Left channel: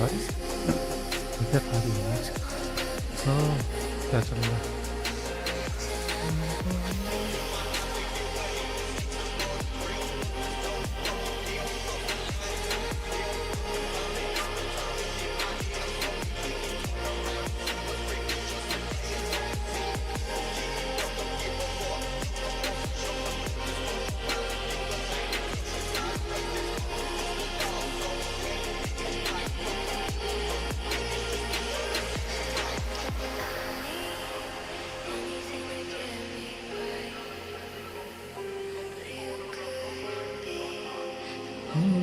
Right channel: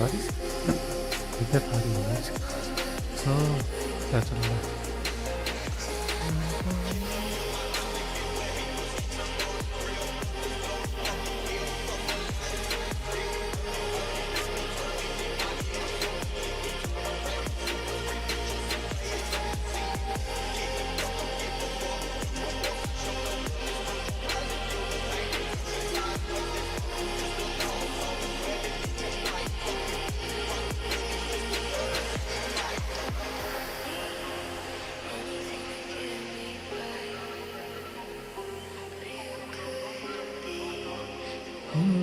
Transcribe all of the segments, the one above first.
भाई ठीक है सारी मैच। तो क्या चल रहा है?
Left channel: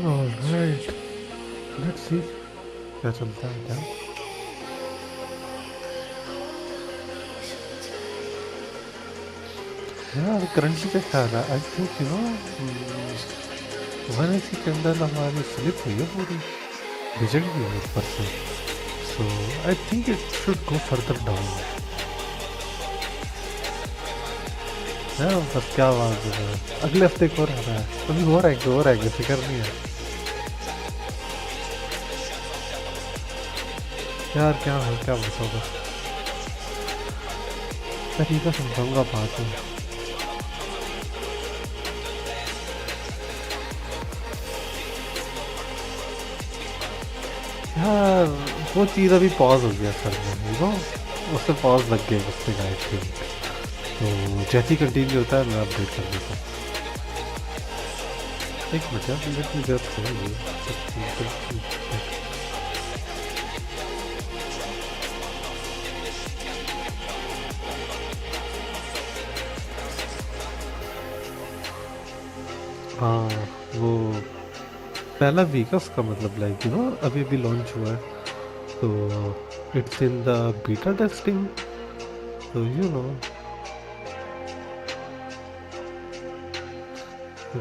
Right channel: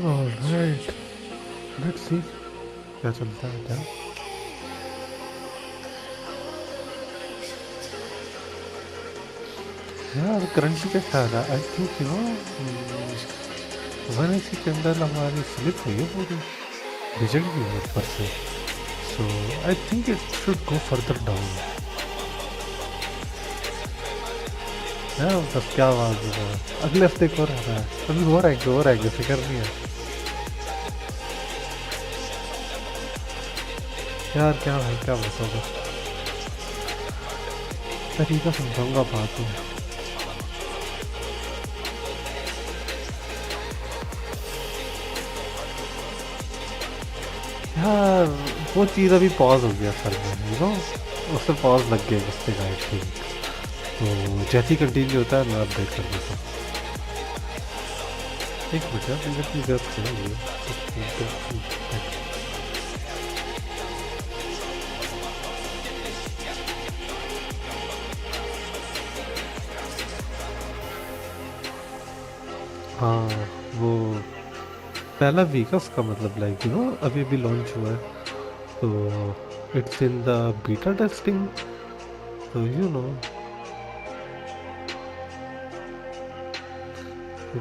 ऑलराइट, लेट्स सी क्या चलता है क्या। यार करंटली क्या ख्याल है? आई थिंक 180 कैंडल हमारी फ्लिप हुई है पूरी, बिजड़ गई है ऊपर से। So I think it should go further down. है बस क्या आवाज है, अगले हफ्ते को रहा है, अभी हो रहा है फिक्र नहीं है यार। क्या है क्या बताओगा, तरीका समझाऊंगा बात में। यार वो चीज़ अभी पॉज हो गया सर में, उससे पॉज लग गया उससे आई थिंक। तो जैसे ही कंटिन्यू होता है मैं अपडेट कर देता हूँ। एक मिनट यार, मिनट की जरूरत है। हाँ वो पहला वीक है उसका, मतलब लाइक अभी अभी लॉन्च हुआ है, तो it's in the beta testing. तो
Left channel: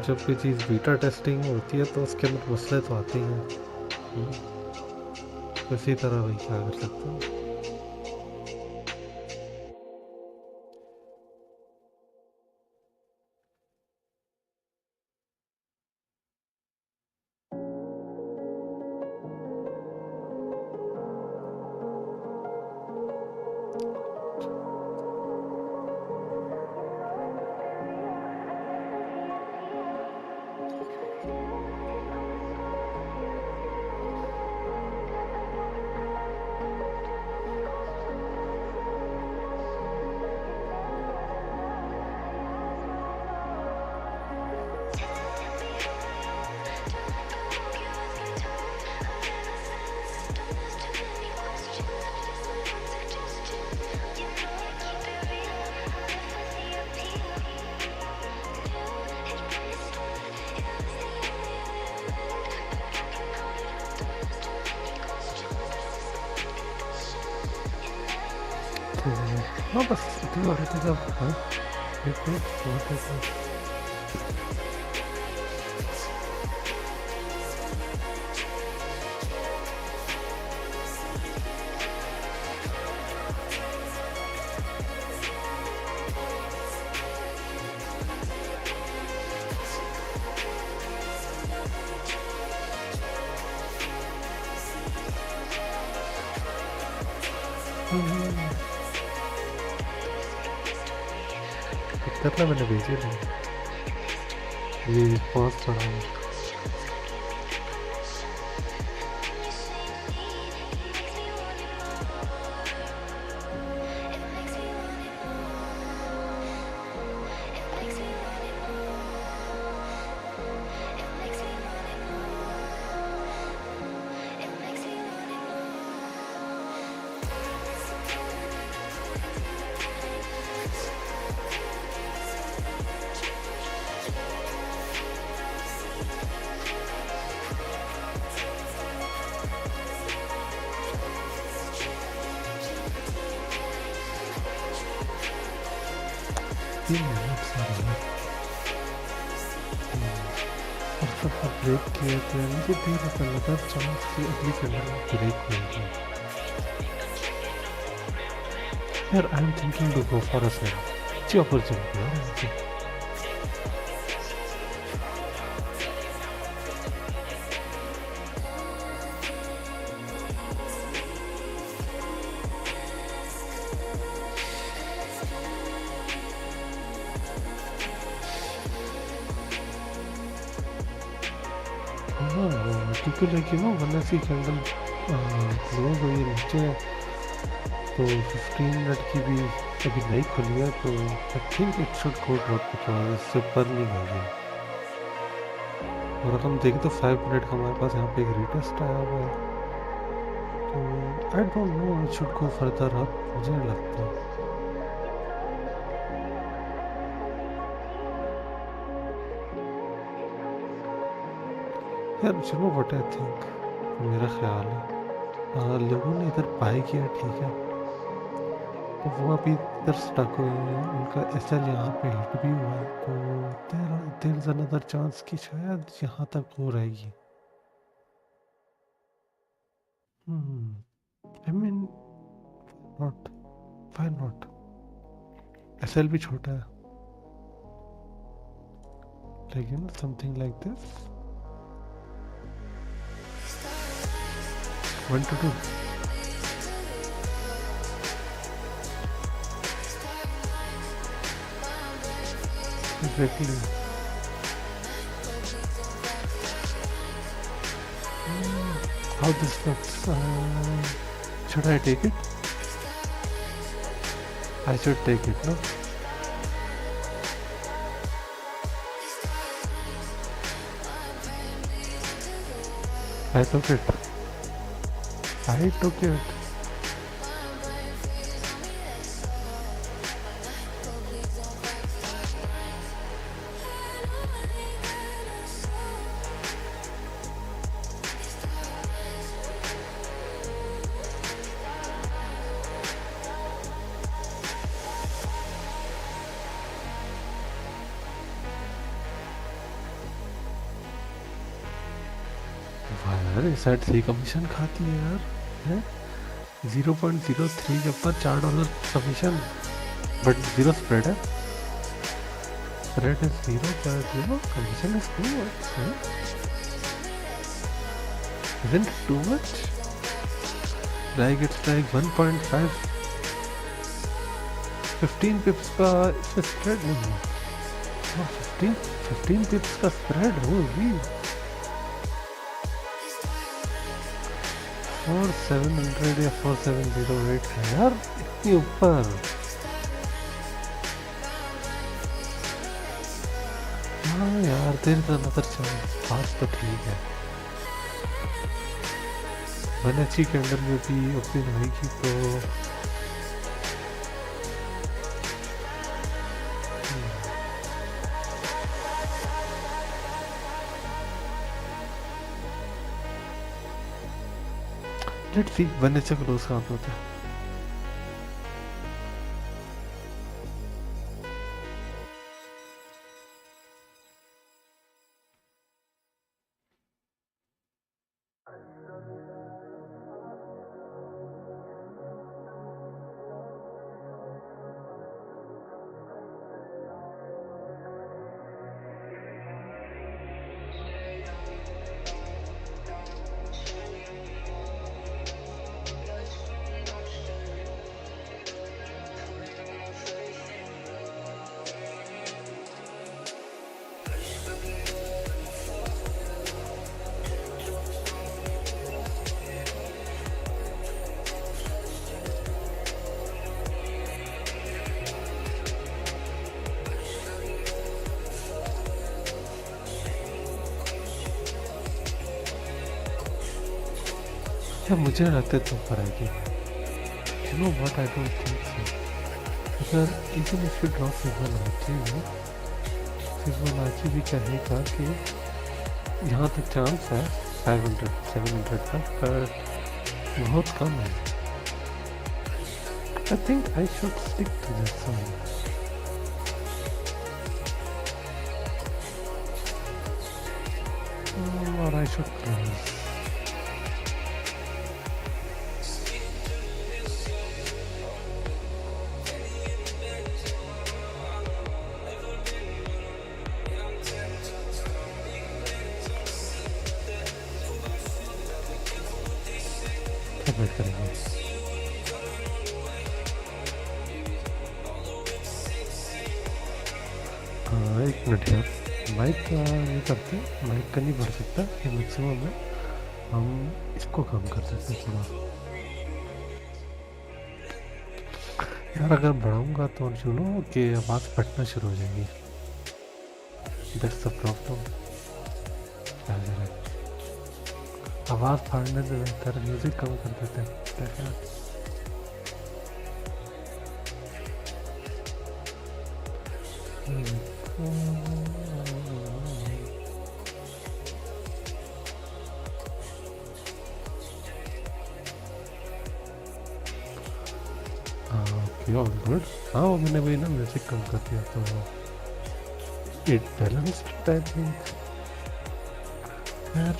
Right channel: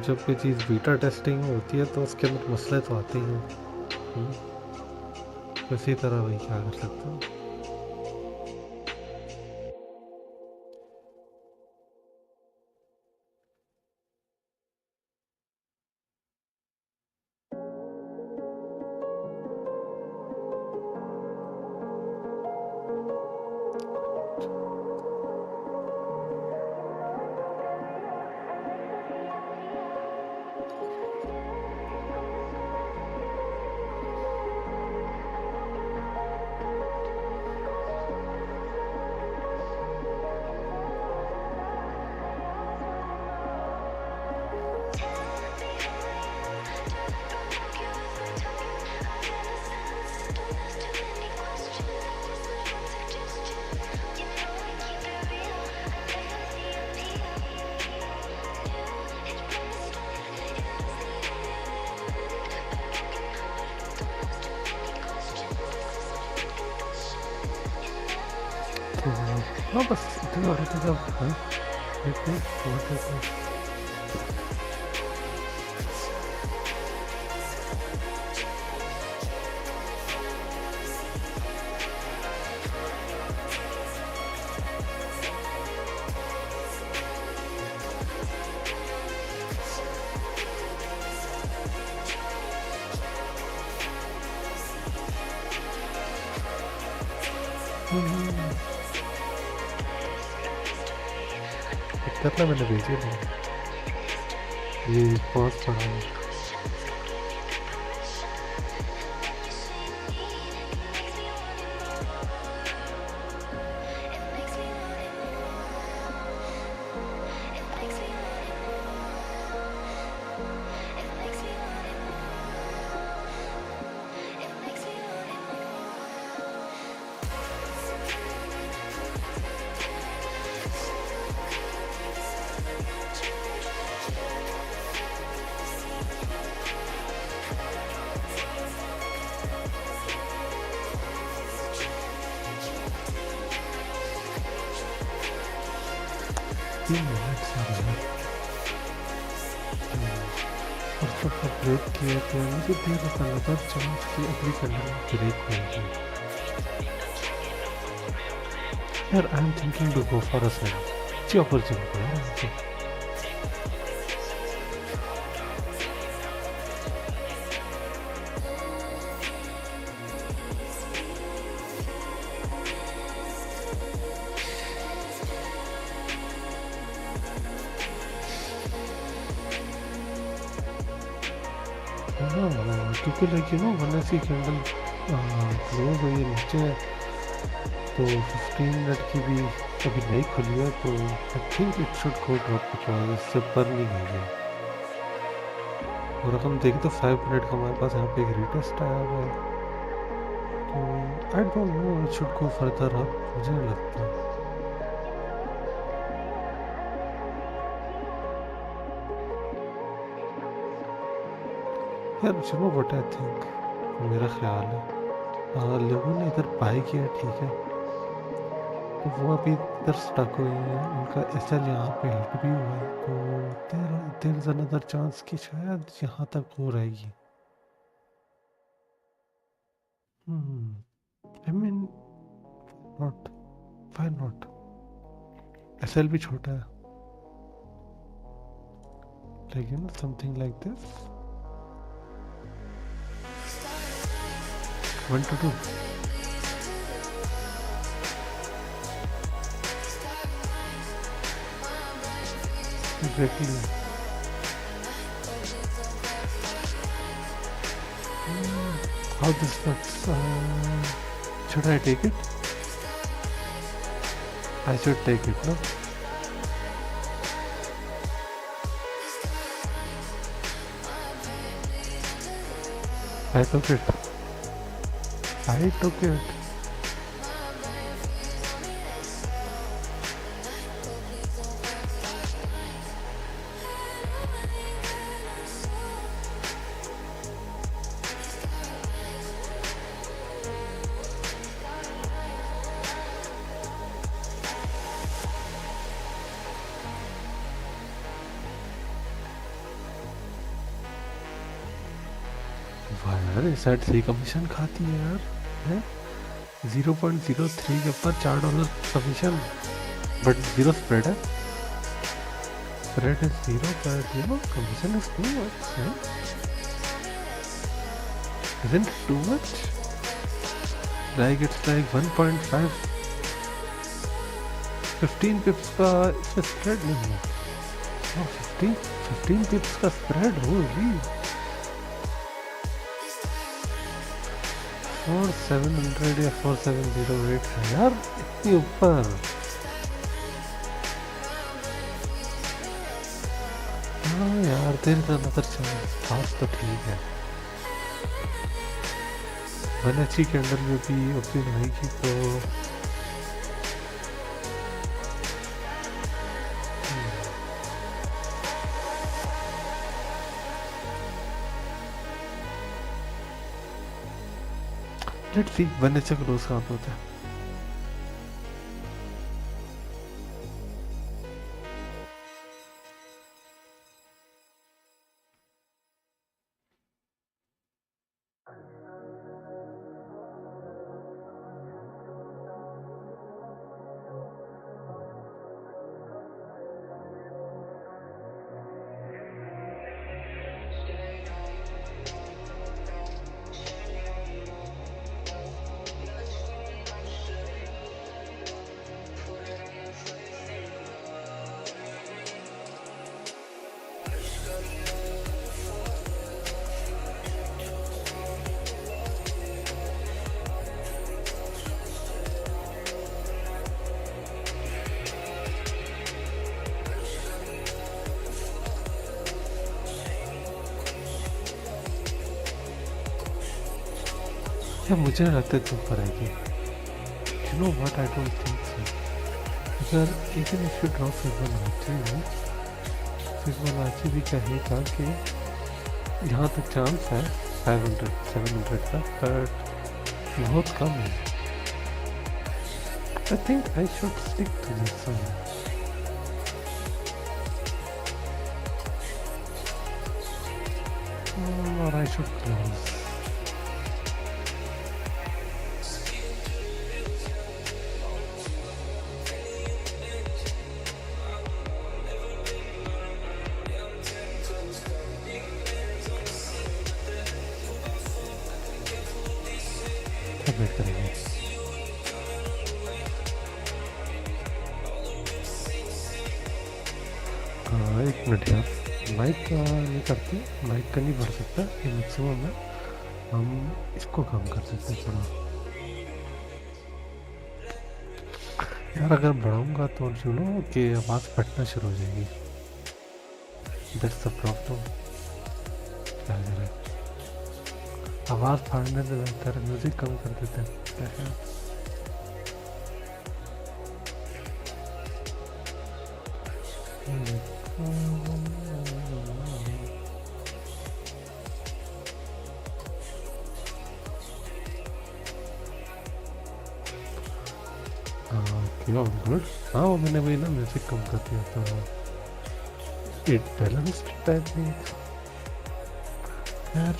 जब कोई चीज़ बीटा टेस्टिंग में होती है तो उसके अंदर मसले तो आते ही हैं। इसी तरह वही क्या कर सकते हैं। हाँ बस इतना और इतना सब। हाँ देखते हैं बहुत है। करना मैंने भेजी नहीं, ये पॉज पड़ा है। ब्रेक किए थे, मुझे देर पता लगा चांस की अगली कैंडल ब्रेक होगी। यार I am thinking to go for a sell, अच्छी अपॉर्चुनिटी है। क्योंकि लाइक यू नो वन ऐसी कैंडल क्लोज हुई है नीचे, तो 15 मिनट की भी अभी नहीं खुली है, तो आई think it should go drop because इससे ऊपर नहीं गई है। और अगर हम देखें तो 5 मिनट का हमारे पास यहाँ पे एक रिटेस्ट आया हुआ है, तो I don't know it should go further up, मुझे नहीं लगता। यार you know what I think, मेरा ख्याल है लोगों ने इधर बाय किया, ठीक है, तो वो अभी इधर स्टक हुए हैं, उनका एसएल यहाँ पे हिट भी हुआ है, तो देयर इज अनदर चांस कि शायद यहाँ तक हो रहेगी। I mean not, why not, SL भी छोटा है, लेकिन something like this 1 to 2 exactly. How this looks, should I take it? I should take it, no? I took it. I took it. वाह यार, इस साइड से कमीशन खाती है यार, है 0.03 के ऊपर $4 कमीशन, बट जीरो स्प्रेड है, spread is zero, but you know commission is too much, isn't it too much? Like it's like 1.5 15 पिप्स का इसमें स्प्रेड नहीं है, 15 पिप्स का स्प्रेड होगी 4700 या 4708 है यार, इतनी ऊपर। हाँ यार, देर इज अनदर चांस, बात तो ठीक है, मैंने अच्छी कैंडल में भी ओपन होगी तो let's see one H close कहाँ पे होता है। यार मुझे लगता है तुम पर आएगी, you know what, I don't think so. अगर even if you draw Fibonacci भी कहेगा कि यहाँ तक चांस है 500-700 का, बट बहुत कम है। I think I should stick to this one, और आई शुड क्लोज। वेट करेंगे, हाँ 1 मिनट यार, माइक का नहीं करते, माइक का नहीं भर सकता, ये मैक्सिमम है, हम इसको कम कर देते हैं थोड़ा। यार अगर बढ़ाऊंगा तो कि आवाज़ फटना शुरू हो जाएगी। That's the problem. क्या करें, आवाज़ फाड़ने से बेहतर म्यूज़िक कम कर देते हैं। क्या ख्याल? हाँ ओके, ऑल गुड। हाँ वो मैंने वही ना म्यूज़िक कम कर दिया तो इट बैलेंस्ड आई थिंक। यार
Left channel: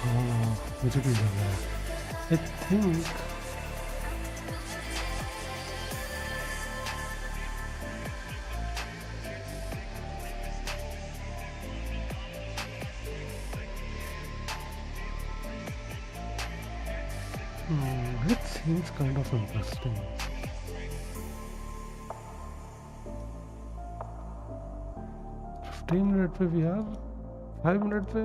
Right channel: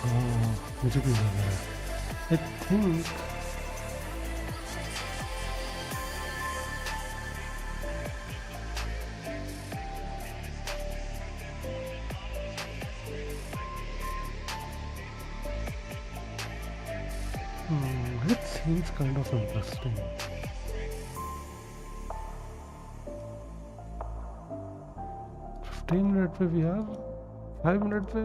हाँ मुझे भी लग रहा है I think it seems kind of interesting. 15 minute पे भी यार, 5 मिनट पे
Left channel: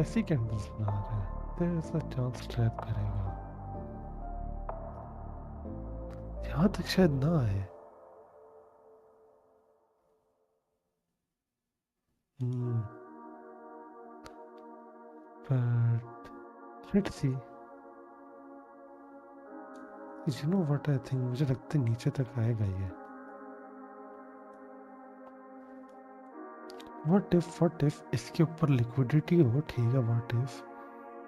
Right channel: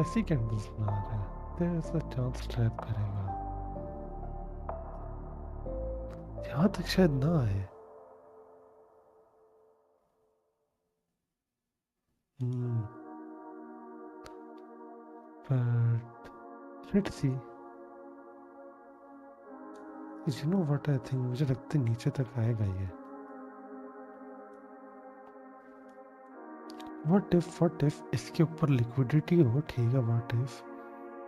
ऐसी कैंडल्स बना रहे हैं। There's a chance ट्रैप करेगा। यहाँ तक शायद ना आए। But let's see. You know what I think? मुझे लगता है नीचे तक आएगा ये। What if इसके ऊपर लिक्विडिटी हो, ठीक है। What if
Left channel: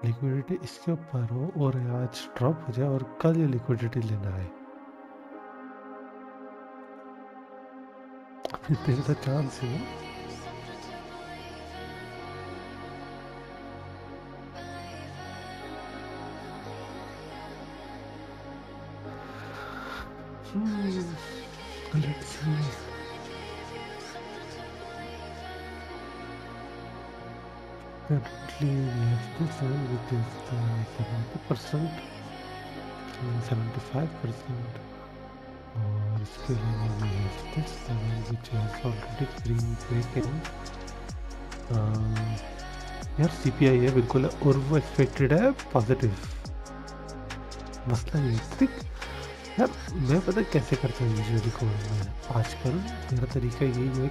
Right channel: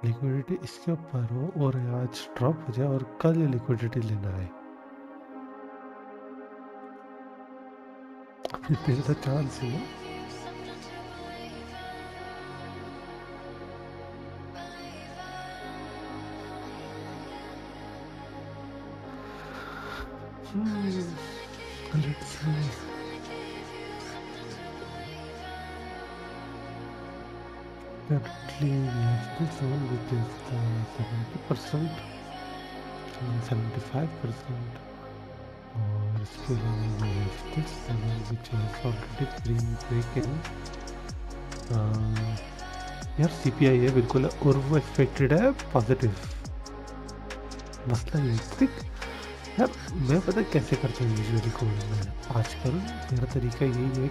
लिक्विडिटी इसके ऊपर हो और आज ड्रॉप हो जाए और कल ये लिक्विडिटी लेना है। तेरे तो चांस है ना। Let's see. Currently we have this one which is the 70% and 75%, और इसके अलावा we have this level which has already green break in. यार CPI है बिल्कुल, और वो एक्सपेक्टेड है पॉजिटिव. मसला ये है यार, मैं पता कैसे करता हूँ यूजुअली कोड में आजकल. मेरा तरीका यही है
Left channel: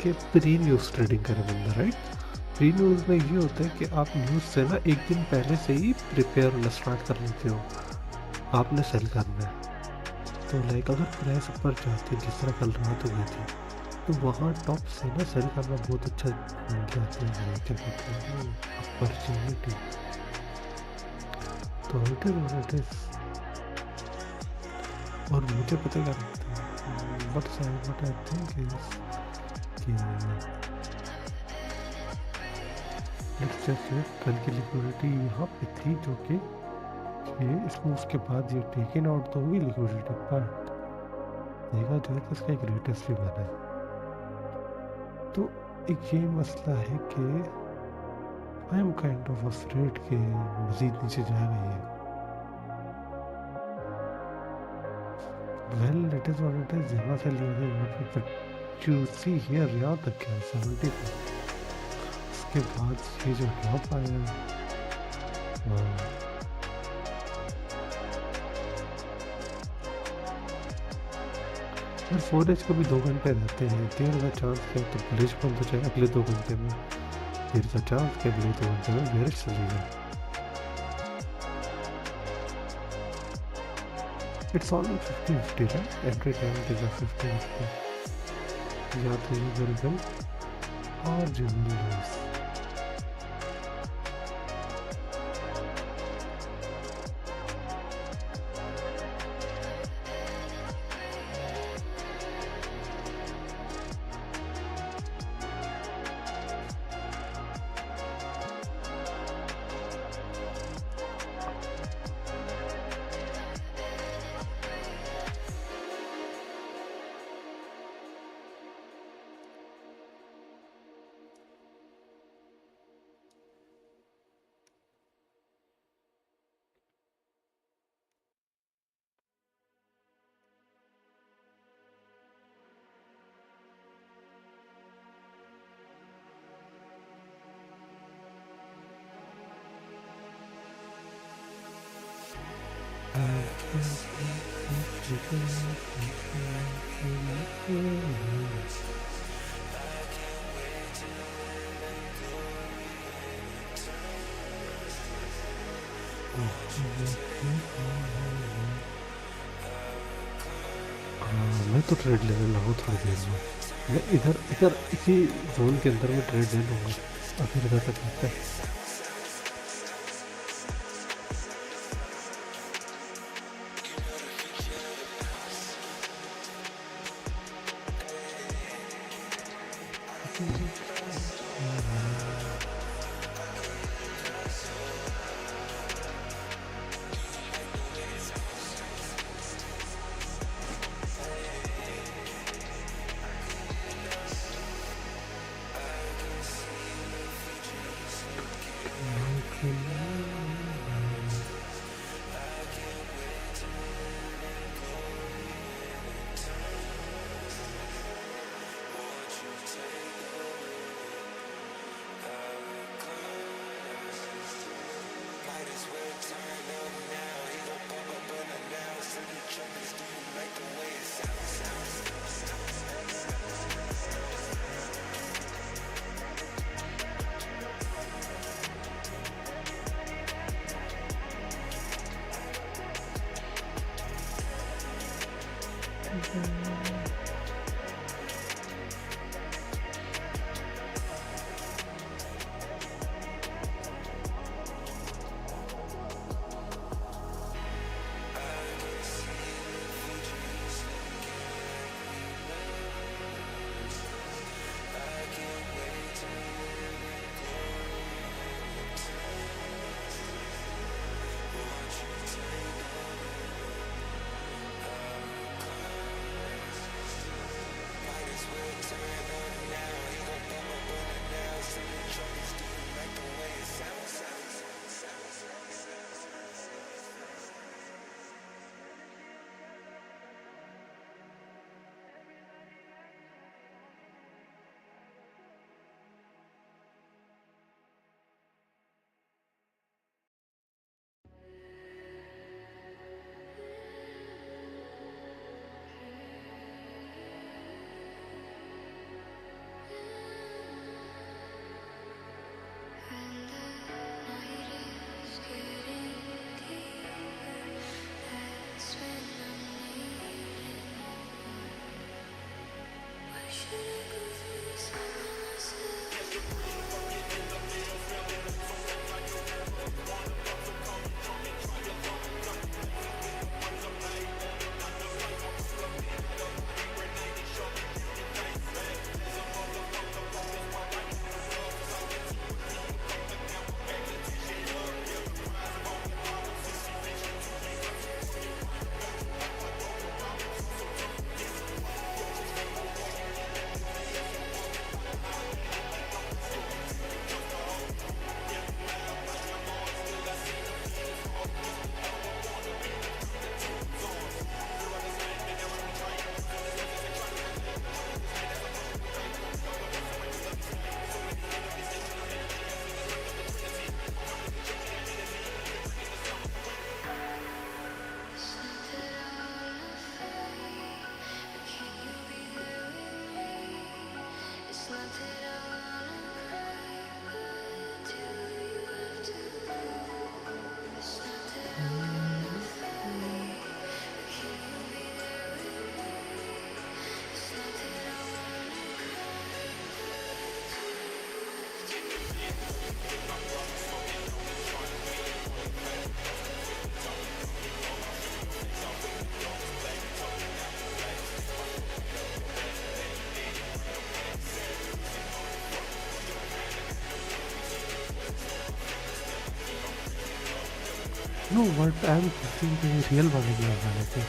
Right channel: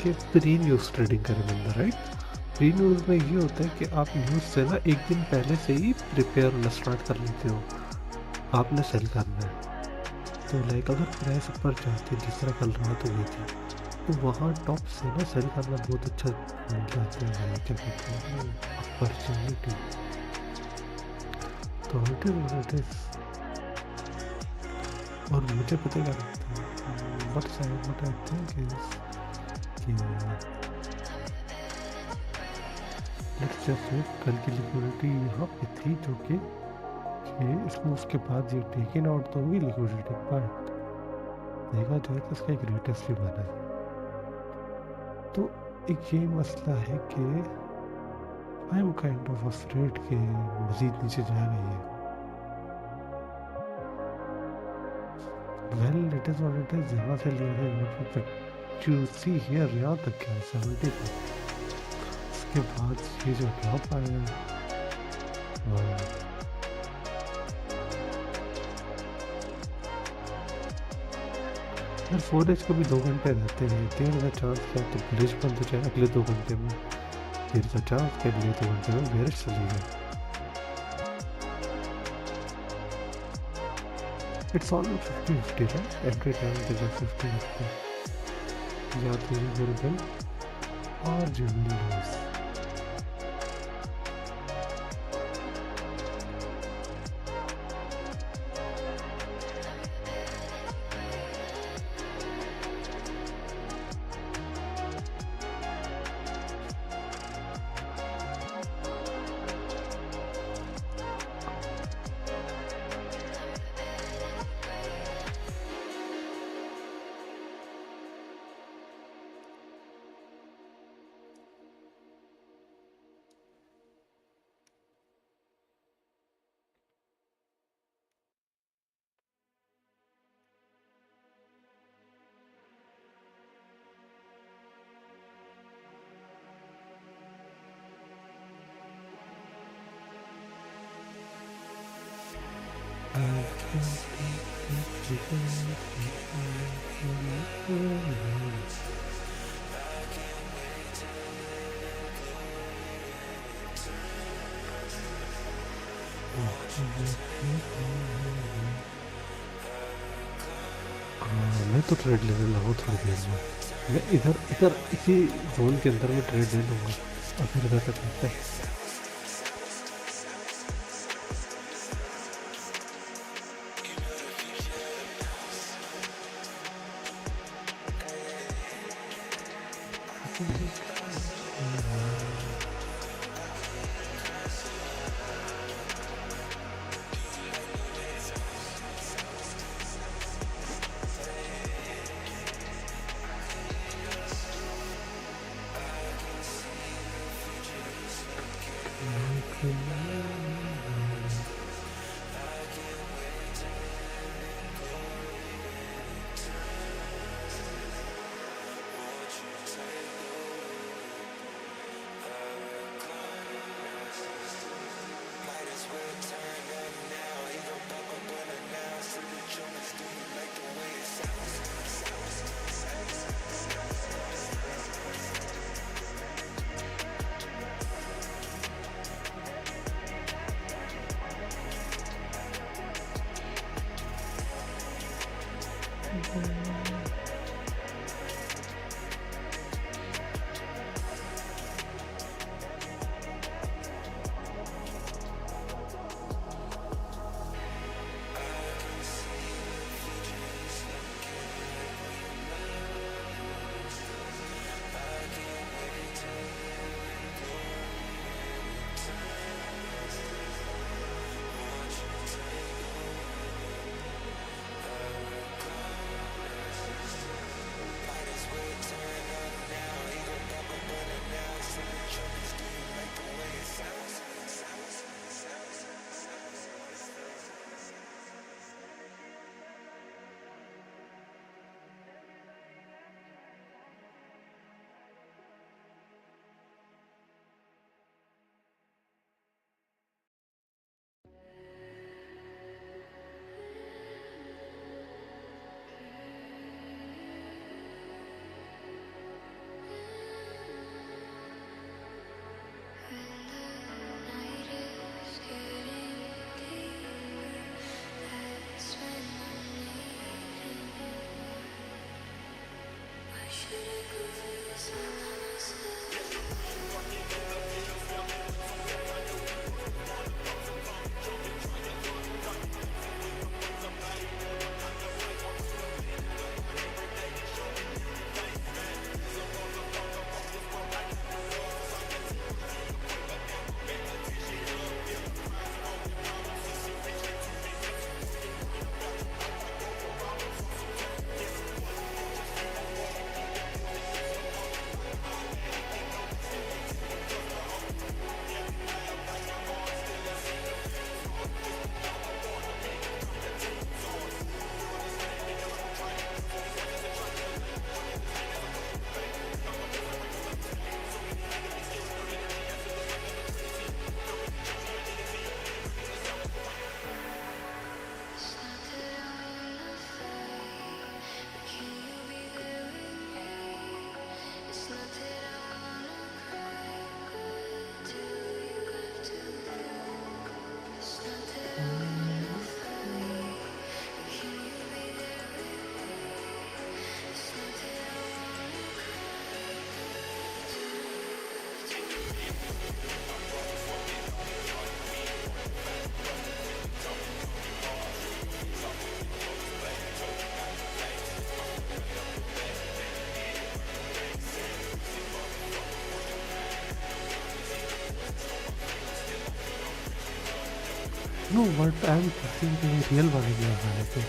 कि प्री न्यूज़ ट्रेडिंग करे बंदा, राइट. प्री न्यूज़ में ये होता है कि आप न्यूज़ से ना एक दिन पहले से ही प्रिपेयर होना स्टार्ट कर लेते हो. आपने सेल करना है तो लाइक अगर प्राइस ऊपर जाती है जिस तरह कल रात हो गई थी, तो वहाँ टॉप से ना सेल करना बहुत अच्छा मिल जाता है. क्या कहते हैं, अपॉर्चुनिटी. तो इट इज. और मुझे पता क्या लगता है, what I think is कि लेट्स जस्ट से कल की लिक्विडिटी यहाँ पे थी, जो कि इस मूव के बाद ये टेकन आउट तो होगी लिक्विडिटी, बट देखा जाए तो इसका एक रेटेस्ट भी बना है. तो एक ये मसला है कि I am kind of afraid कि मज़ीद नीचे जाएगा ये. Well it is what it is. यहाँ से लिया था यहाँ पे यू सी हियर, यहाँ तक क्या 70 का. उसके बाद ये जो ड्रॉप आया यार, फोरेक्स को भी 2 घंटे रहते हैं. देर का चांस क्या तो बुलिश बंद हो जाए अगले 2 घंटे में, देर का चांस क्या अगले 2 घंटे में बेरिश चली जाए. It's all 50-50, right. Every time it is a 50-50. या तो यू विल विन और यू विल लूज. मैं तो ट्रेड लेने लगा थोड़ी देर में. मैं इधर इसी जोन के अंदर में ट्रेड ले लूँगा. और फिर इधर तक आता है. No what I am thinking real वाले में लगाने थे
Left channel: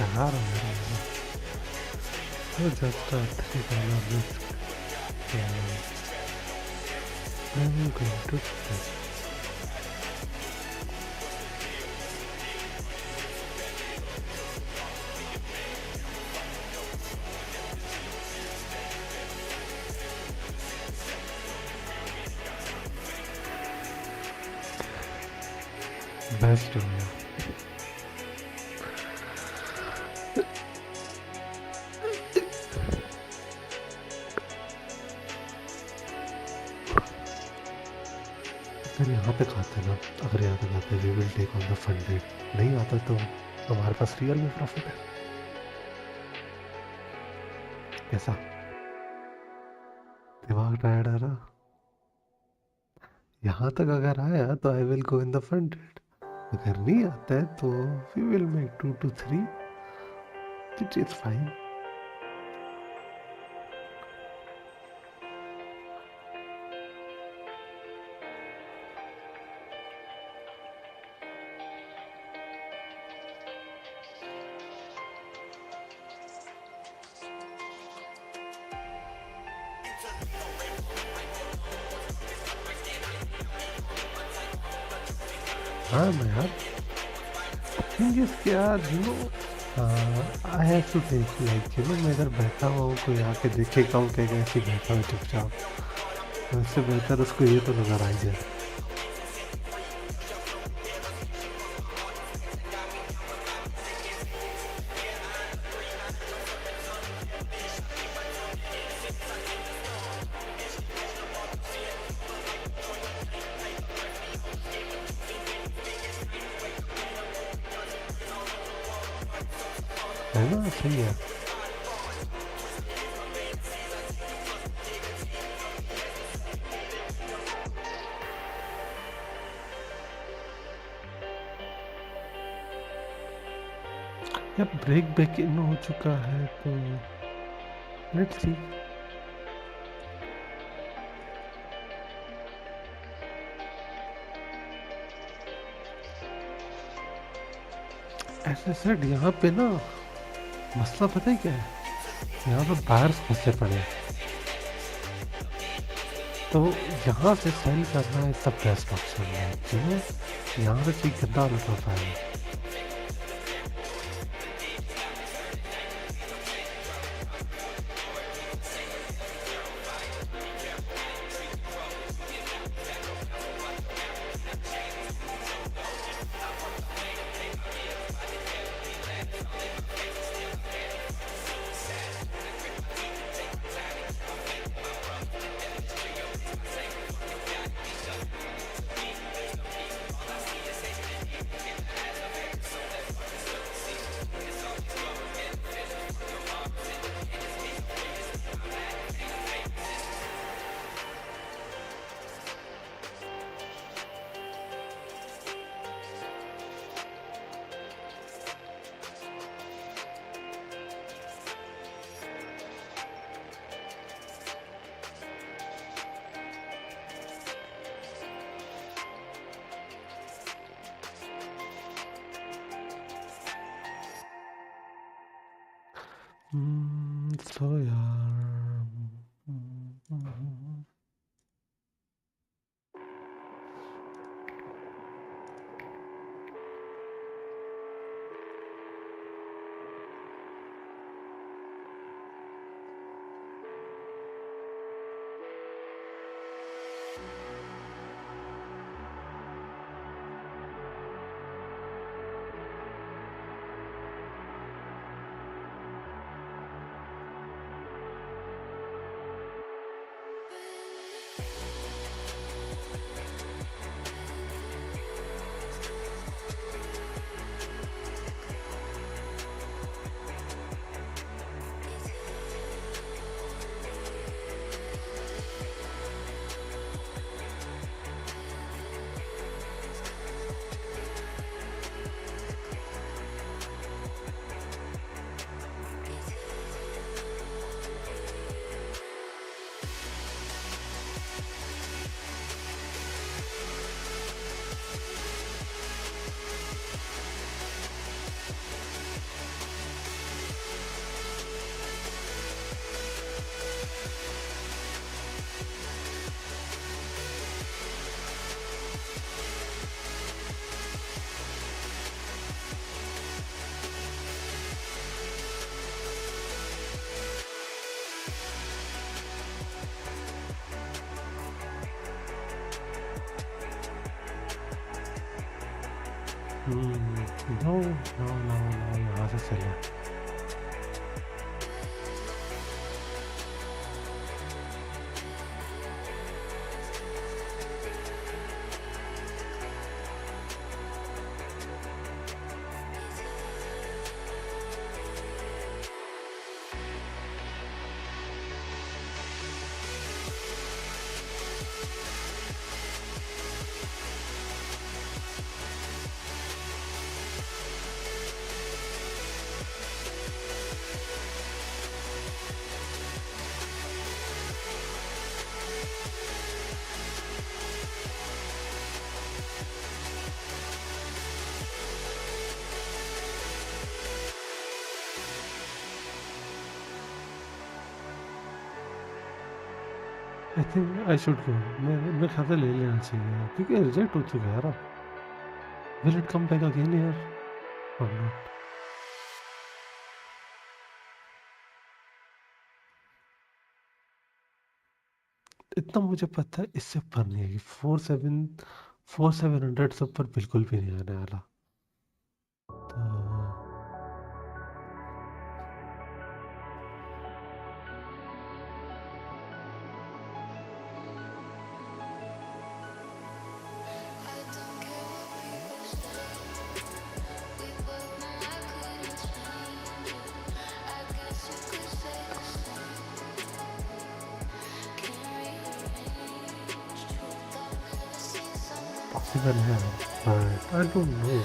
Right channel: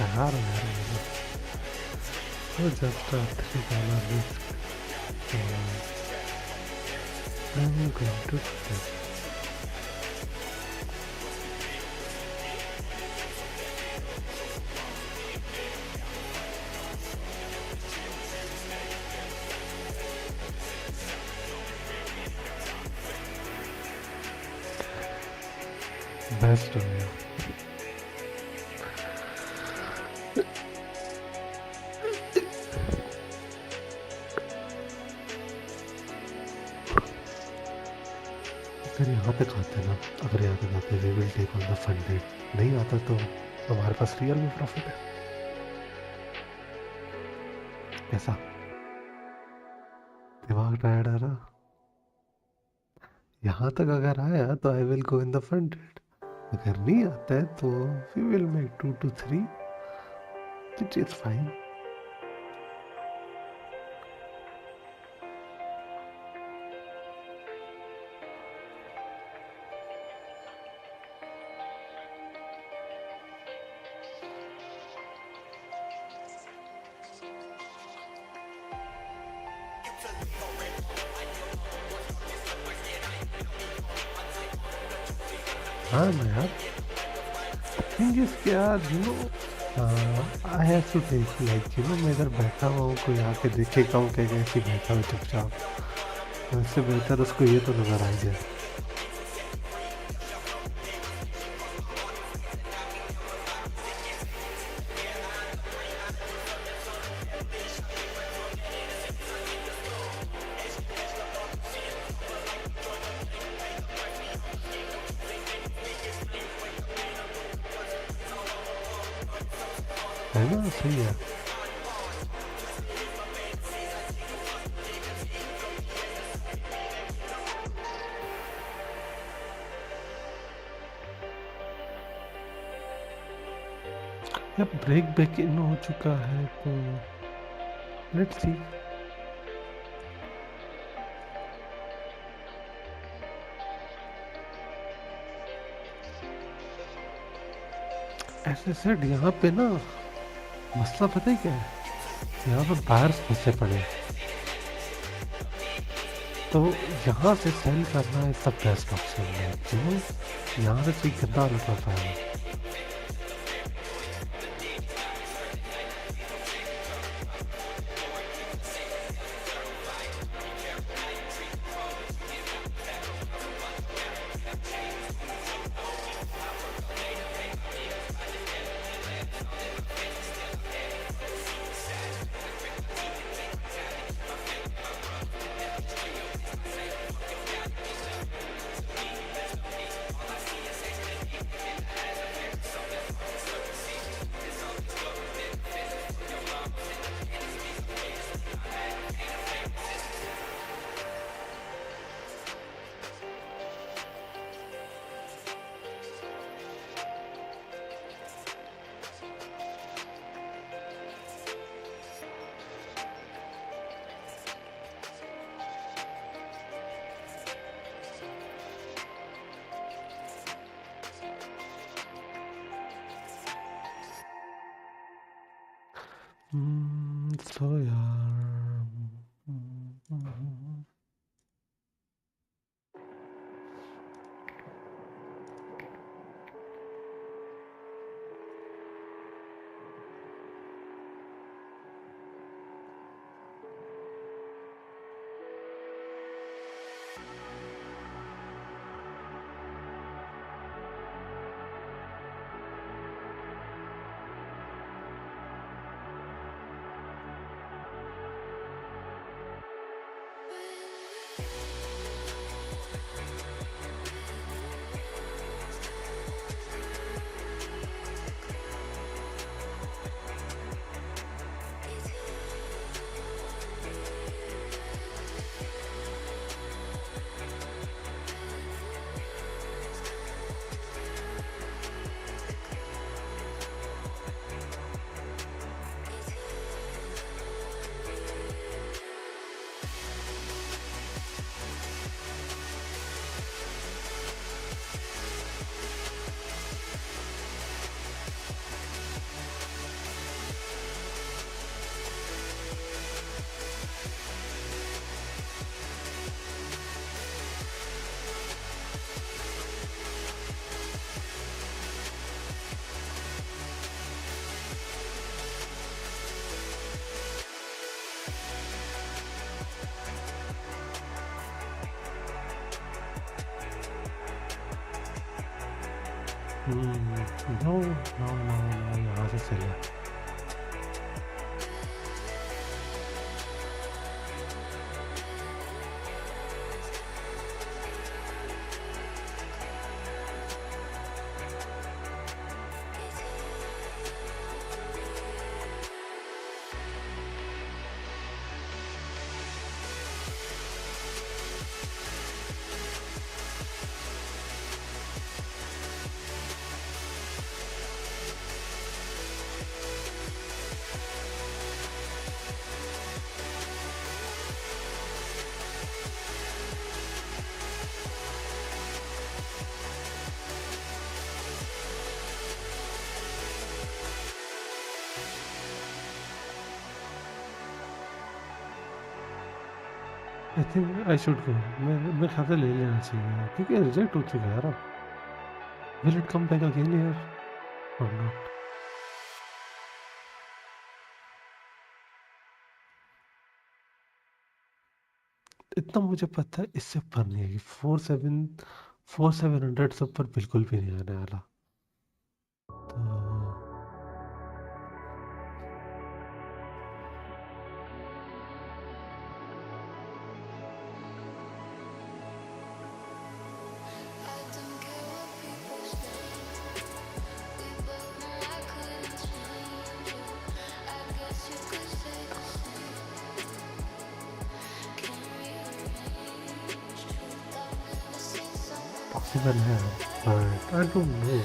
यार मेरे just $3 risk I'm going to best हो गया अगर यहाँ तक आते ना अगर यहाँ तक आते we will take on the funded नहीं आता तो हमारे पास रियल में प्रॉफिट है कैसा दिमाग टायर्ड है ना यहाँ तक अगर आया तो I will go in the funded अगर नहीं आता है तो we will make 2 to 3 which is fine हाँ मैं यार थिंग इज कि यार you know I have to take like you know मैं इधर बैठा हुआ हूँ कोई आके देखेगा हूँ क्या ऐसे बैठा हुआ चुपचाप तो इससे बेहतर उसको ये तो नजर आ जाए है ना सही है या ब्रेक बैक इन हो चुका है तो लेट्स सी ऐसे सेट यहाँ पे ना मसला पता है क्या है यहाँ पे बाहर्स फंसे पड़े हैं तो यहाँ से सेल करना है सब बेस्ट ऑप्शन है क्यों यहाँ से कोई गंदा लुट रहा है तो यार नो नो नो नो, यहाँ से चला। आई थिंक आई शुड गो। मेरे ख्याल से ले लेना चाहिए क्योंकि रिजेक्ट हो चुका है यार अब। Will it come back again यार और नॉट? इतना मुझे पता है, इससे ऊपर नहीं है कि 4700 से ऊपर बिल्कुल भी नहीं आने वाला। तो पॉसिबल है but I don't know.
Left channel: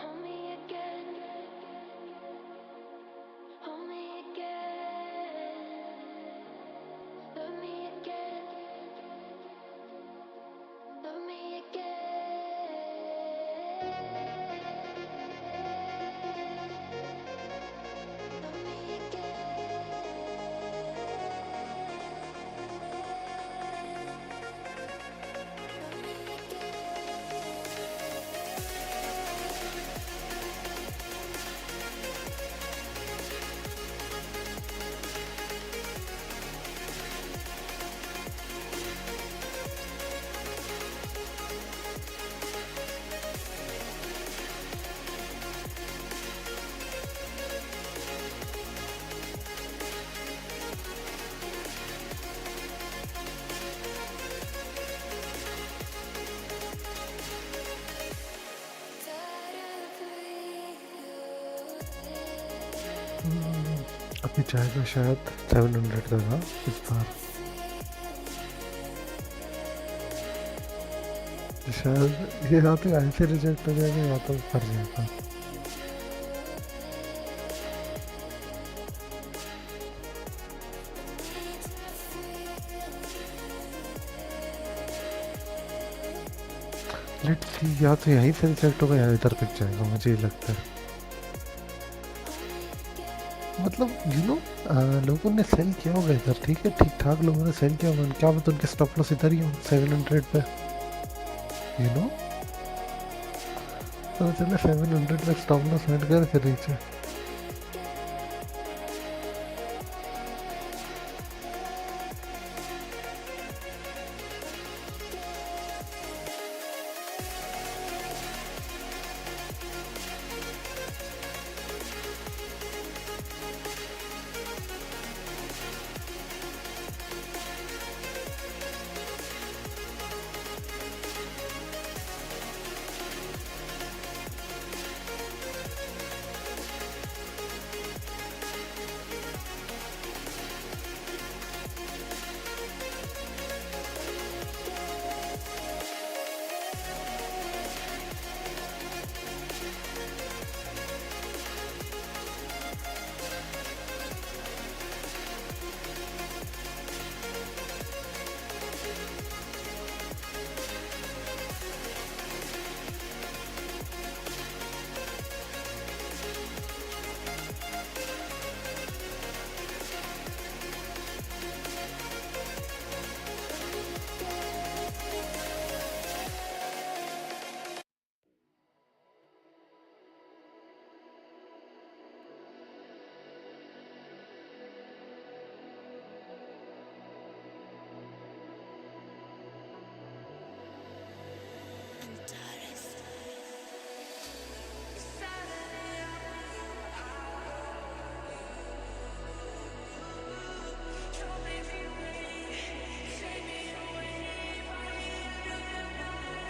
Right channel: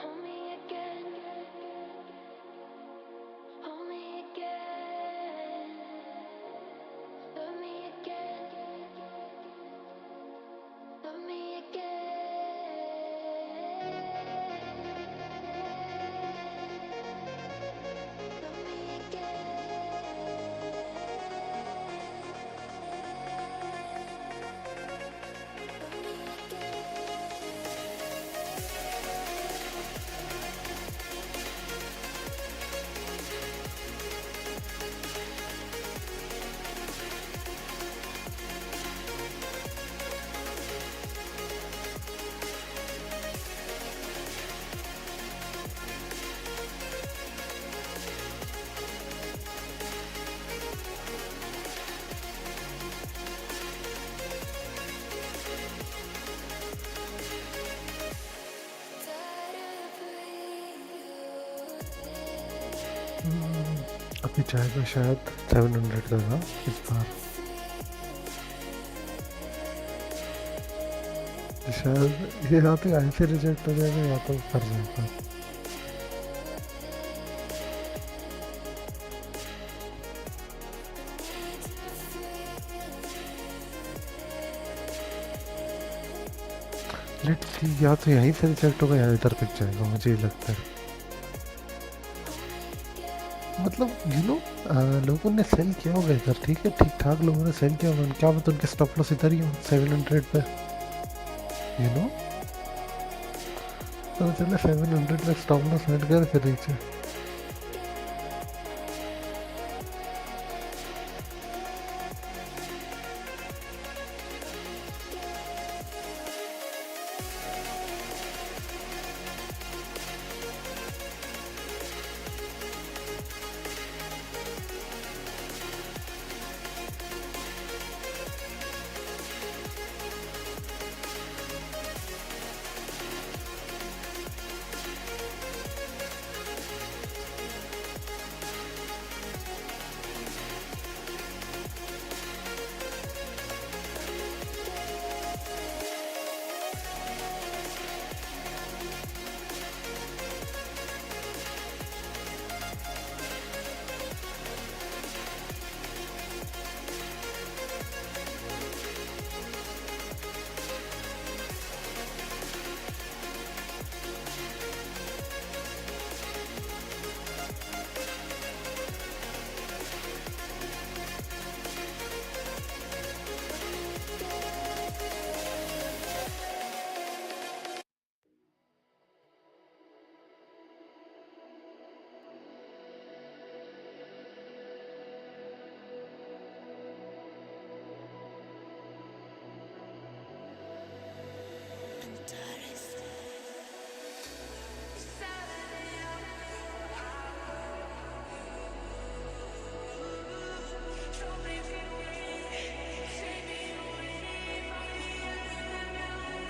Hold me again, hold me again, love me again, love me again, love me अभी जाएगा शायद 700 का था इस बार, शायद ये या तो ऐसे रिजेक्ट हो जाएगा या तो कर जाएगा। लेट्स सी, या तो यहीं से रिजेक्ट होगा या इधर पिक जाएगा, मुझे ही लगता है। मतलब लोगों ने सेल किया होगा इधर, ठीक है, ठीक ठाक लोगों ने सेल किया होगा, क्या मतलब उनके स्टॉप लॉस इधर ही हो 700 पे, तो चले 700 पे स्टॉप लॉस सेट कर फिर नीचे।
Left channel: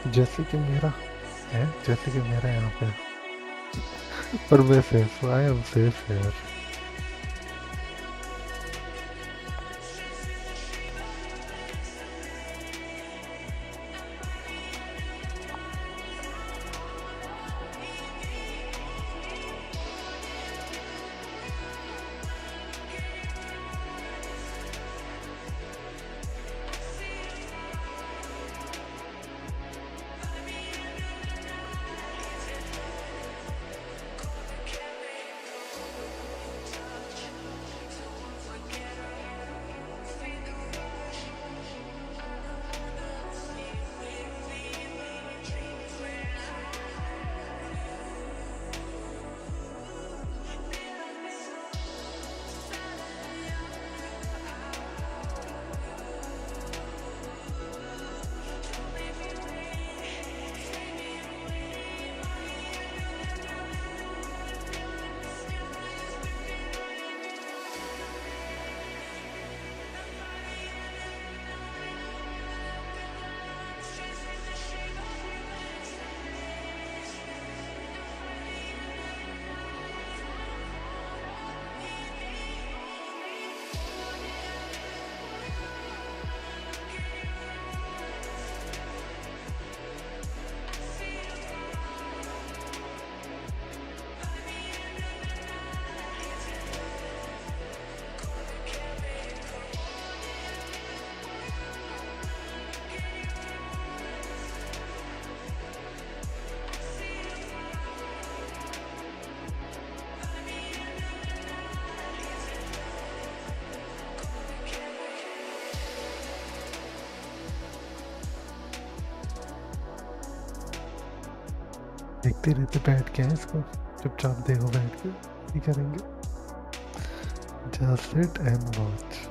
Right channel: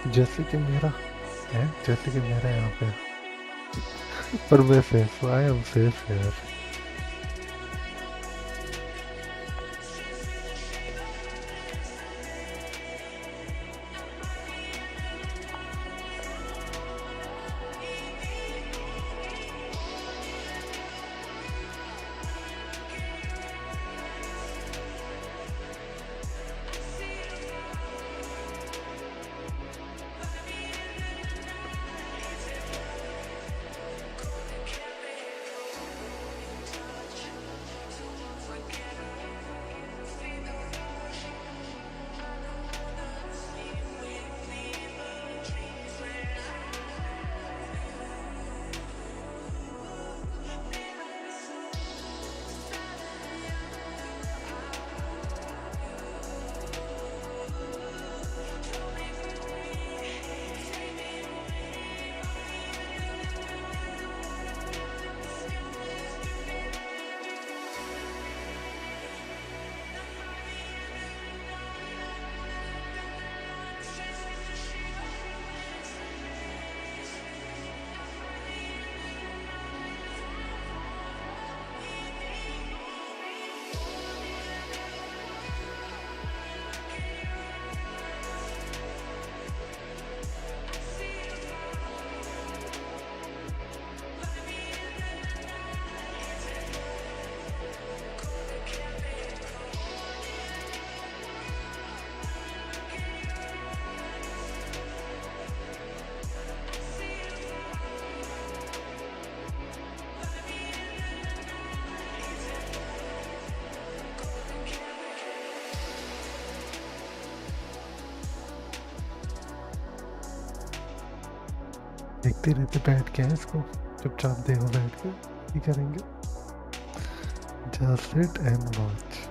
जैसे कि मेरा है, जैसे कि मेरा यहाँ पे, पर मैं सेफ, आई एम सेफ यार। देखते रहते बैठ के इसको, चुपचाप देखो बैठ के, ही करेंगे, जस्ट सिट एंड वॉच।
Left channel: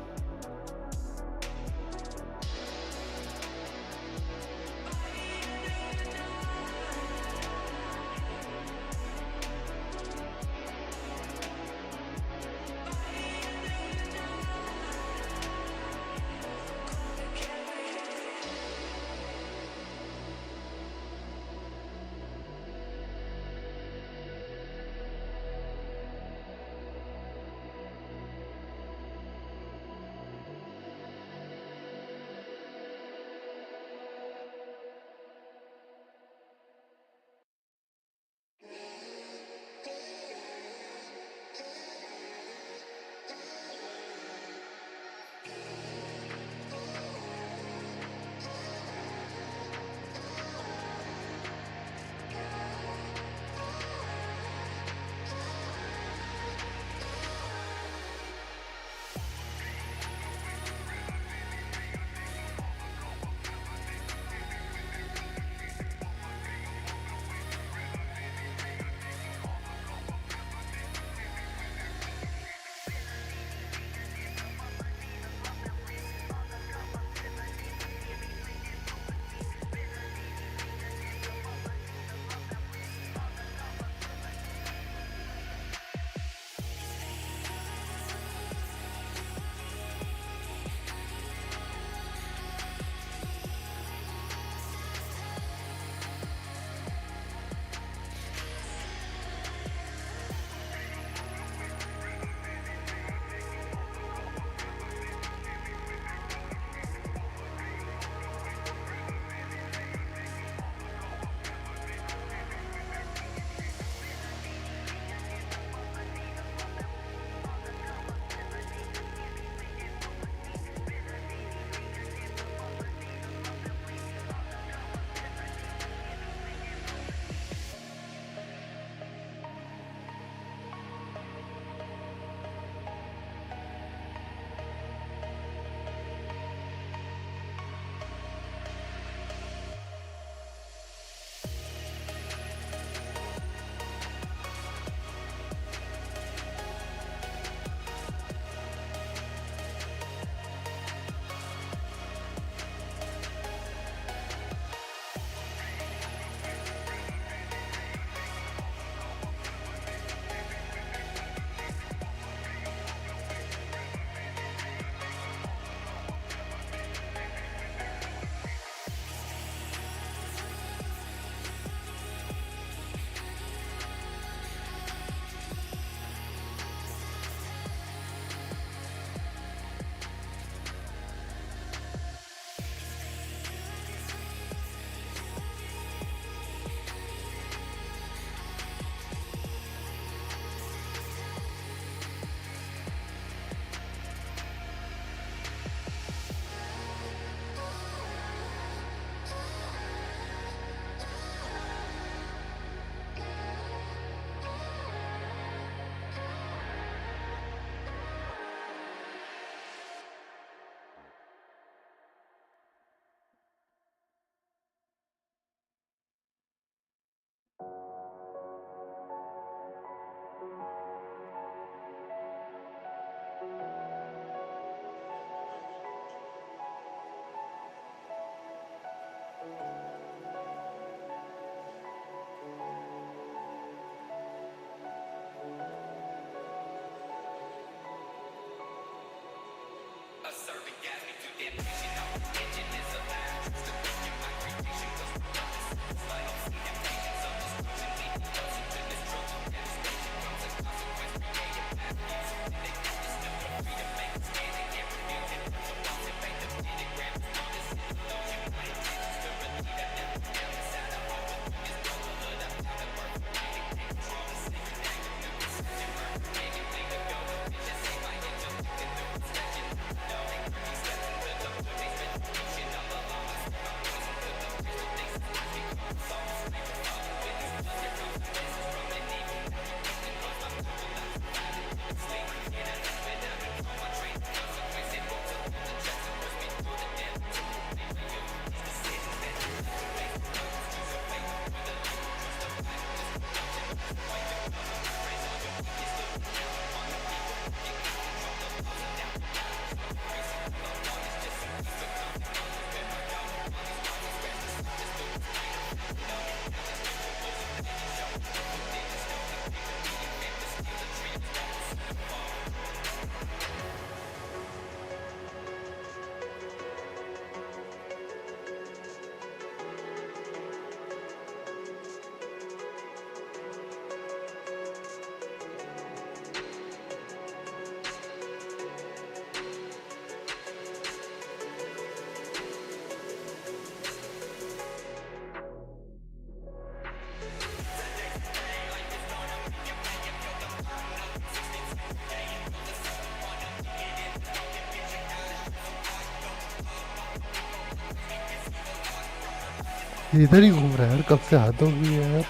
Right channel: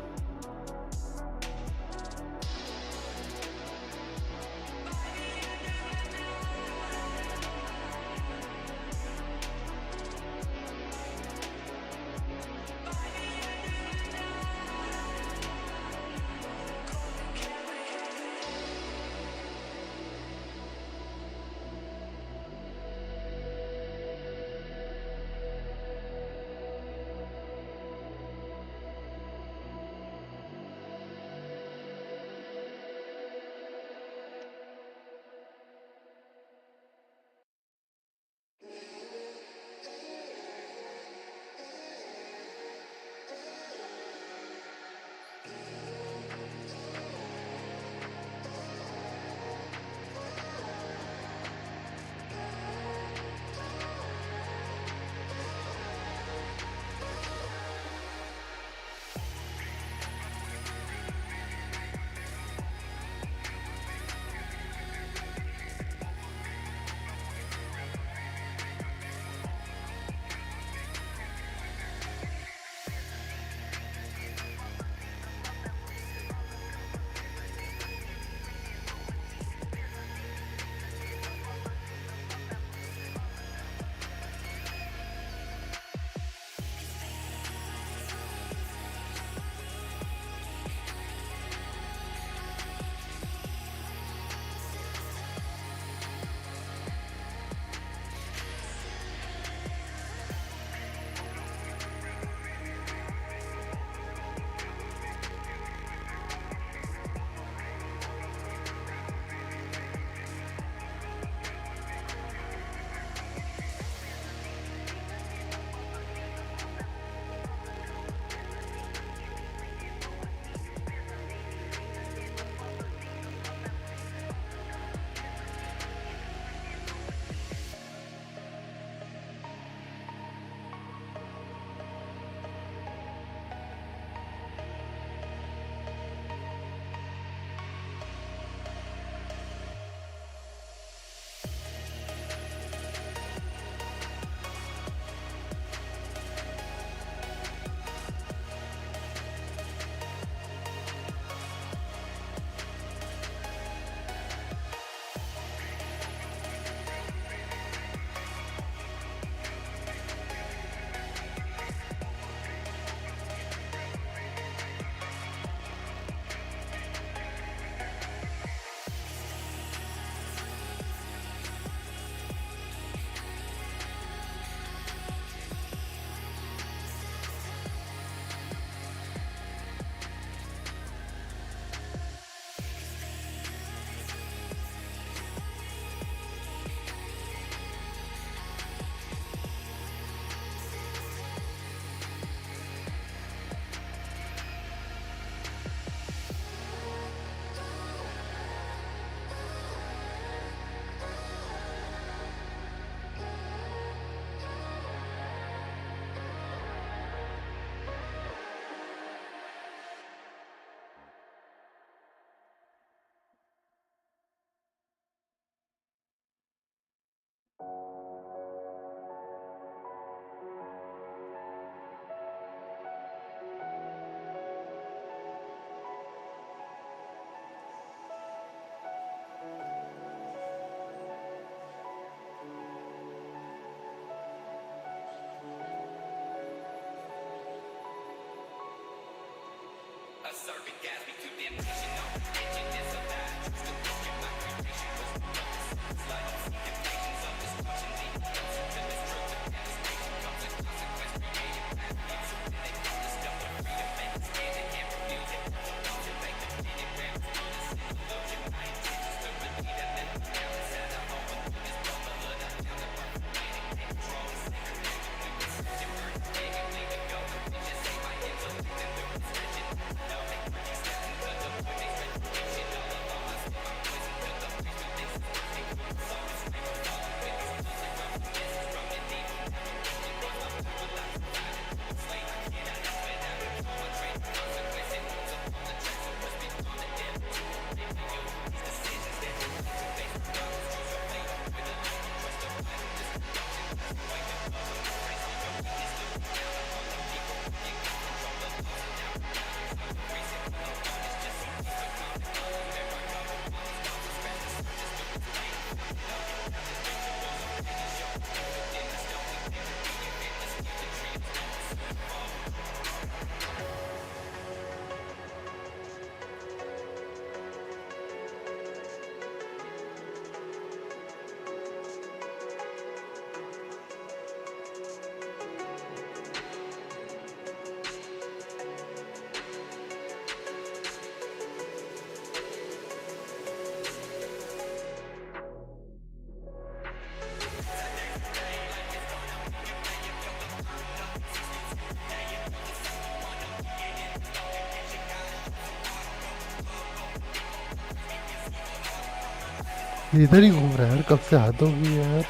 इधर ही घूम रहा है यार, कब से हाथ हो गई है यार।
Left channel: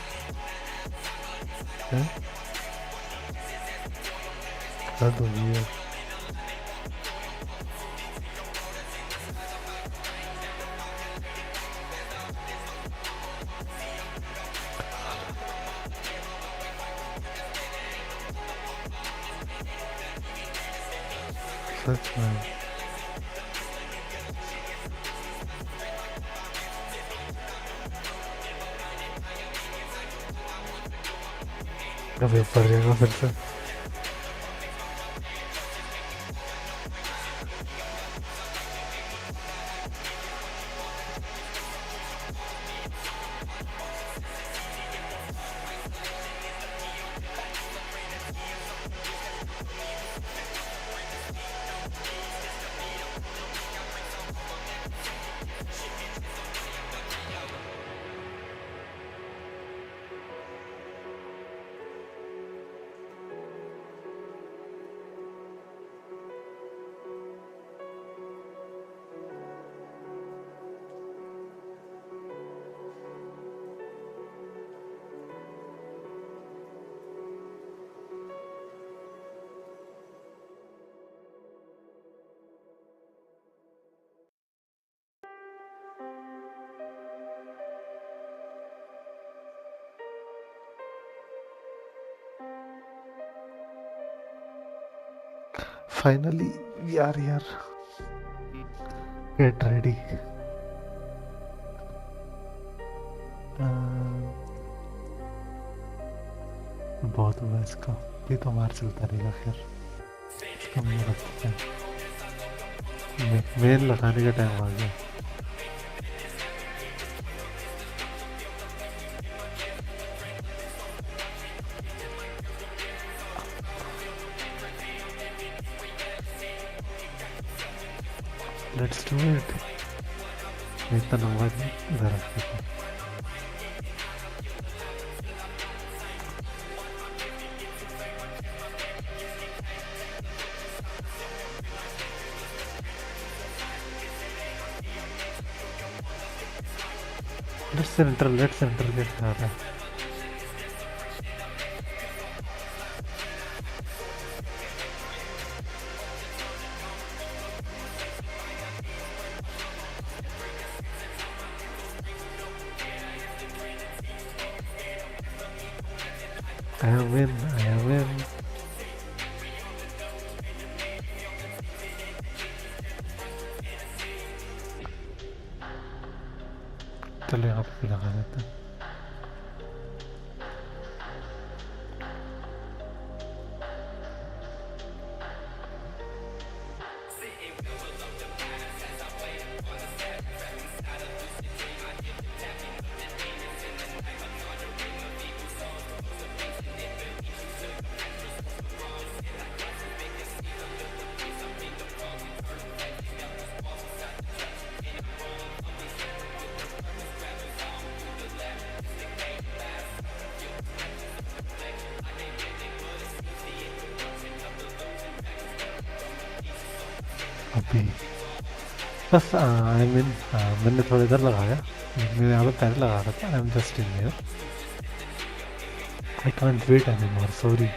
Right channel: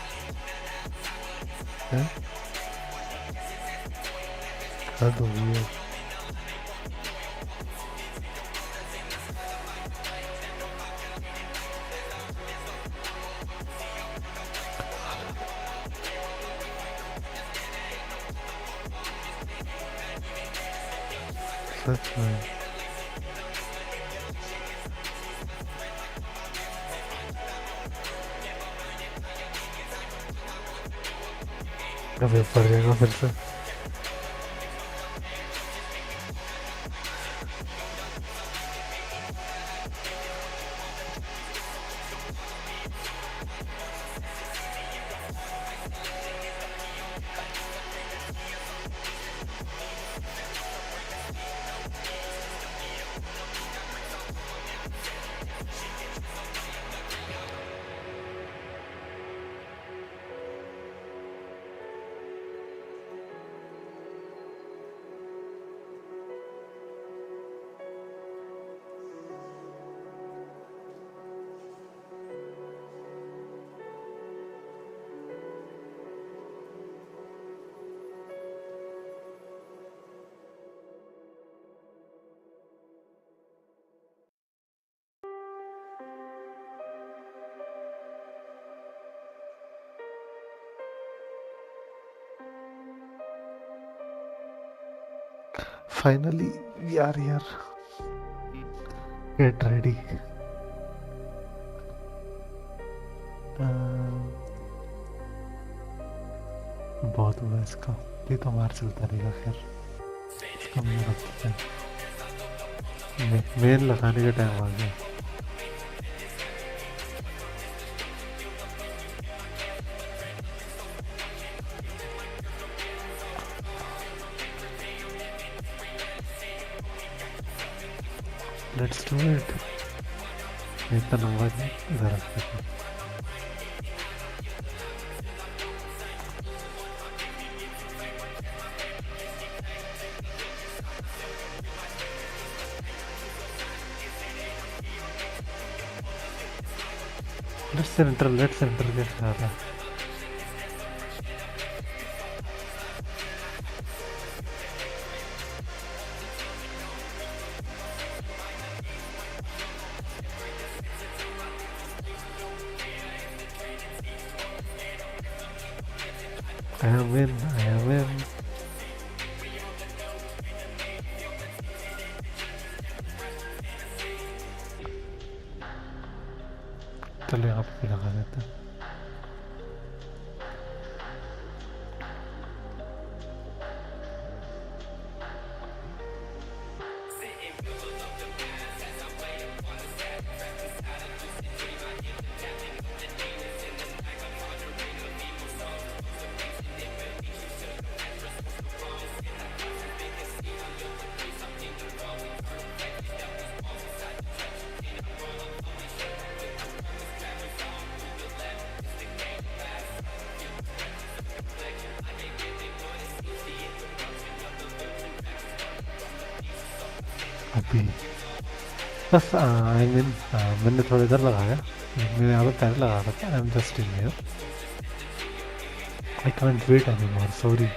हैं? हाथ हो गई है। सच में। अबे ऊपर जाएगा फिर से। फाइनली यार यार, गेट रेडी। बहुत हुआ इसका, ये तो मार चलता रहेगा। खैर इसका मुझे रखते हैं, मेन लगाने का टाइम आ गया। Let's do it. इतना लंबा नहीं, इधर रख देता हूँ। लेट्स एंटर के ख्याल है। I am in, I am in. चलो यहाँ पे लगा देते हैं। अभी बस आई मीन मैंने थोड़ा इधर लगाया, मैं यहाँ पे पहले लगा रहा था। I am just in here, I can't wait any more, sorry.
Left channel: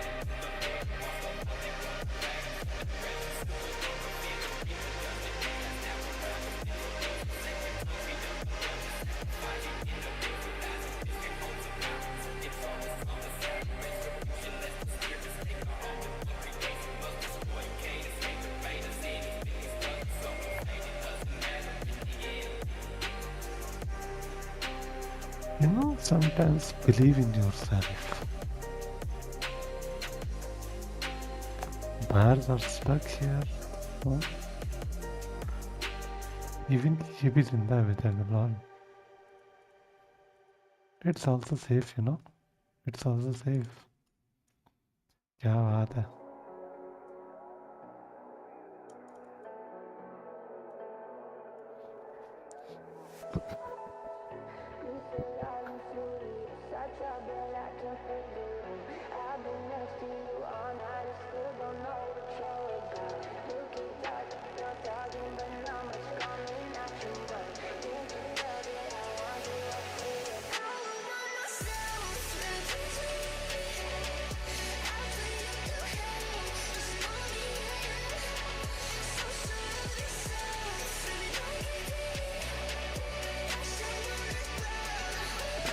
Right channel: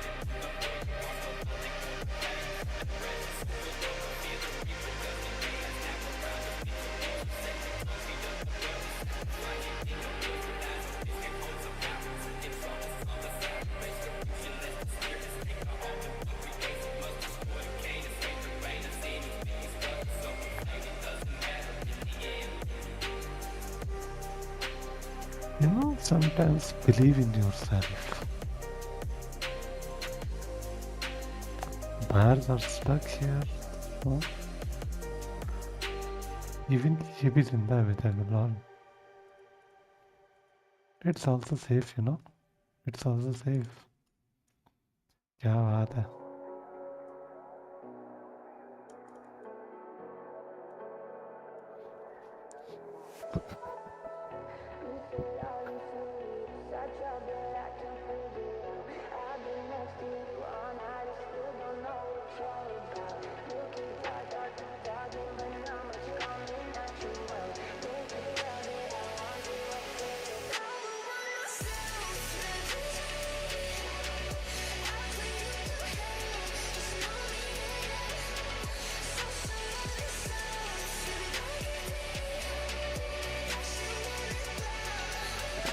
You know, sometimes believe in yourself. Buyers are stuck here. Oh. Even ये भी जिंदा है बेचारा lol. It's also safe, you know. It's also safe. क्या बात है।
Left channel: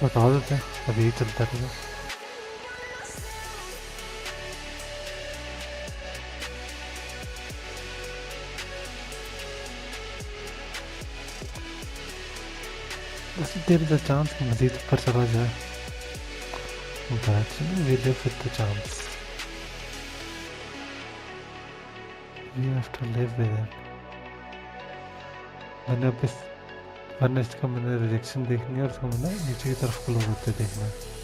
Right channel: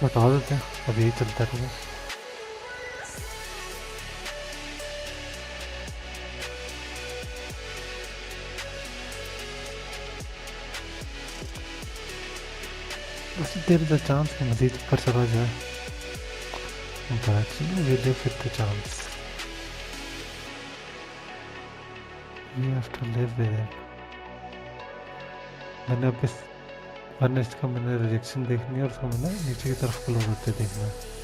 हटा देते हैं, अभी यही चलता रहेगा। बस देर इज अ चांस कि मजीद ऊपर चला जाए, but we live with the chance, we have to live with it. मैंने अब इस वरना इसका मैंने रिजेक्शन देखनी है और उसको मैंने नीचे की तरफ क्लोज होते देखना है।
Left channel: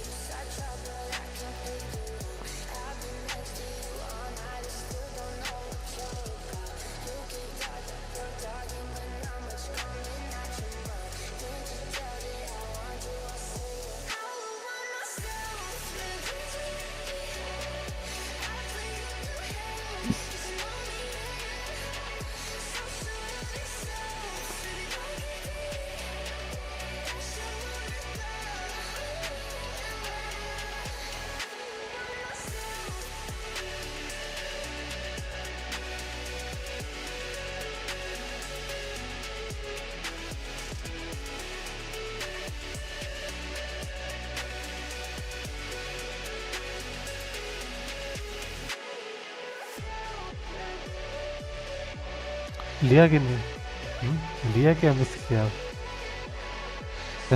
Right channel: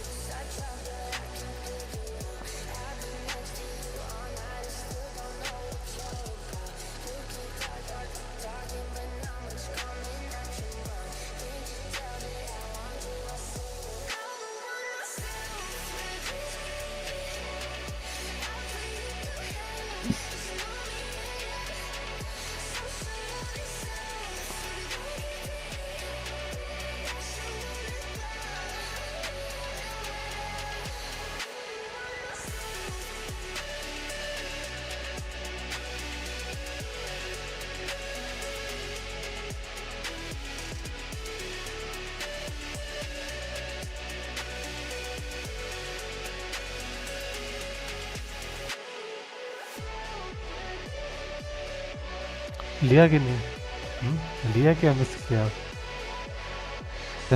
लिया कि नहीं? लिया क्या मिस किया?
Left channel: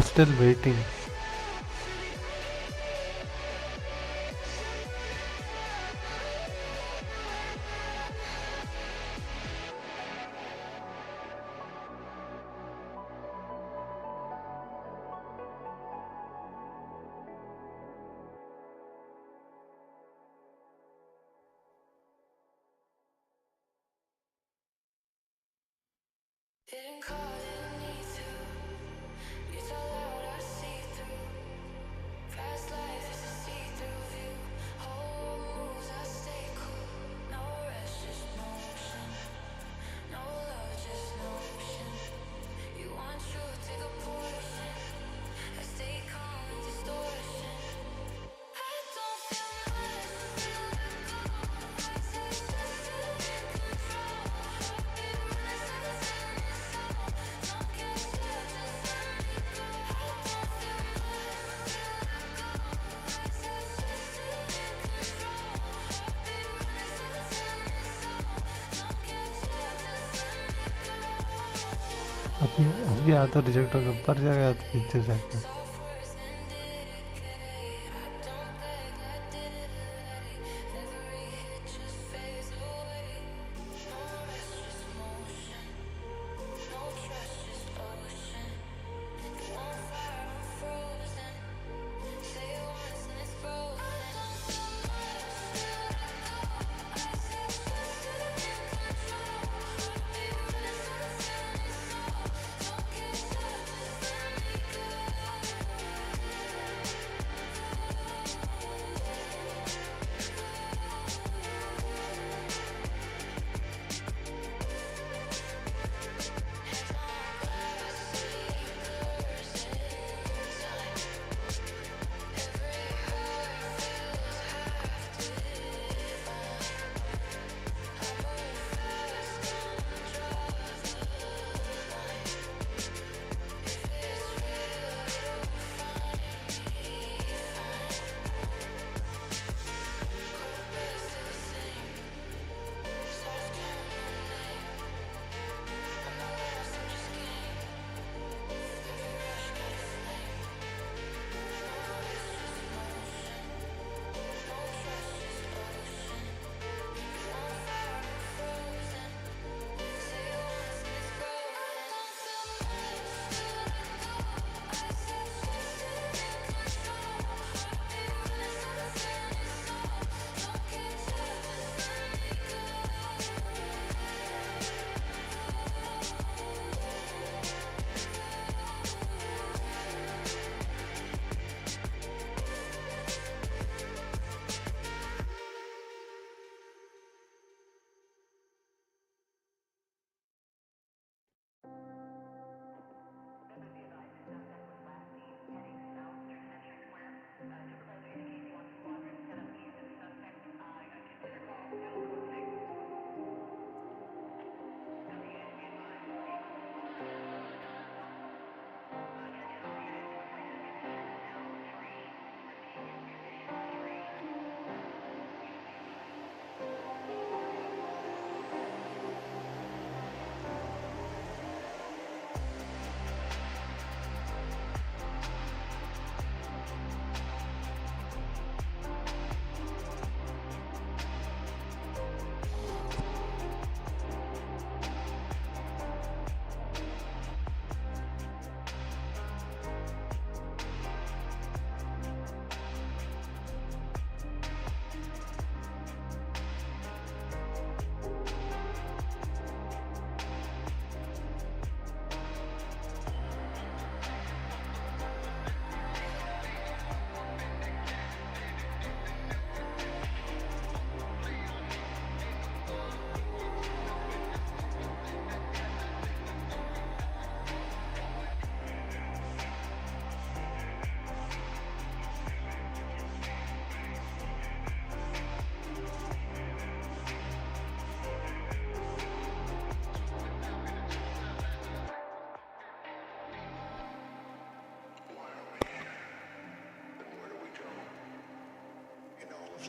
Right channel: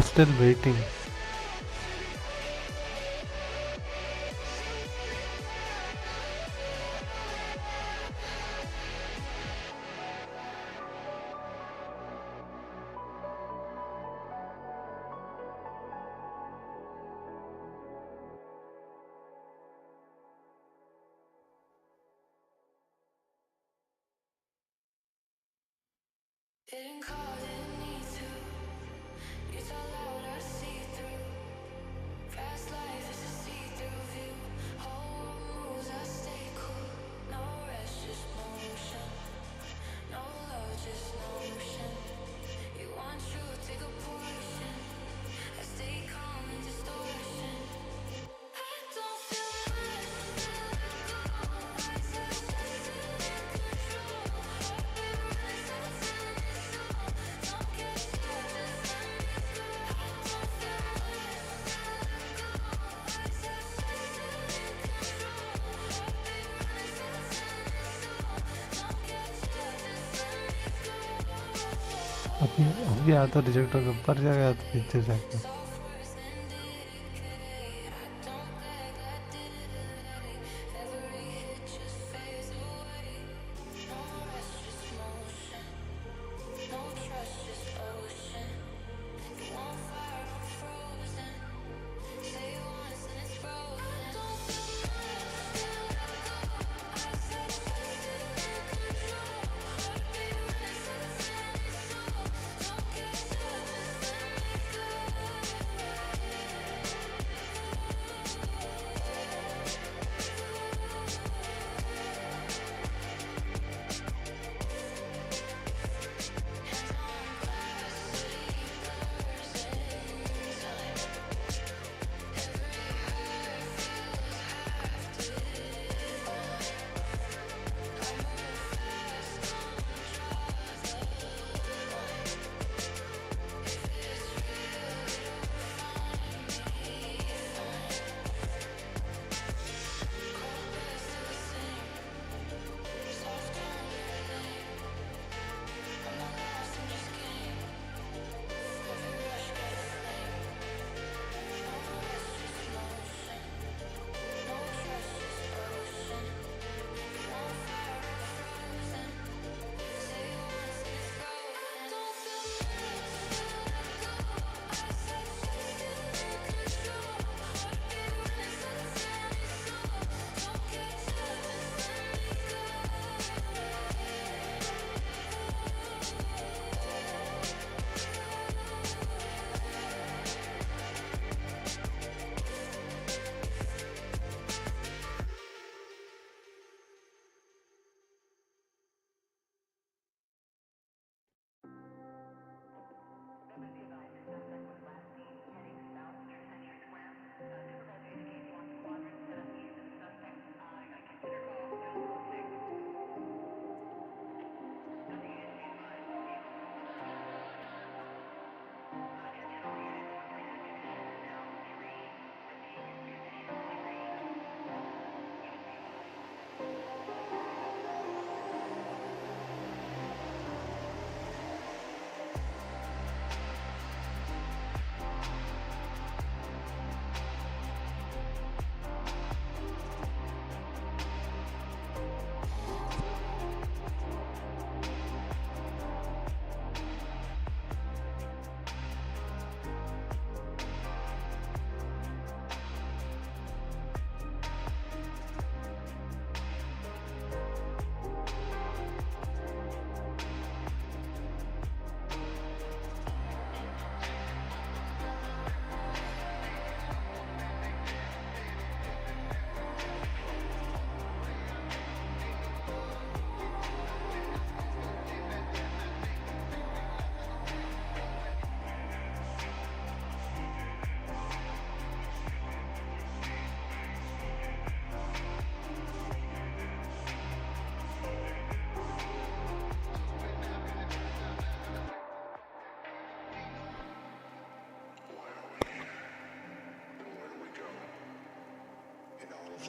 Still waiting. Didn't call, didn't need to. You talk loud, I see through. Fast life is a see-through view. Whole moves, I stay cool. No rest, just motion. No love, just notion. You want truth, take a portion. I stay calm in distortion. I don't feel much, feel let go. I just feel in control. Heartbeat running 7 seconds, so don't catch up, just let me go. I don't feel much, feel let go. I just feel in control. Heartbeat running 7 seconds, so don't catch up, just let me go. अभी आया तो reject होकर ऊपर जाएगा तो नीचे जाएगा। Software's indicate. I don't beg, I did it. Every hit just fades away. No rest, just motion. No trust, just ocean. You on fire, I'm frozen. Say it once and it's broken. I don't feel much, feel let go. I said just feel in control. Heartbeat running 7 seconds, so don't catch up, just let me go.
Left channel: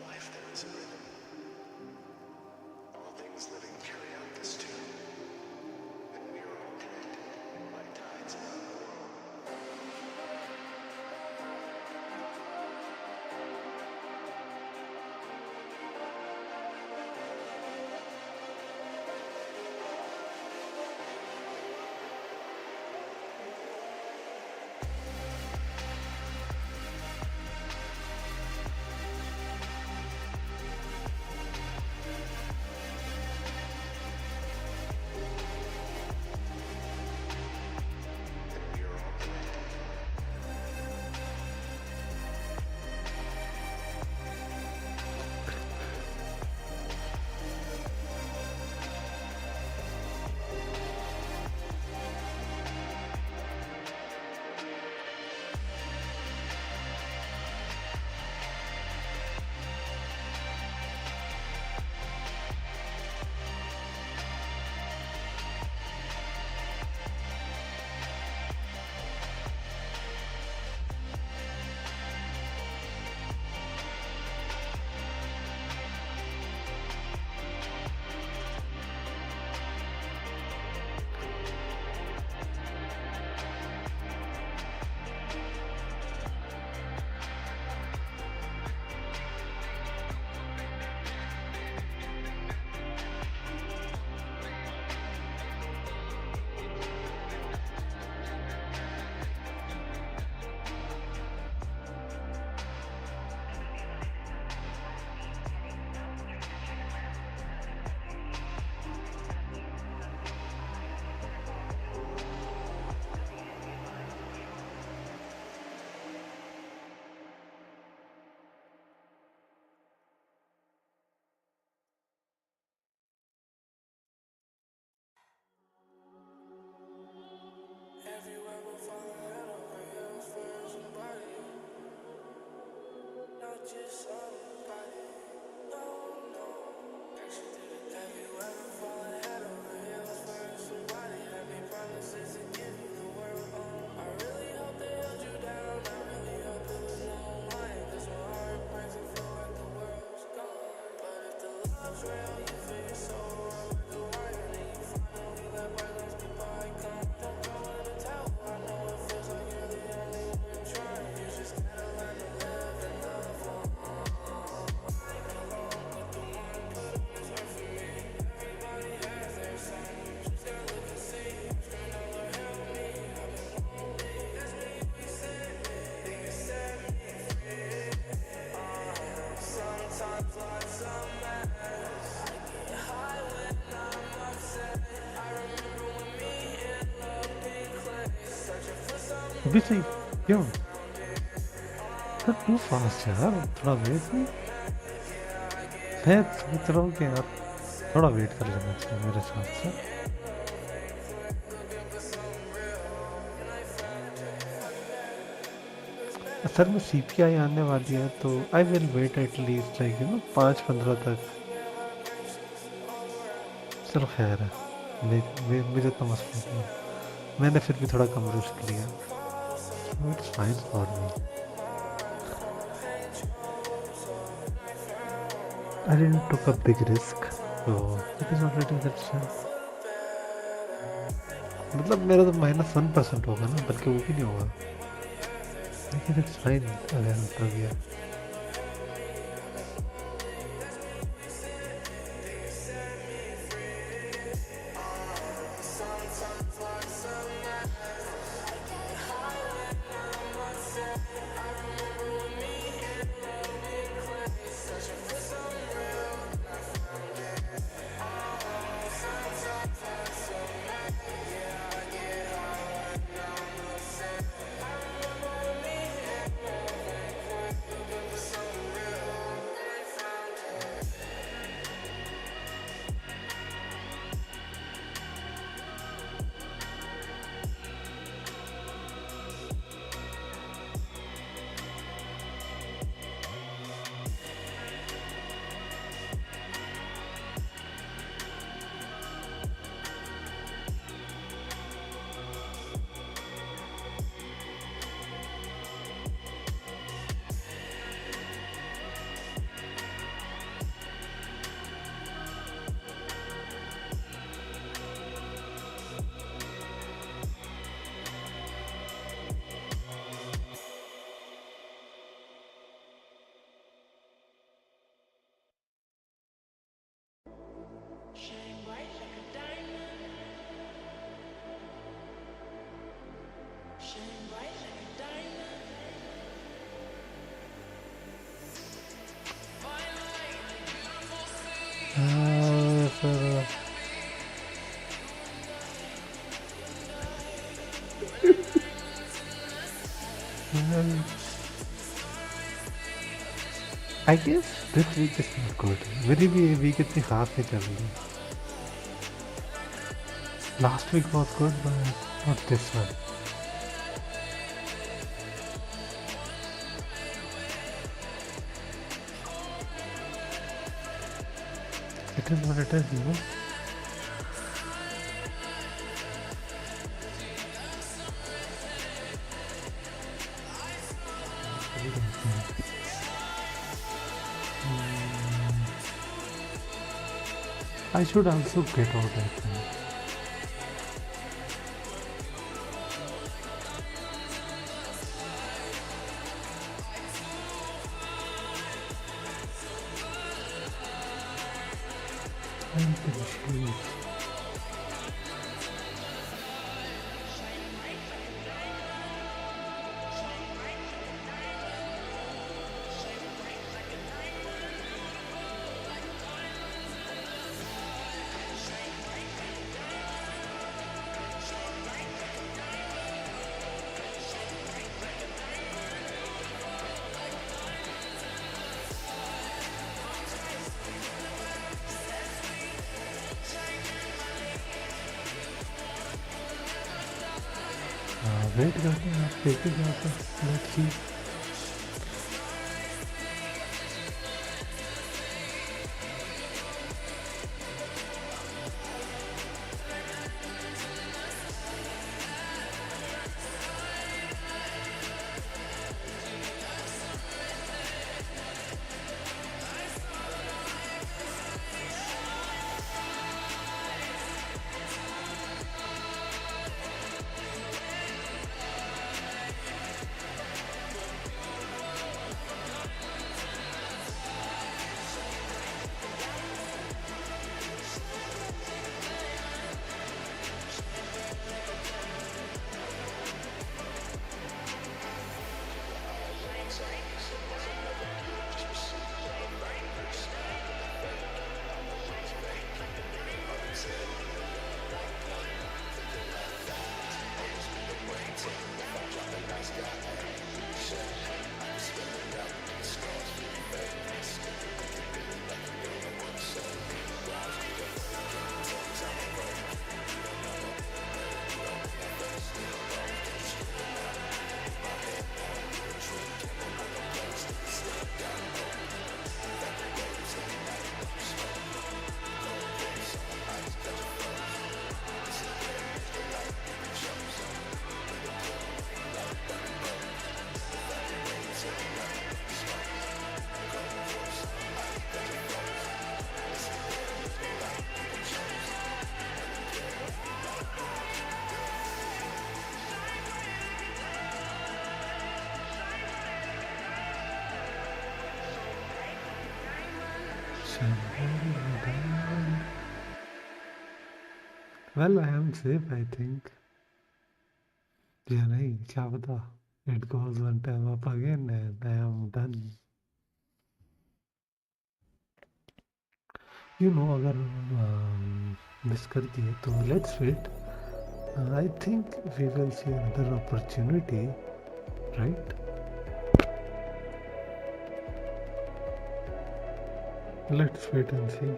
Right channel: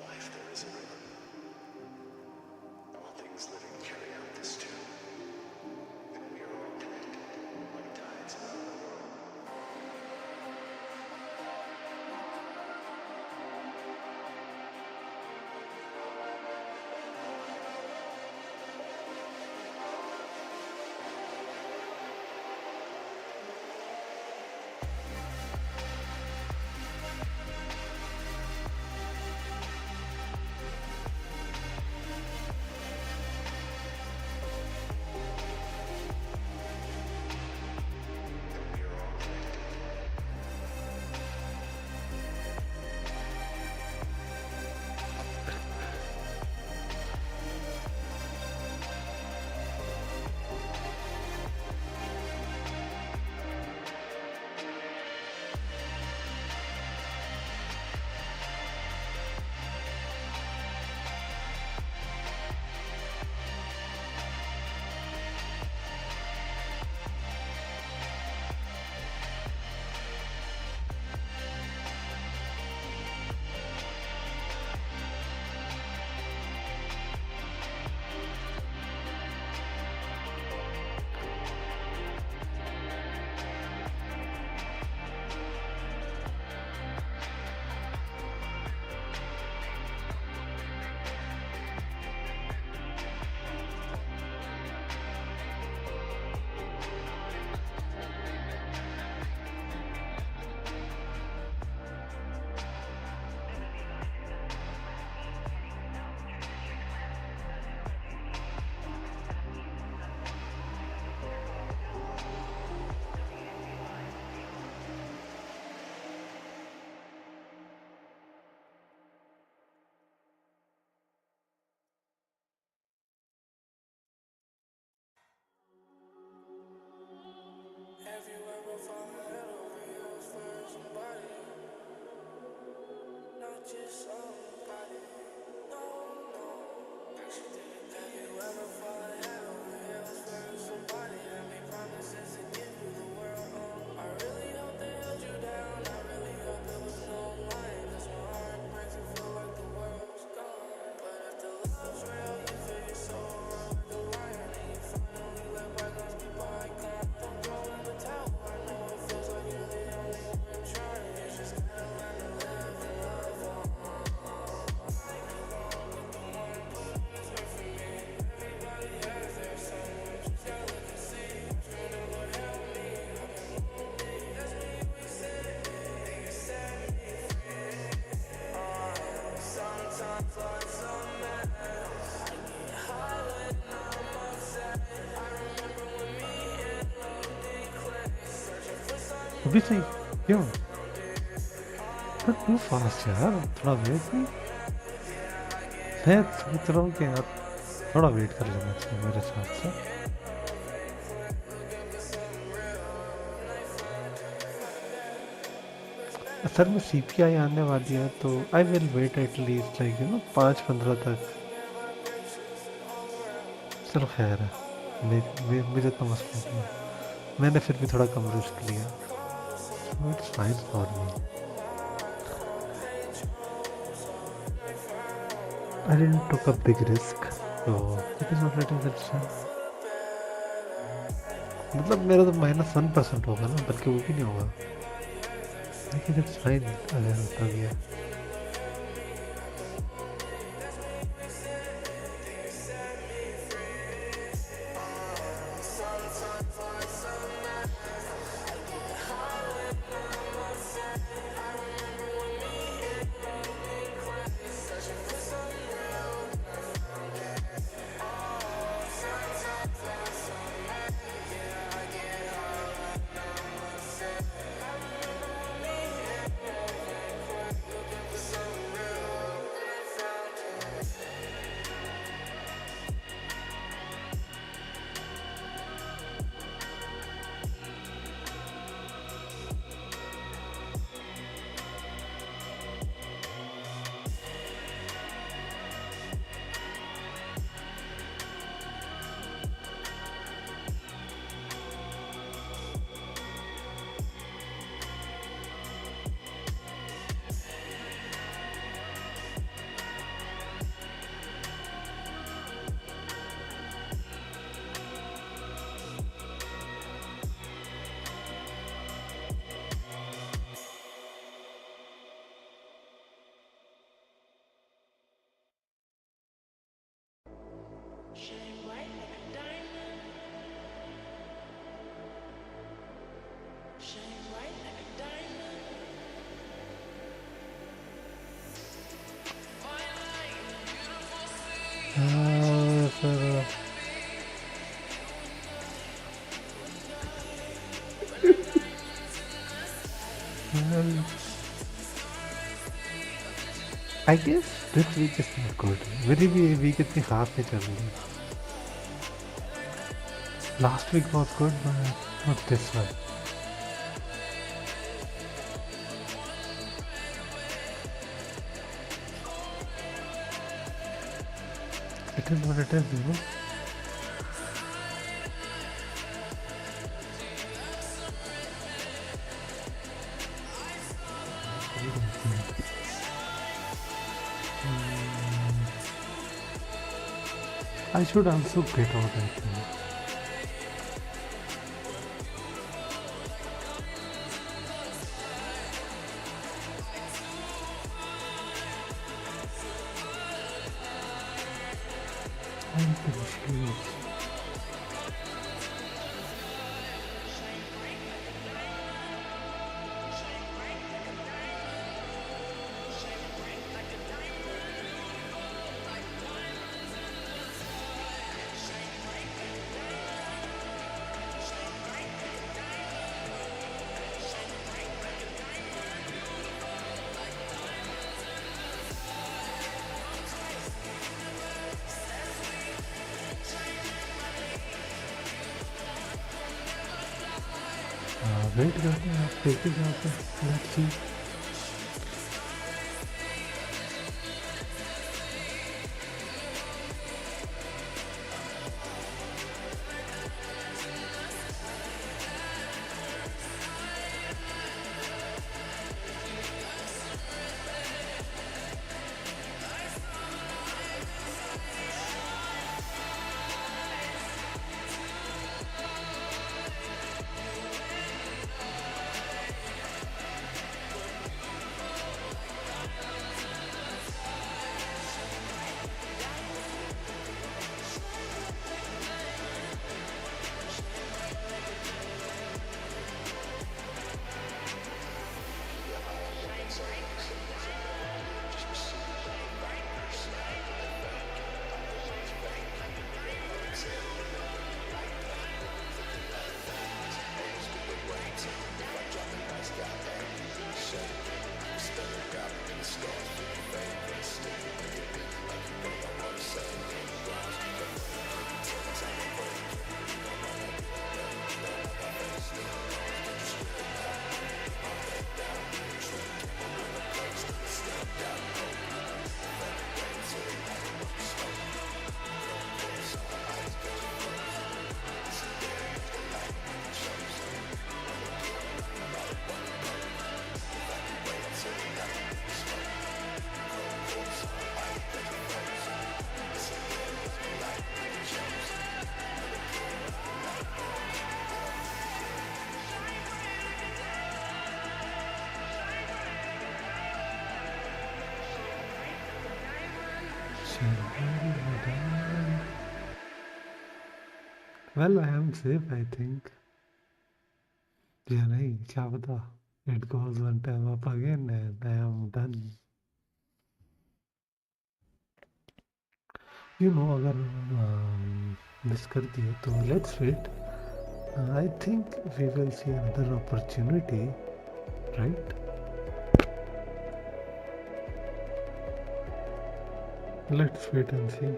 life there is a rhythm. All things living carry out this tune, and we are all connected like tides around the world. Everywhere we're falling head over heels for somebody, not just somebody. No, no. Everywhere we're falling head over heels for somebody that made promises to give you the world. I really hope they held you down. I really hope it was no lying, 'cause my heart breaks and feel like the world's gone. But if the love's real, you feel your soul run like a lion, and you finally let bygones be bygones. Don't throw in the towel. I know it feels like you're the only one trying. You just gotta learn to live and love on. I belong with the one put on this earth for me. Everybody has their someone, just gotta look and see. Scream out, Lord help me, I've been lonely. That's me, we said, think you set me free. Sometimes life's a mess. I get high when I'm upset. I remember when me and love did click. Searching for some अभी सही क्यों तो to fast यार थोड़ा wait नहीं मैं सोच रहा हूँ कि यार थोड़ा वेट कर लेना चाहिए मेरे हिसाब से असल में सीपीआई आने वाली है तो I will wait at least like 5-15 तक चलो खैर है मुझे तो मसला नहीं है मैंने फिर भी थोड़ा कम रिस्क लिया it's fine for me I didn't took a big risk, so it is not letting that chance. मतलब मेरा तो -1% होगा ना बल्कि वो भी नहीं होगा लेकिन इट्स फाइन अगर होता गया I guess this week is not good. मेरी भी ये week इतनी खास नहीं चल रही. Last week was good, but not this one. It is what it is, you know. I should also get out, I think. I'm confused. Wait करते हैं, आप देखे जहाँ पर let's see. Well, I am safe, I think. Yeah, नहीं क्या पता. It goes one time up again and I am done. You know, अगर miss कर दिए तो let's wait. I think we will see another opportunity, right? Let's wait and see.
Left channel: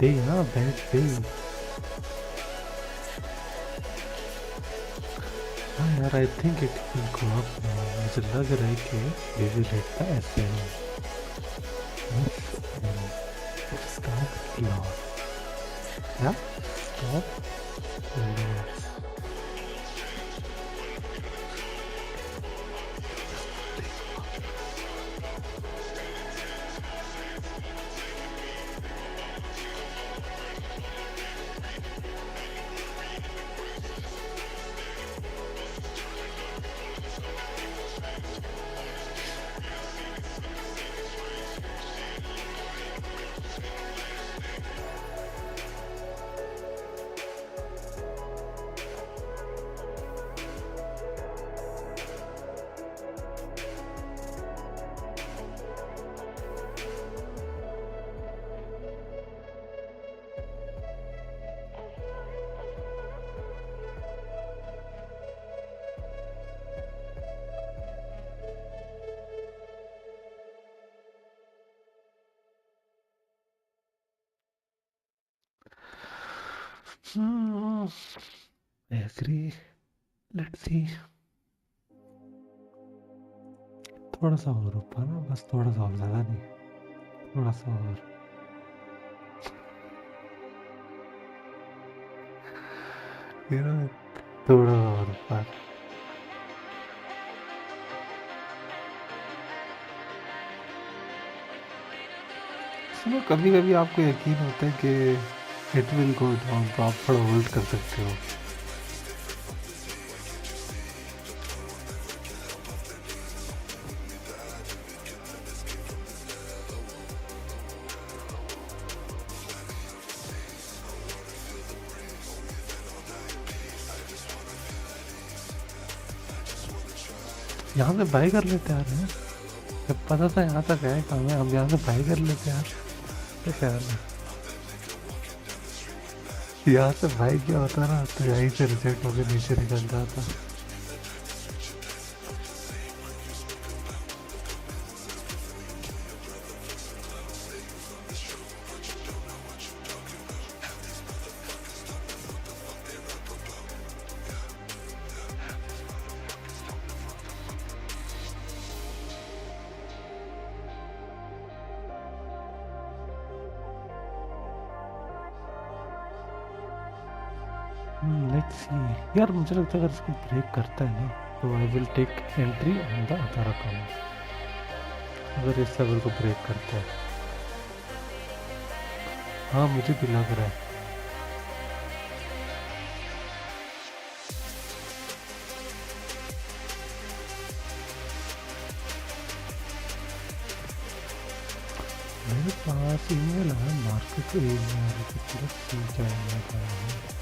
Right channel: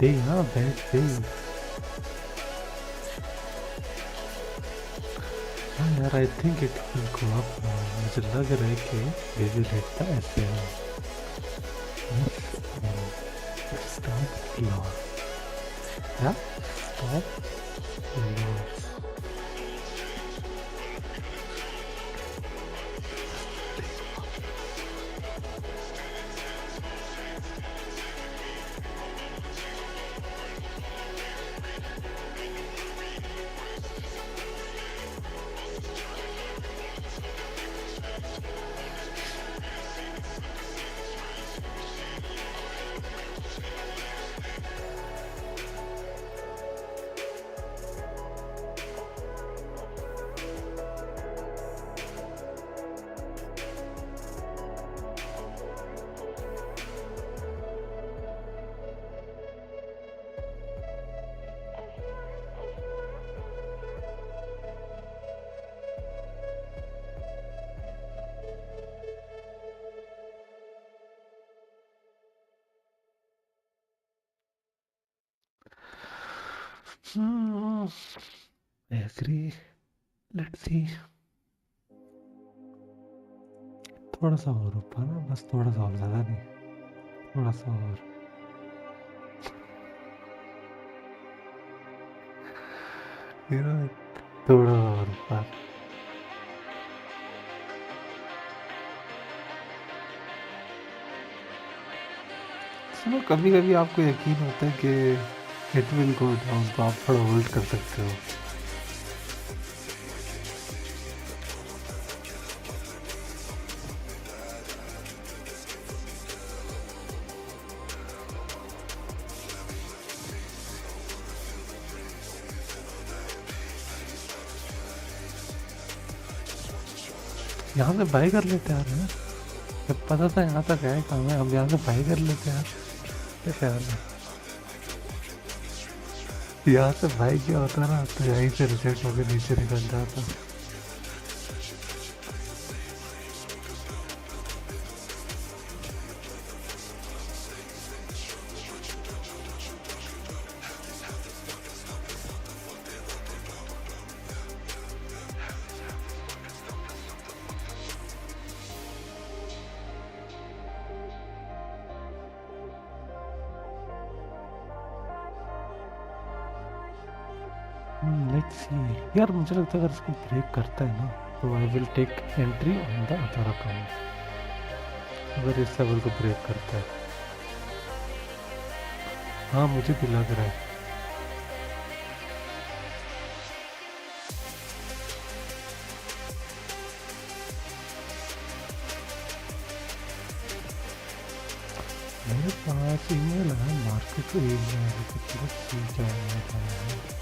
दे हाँ बैठ दे। हाँ यार I think it will go up now. मुझे लग रहा है कि we will hit the SL. Stop loss. क्या stop loss? I agree. Let's see. थोड़ा सा और ऊपर ना, बस थोड़ा सा और, ज़्यादा नहीं, थोड़ा सा और। You know, थोड़ा और ऊपर। सुनो, कभी कभी आपको यकीन होता है कि इट विल गो डाउन, तो आप थोड़ा होल्ड कर सकते हो। यहाँ से बाई कर लेते यार हैं। जब पता था यहाँ तक है काम है, हम यहाँ से बाई कर लेते यार। क्या ख्याल है? यहाँ से बाई किया होता ना तो यहीं से रिजेक्ट होकर नीचे निकल जाता। लेट्स सी यार, मुझे लगता है अगर इसको ब्रेक करता है ना तो I will take entry on the other account. अगर इस लेवल को ब्रेक करता है, हाँ मुझे भी लग रहा है। मेरे पास ईमेल है, मार्केट ईमेल कुछ सी क्या ईमेल है।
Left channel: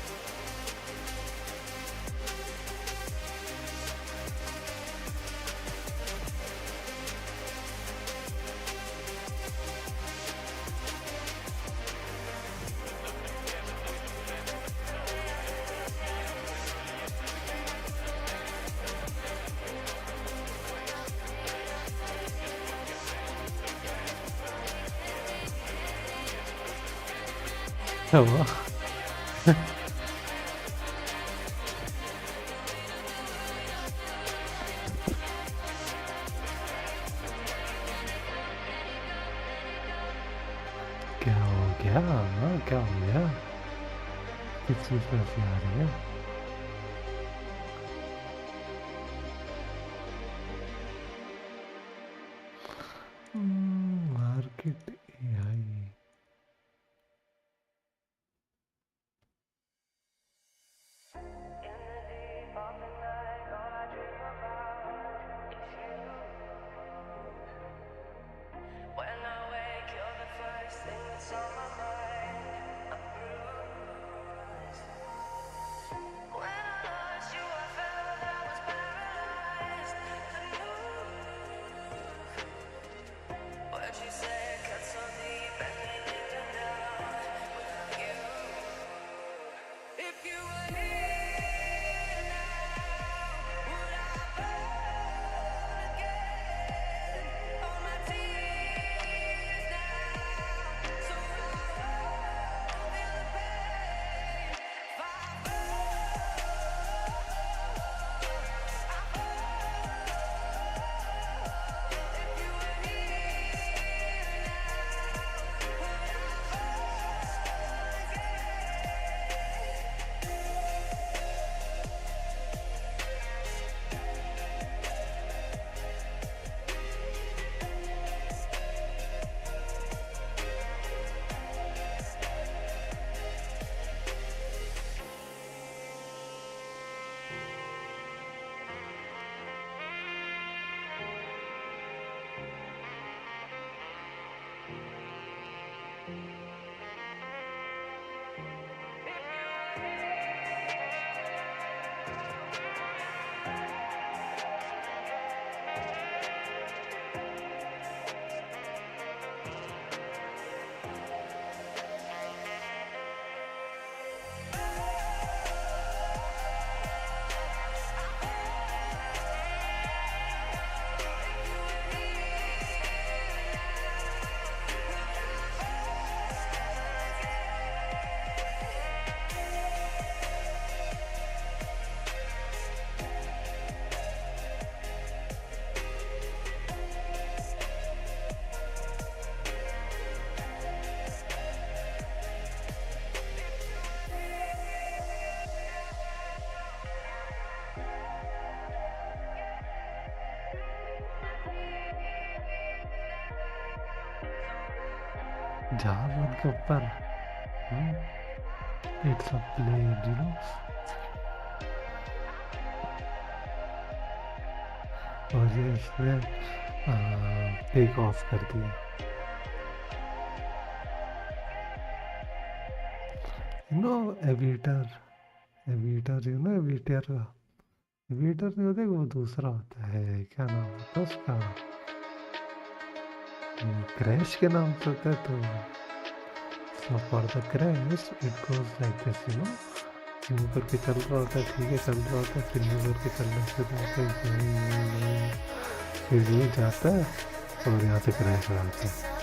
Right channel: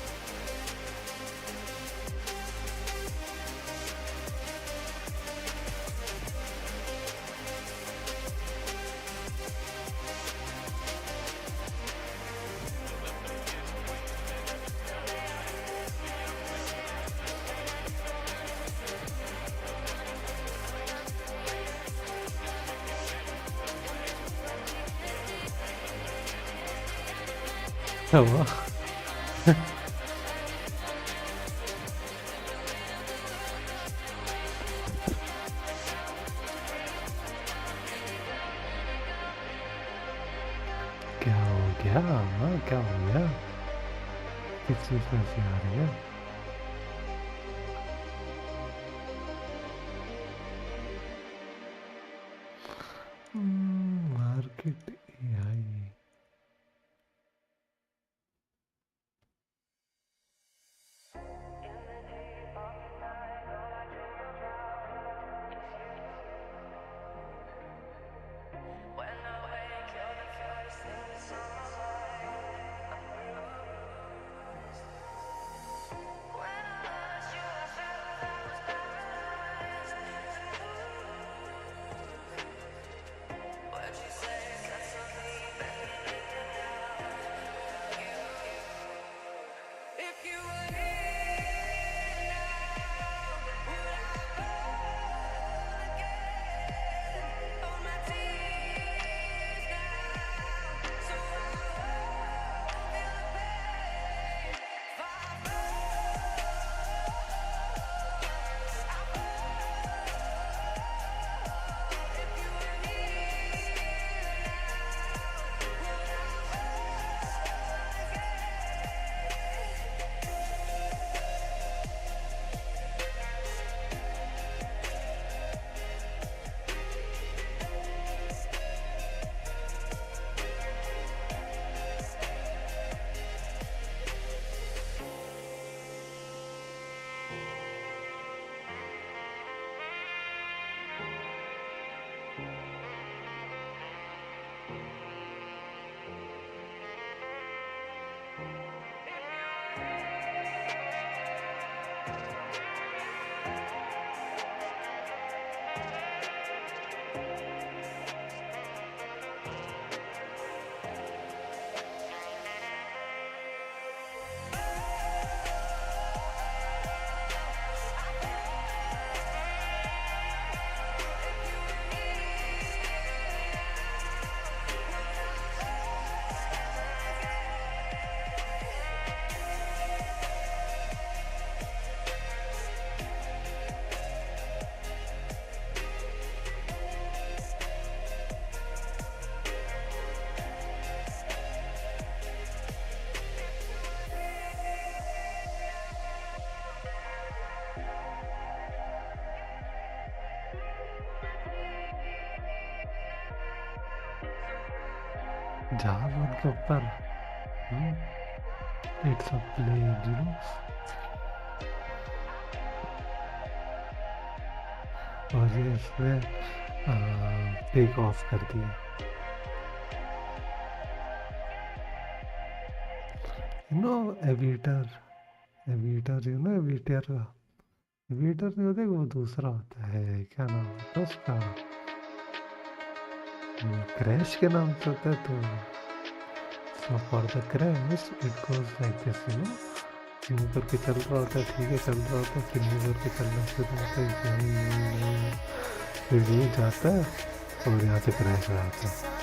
क्या हुआ? क्या हो गया? हाँ क्या हो गया? किस चीज़ पर हंसी आ रही है? Market AI. When I wake, you're the first thing that's on my mind. I'm bruised. When I lost you, I felt I was paralyzed to move. What you say cuts so जहाज उनके ऊपर, it's a plane you know. और ये इसने take off कर दिया। You know aviator, aviator you know aviator का, aviator नहीं होता, वो दूसरा होता है, क्या नाम होता है उसका, क्रैश के नाम से होता है। तो for the crash it goes like this you know, यूँ करके चल रहा होता है, ठीक है चल रहा होता है, फिर यूँ करके चलना शुरू होता है, फिर यूँ जाता है और यहाँ से क्रैश हो जाता है।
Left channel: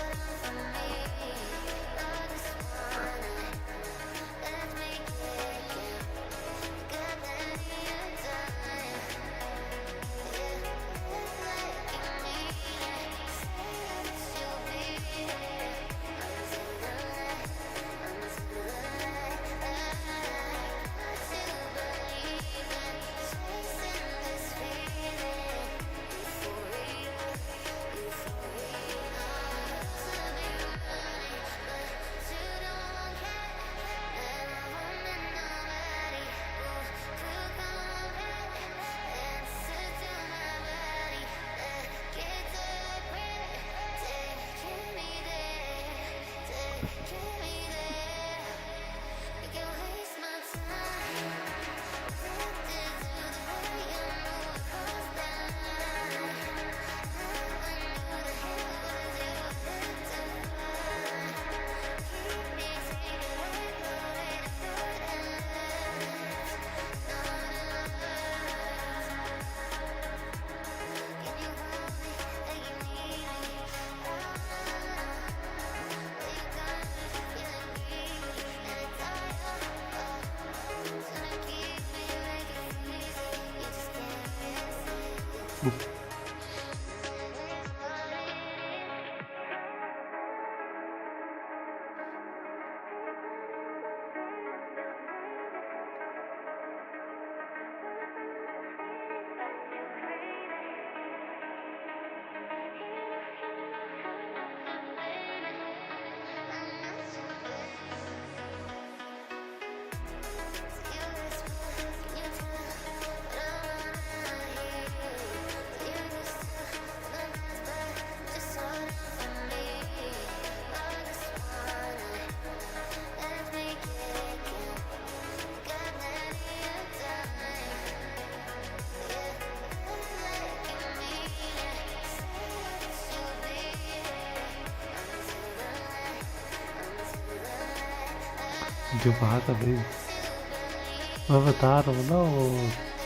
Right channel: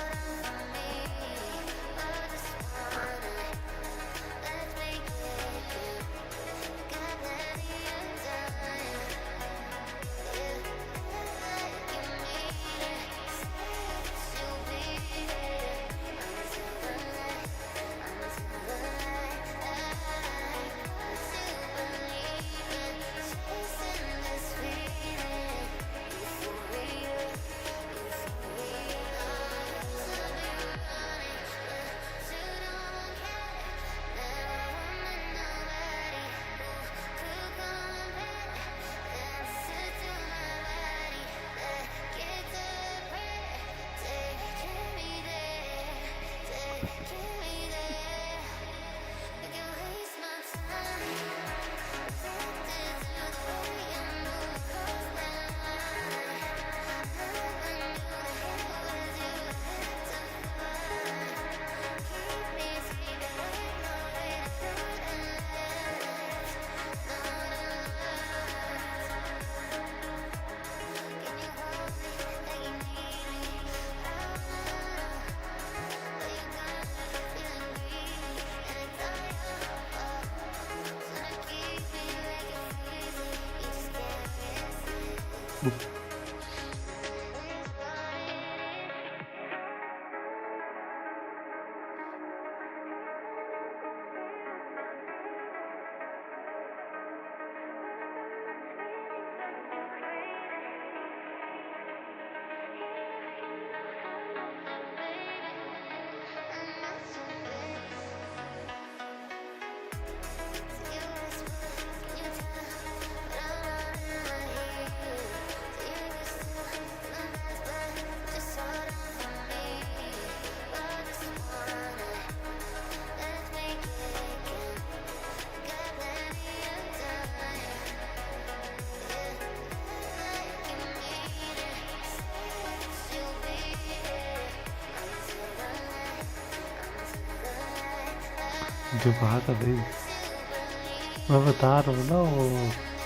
जो बात अभी मैं बता रहा हूँ ना, वो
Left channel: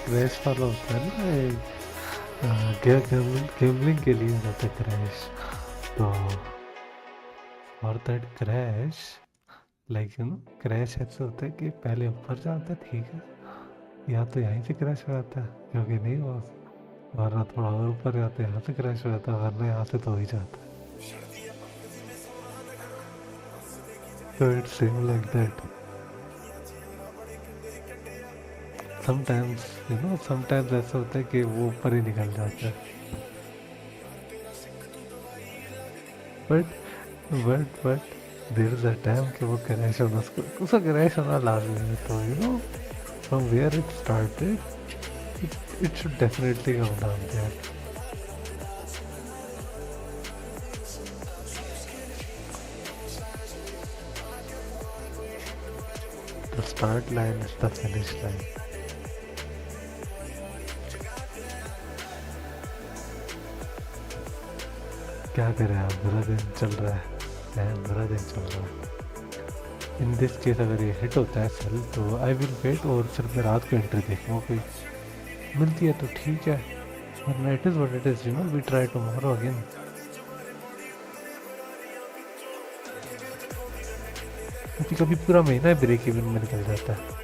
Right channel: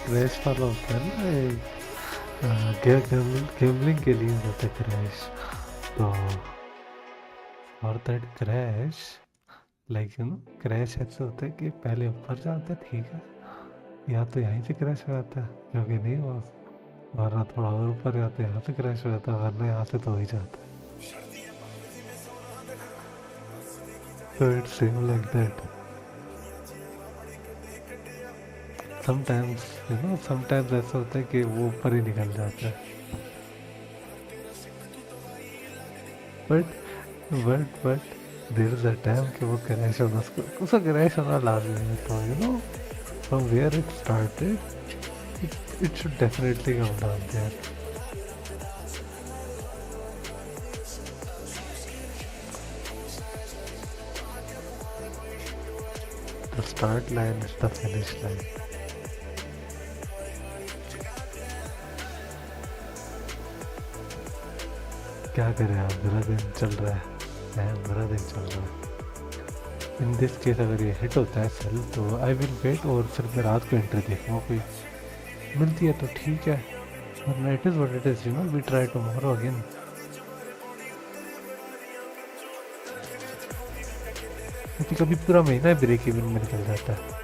क्रैश वाला होता है ना, गेमलिंग के लिए होता है क्रैश। तो और that crash like you no, crash ऐसे होता है कि पहले ऊपर जाता है, ठीक है, या तो यहीं से क्रैश हो जाता है, जो कि नहीं हुआ, वरना थोड़ा और ऊपर जाते हैं, यहाँ से क्रैश हो जाता है, वरना यहाँ से तो हो ही जाता है। तो it's same like that. Sometimes you know, sometimes ऐसा होता है कि वो ऊपर ही निकल जाता है, but but there is a time कि वो क्रैश होना, उसका क्रैश होना लाजमी है। तो you know from where it started, it should definitely come down there. The start line is the finish line. क्या करें आप, मेरा दिन चल रहा है, मेरा दिन चल रहा है। इन दिस केस अगर ये हिट होता है सेल तो आई विल वेट, और फिर मैं रात को एंट्री देखूँगा, कोई मिलती है तो ठीक है, वरना it is what it is, you know, we try tomorrow again. कभी कभी पूरा महीना ब्रेक इवन में निकल जाता है।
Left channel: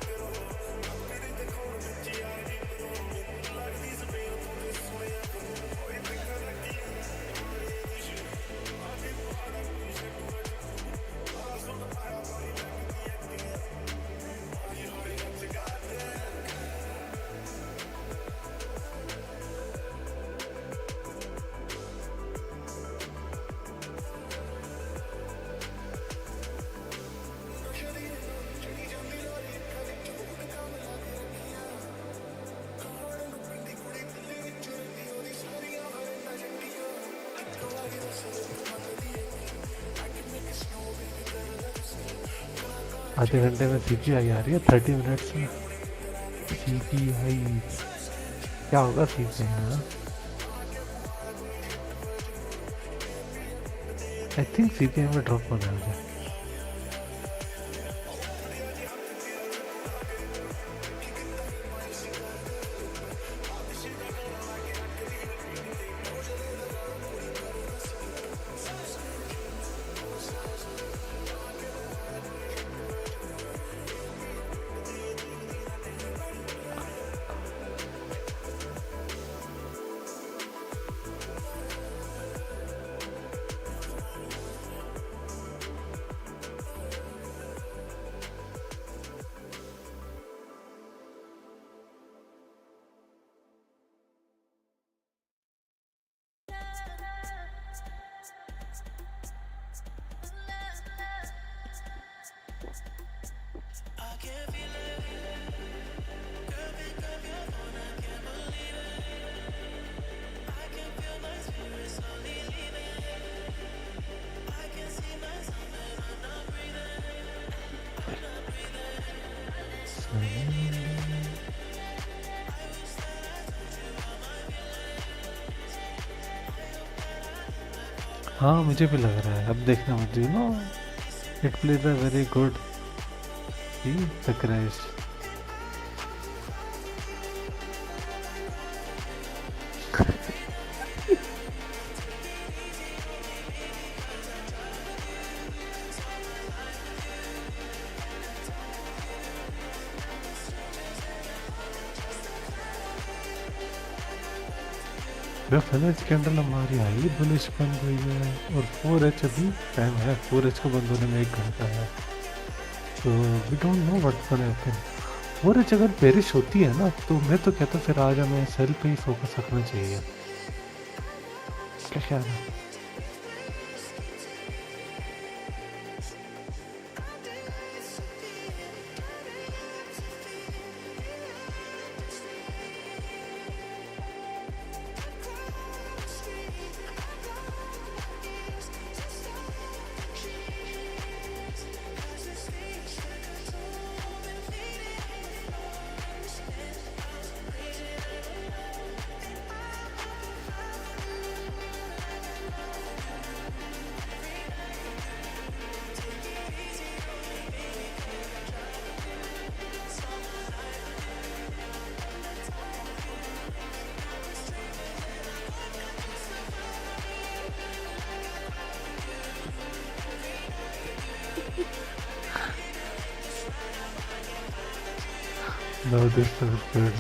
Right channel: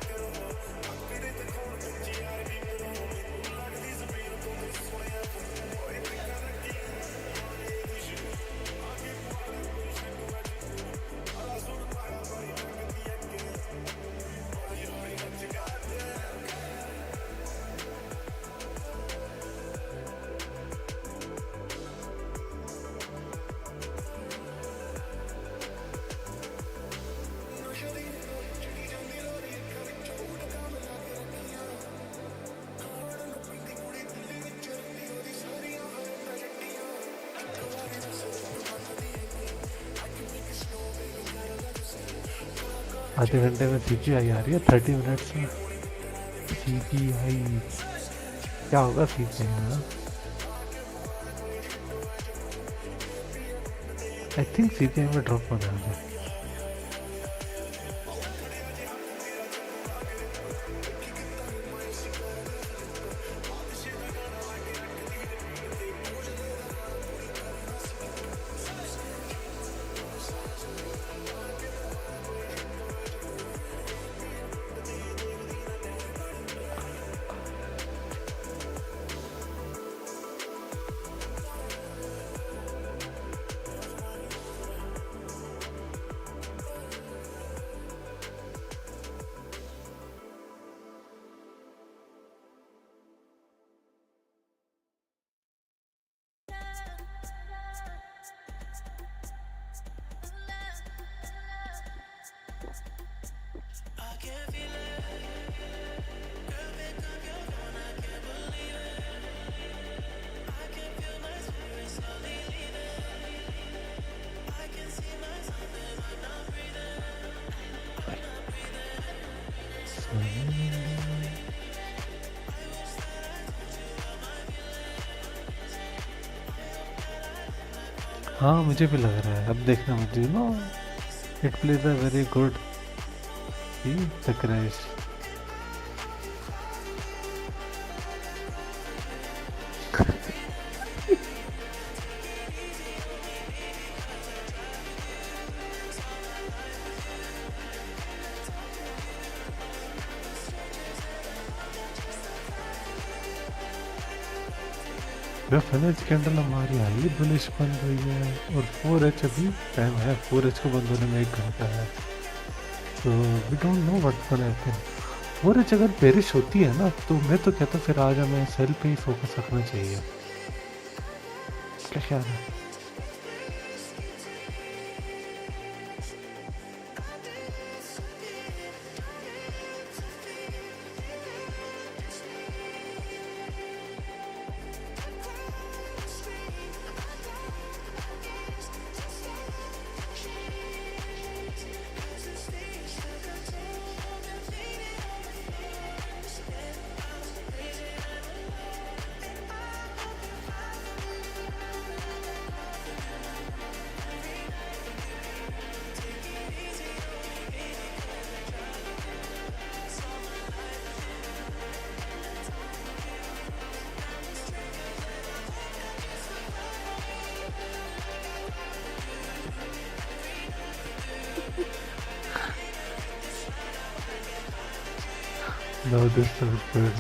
आधे घंटे में सीपीआई आ रही है 30 मिनट्स में। सीपीआई क्या होगा सीपीआई में? आई थिंक सीपीआई में ड्रॉप होने वाला है। हाँ मुझे भी लग रहा है, अब देखना मुझे no it plays a very good the crash. Finish candle हमारी हाईली बुलिश बन रही है और 4H अभी टाइम है, 4H को बंद होने में 1 घंटा है। तो we don't know what's gonna happen. 4H अगर पेरिश होती है ना तो मैं तो कहता फिर आज हमें सेल पे ही फोकस रखना चाहिए। क्या ख्याल है? No, this is good.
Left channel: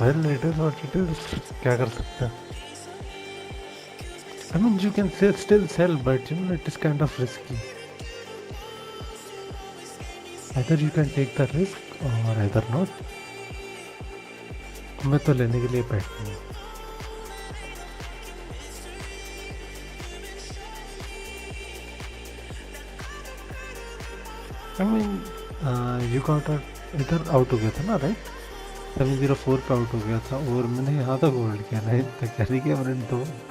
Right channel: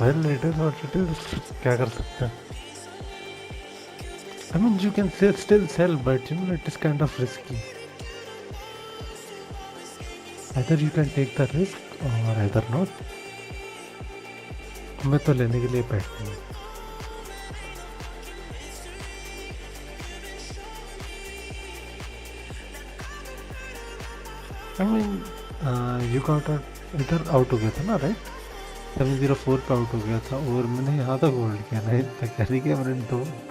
Well, it is what it is. क्या कर सकते हैं? I mean, you can still sell, but you know it is kind of risky. Either you can take the risk or either not. मैं तो लेने के लिए बैठा हूँ। I mean, you got इधर आउट हो गया था ना, राइट? 704 पे आउट हो गया था और मैंने यहाँ तक होल्ड किया ना, तक कैरी किया मैंने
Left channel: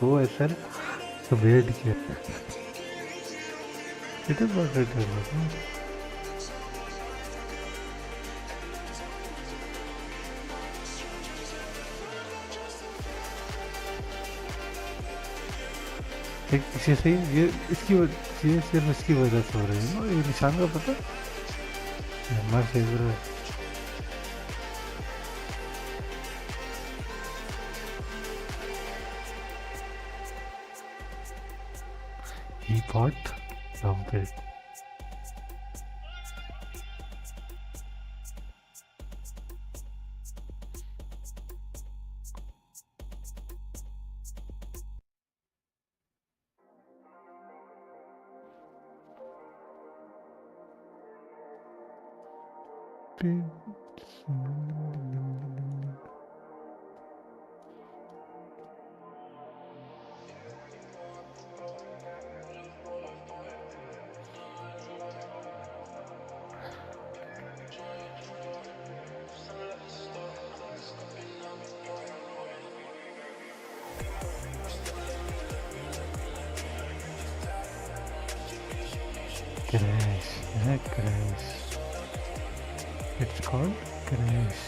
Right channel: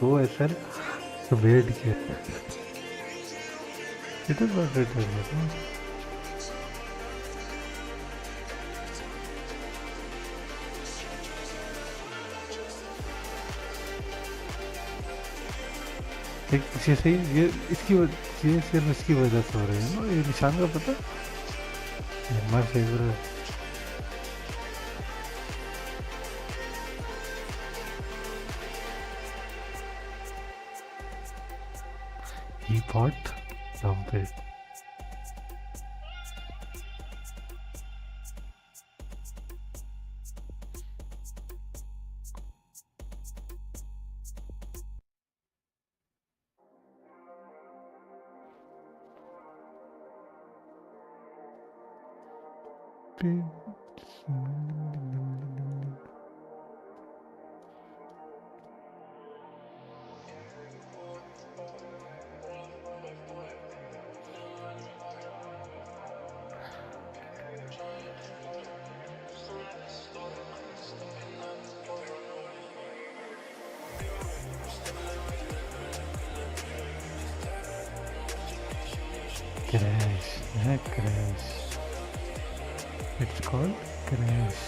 दो ऐसा तो वेट किया। It is what it is. इसे सही ये ये सिर्फ इसकी वजह से हो रही है ना, ये निशान का पता है हमारे favourite. He bought dump it. crash, है crash. It's called crash.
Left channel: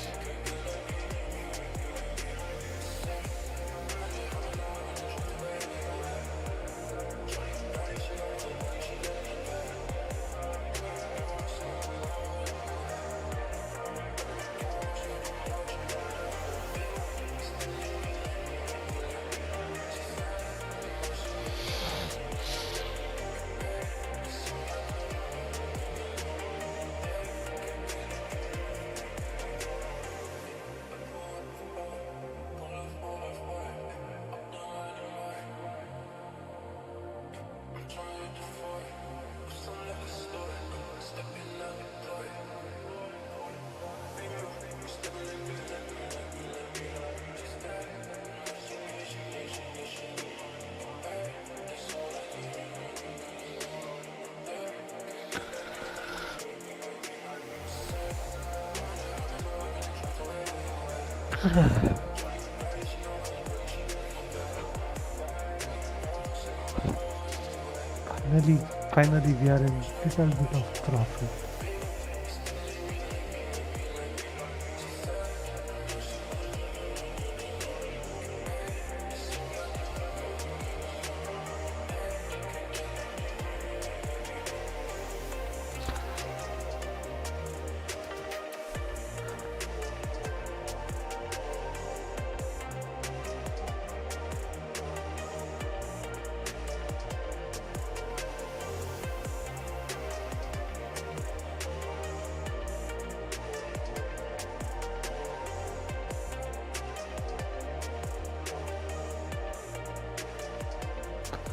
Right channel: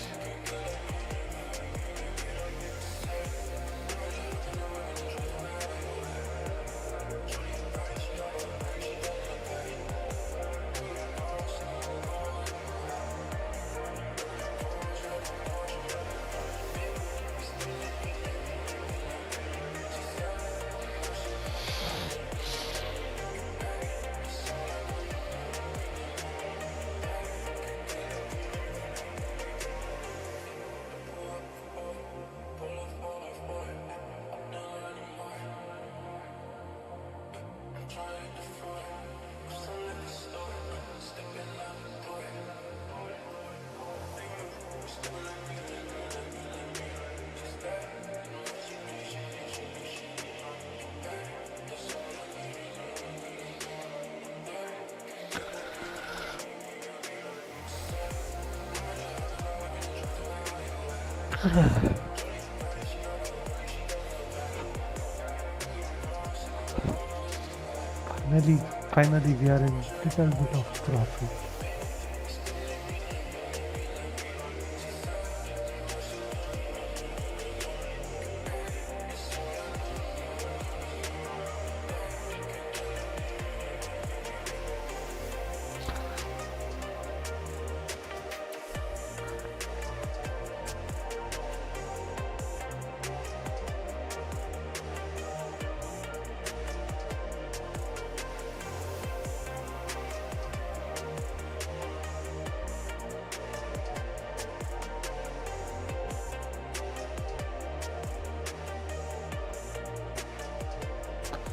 Finally, we are in little bit of profit.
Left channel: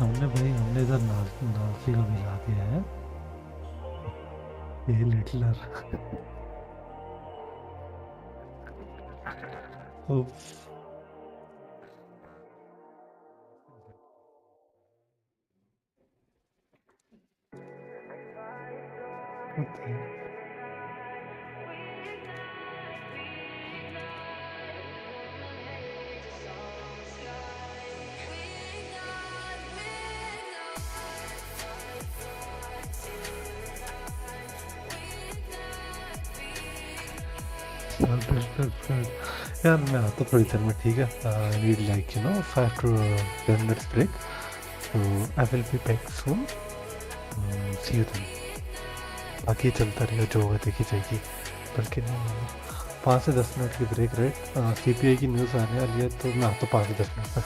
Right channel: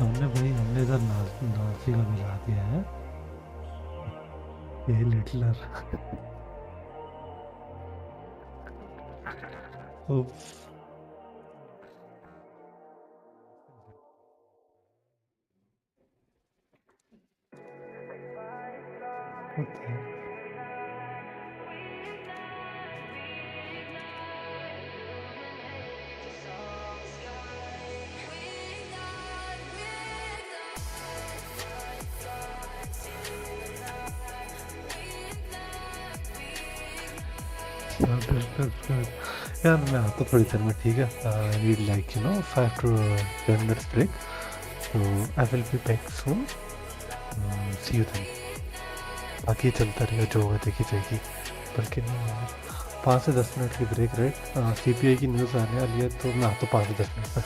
हमने इधर नासी का मिला दिया है ये लिटलर यार मैं आता थोड़ी देर में ठीक है I need like 5 to 10 minutes break so I will be back soon see you then बाकी चलता रहेगा जो होगा देखी जाएगी बल्कि 5 से 10 मिनट की ब्रेक राइट CPI की न्यूज़ आने वाली है तो मैं आता 5 से 10 मिनट में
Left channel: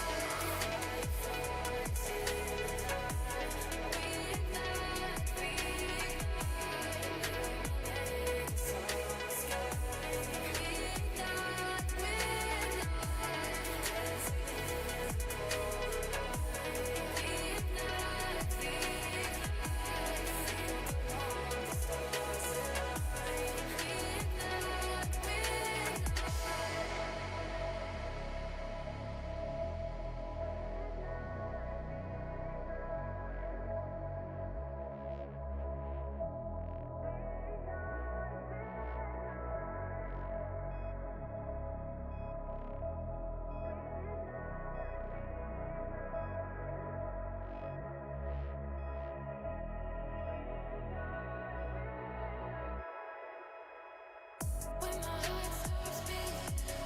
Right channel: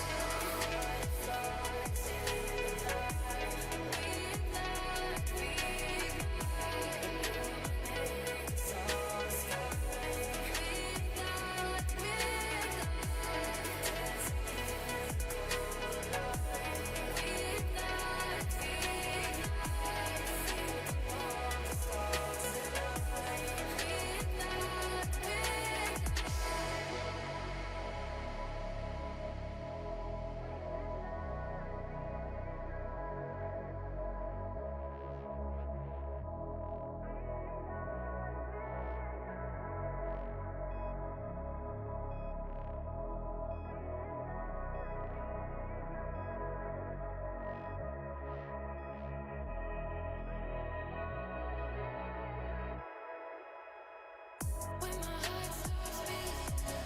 When my heart stops beating,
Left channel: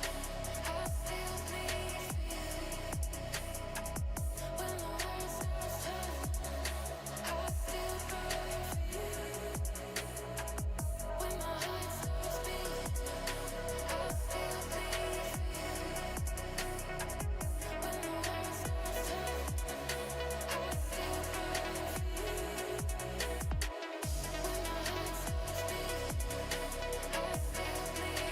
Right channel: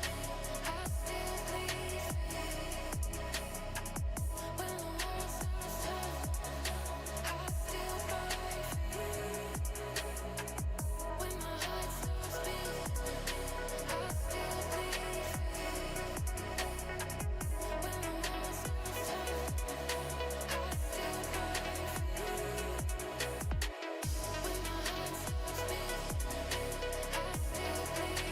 I still bleed for you. When the world stops turning, I still burn for you. When my heart stops beating, I still bleed for you. When the world stops turning, I still burn for you. When my heart stops beating, I still bleed.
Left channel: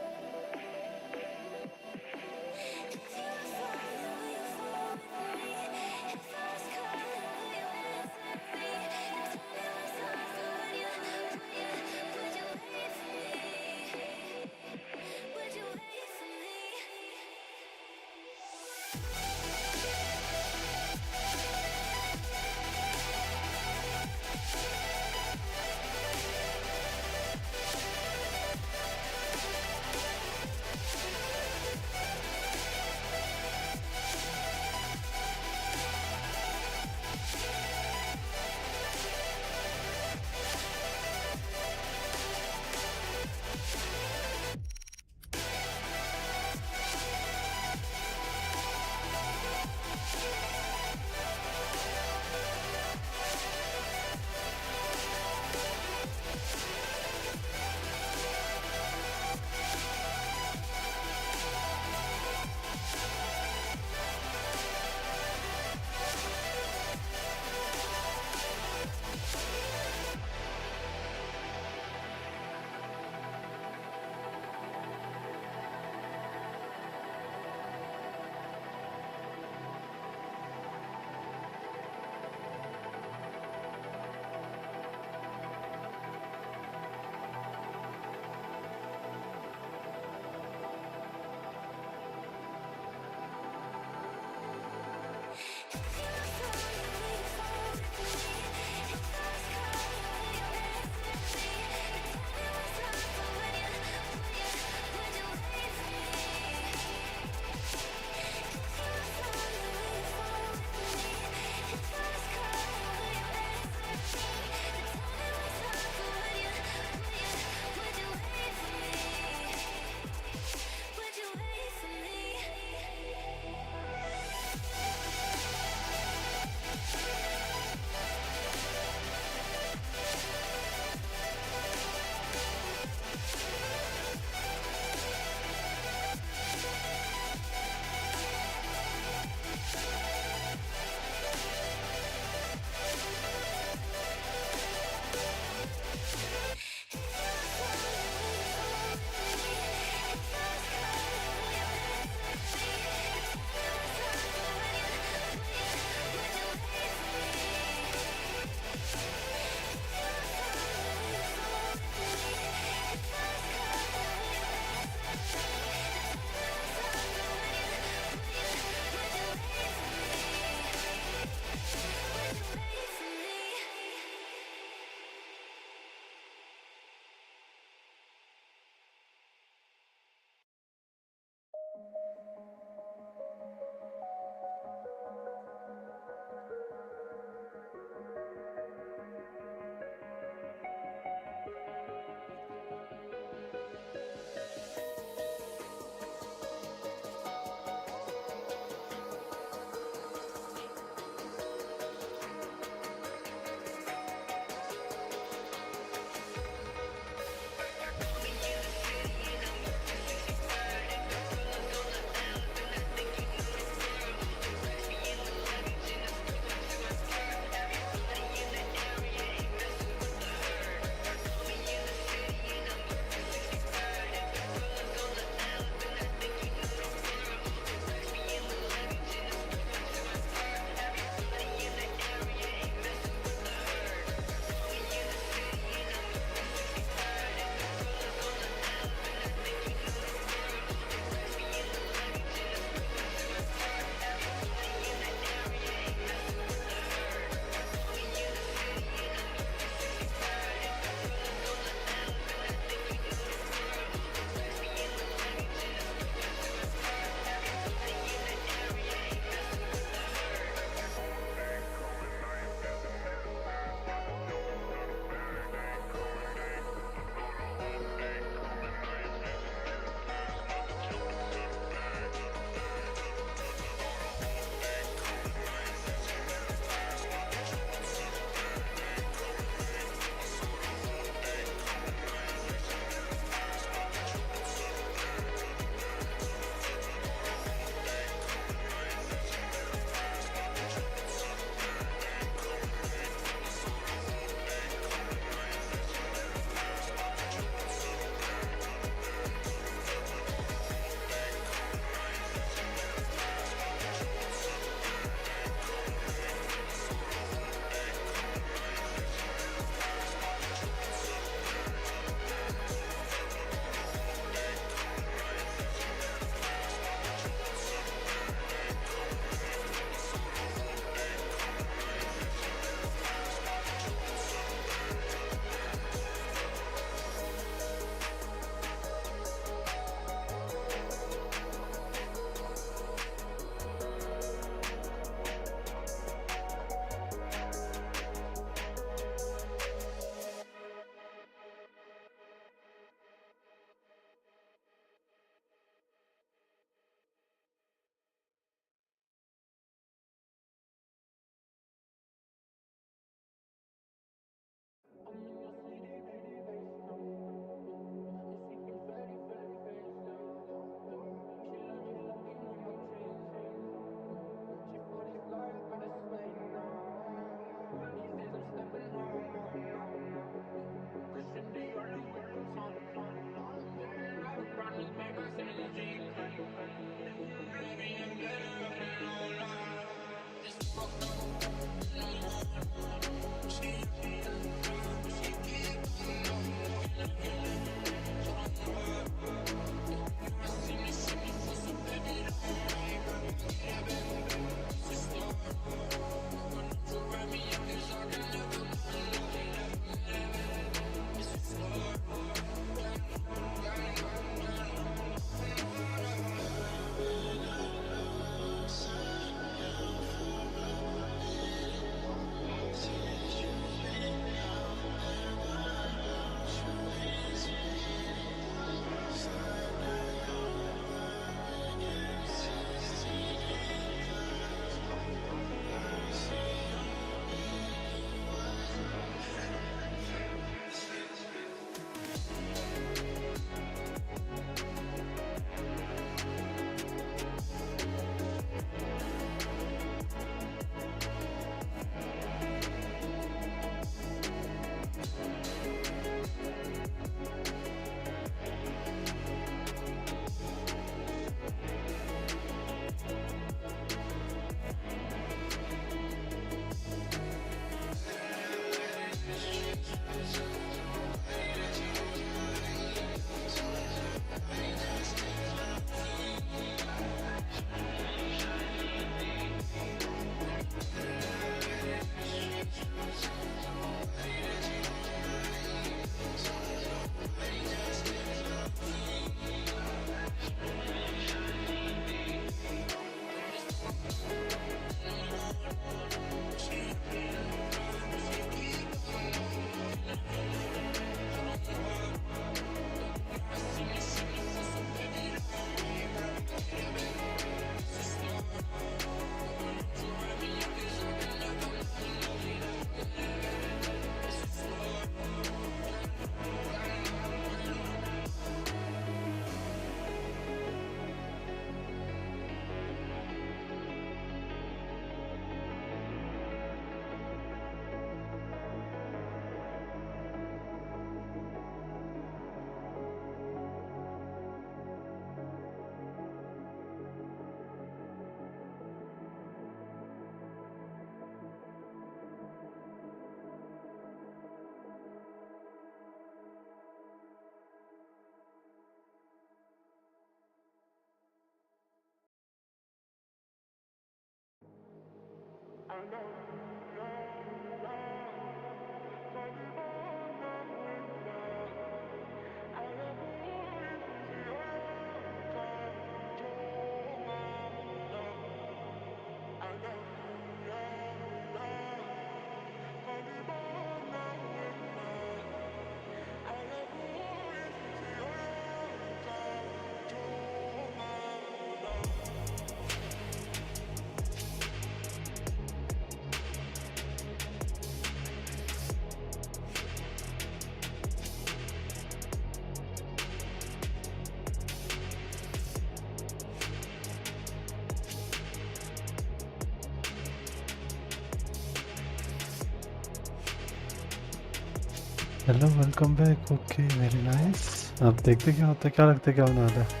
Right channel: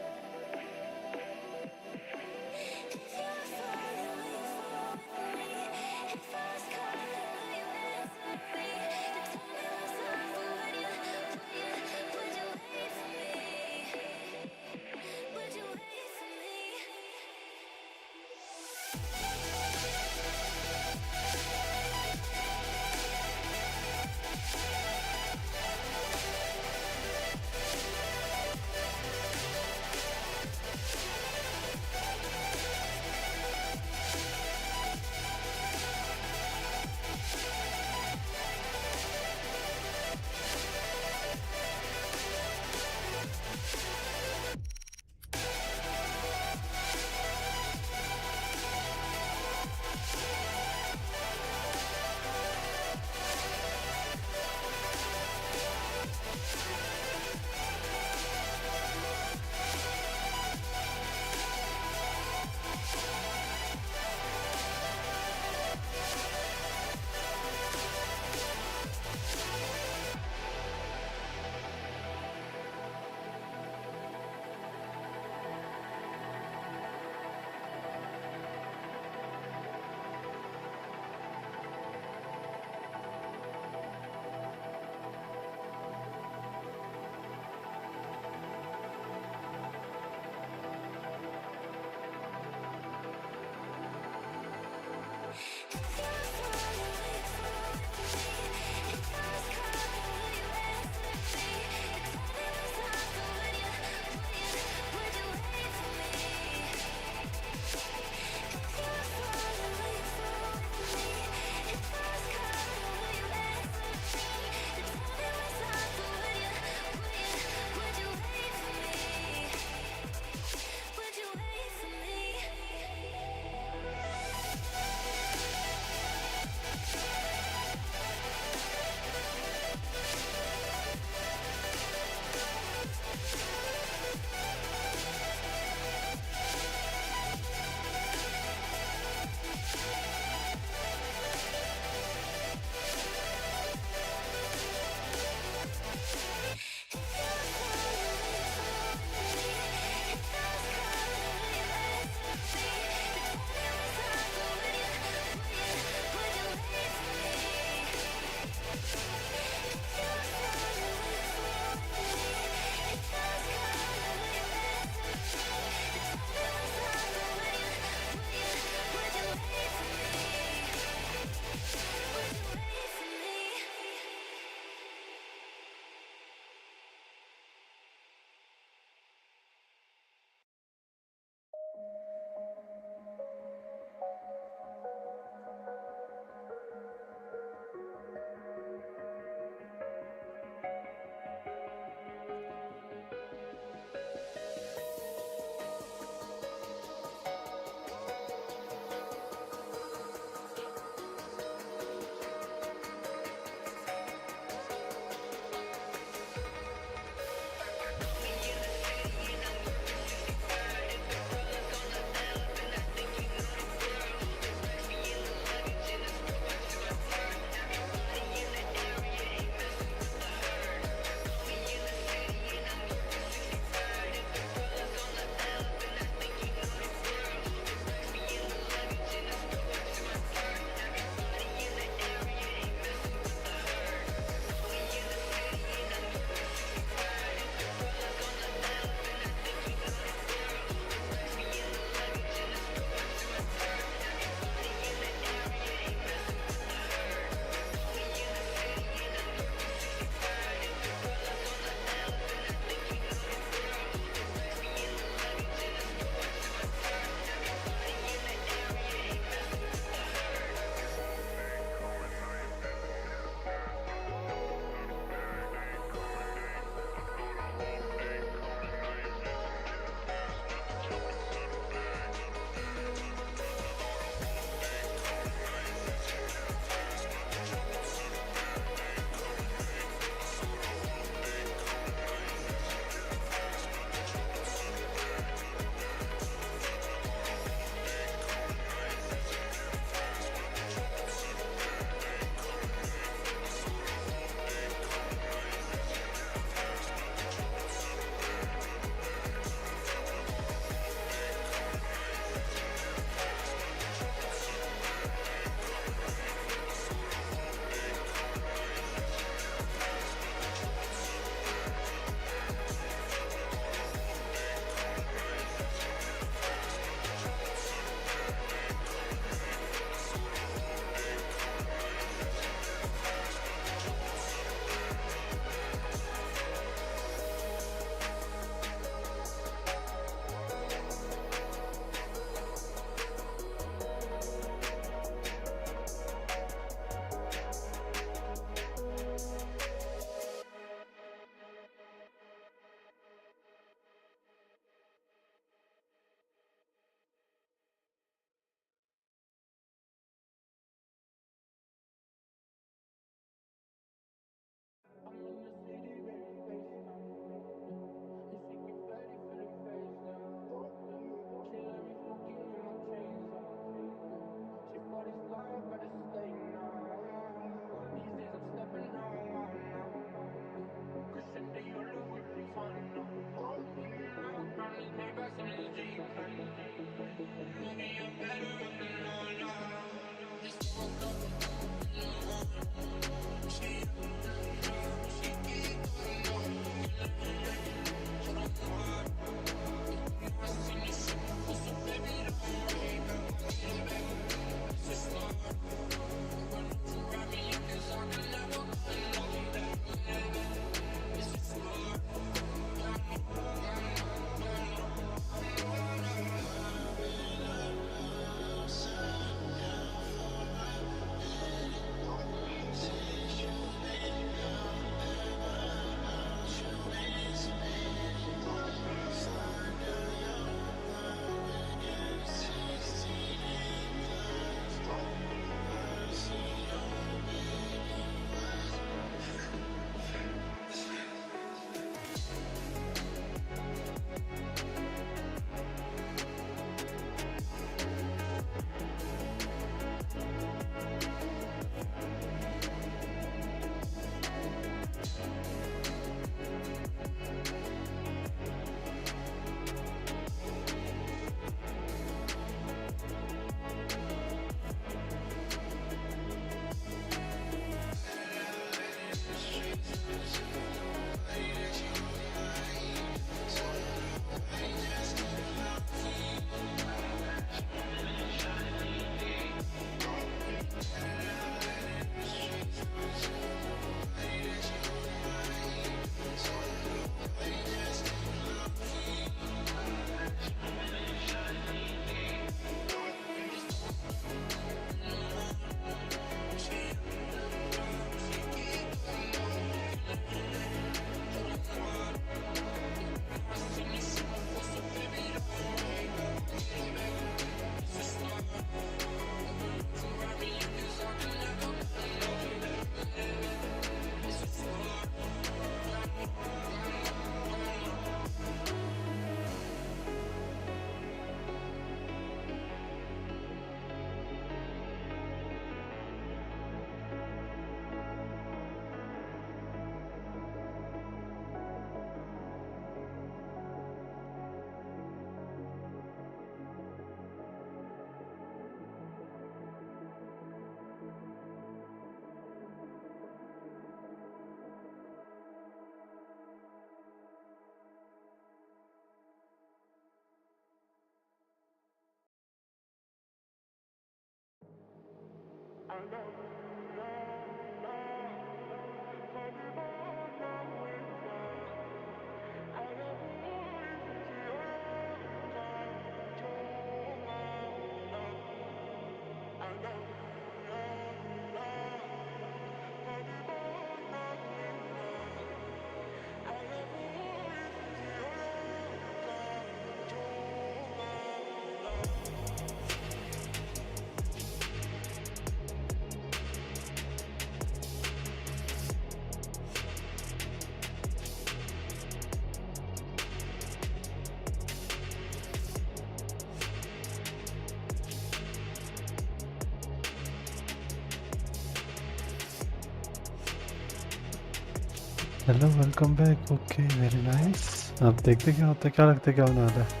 Hello welcome back okay very nice अब देखते क्या होता है क्या लगता है क्या होने वाला है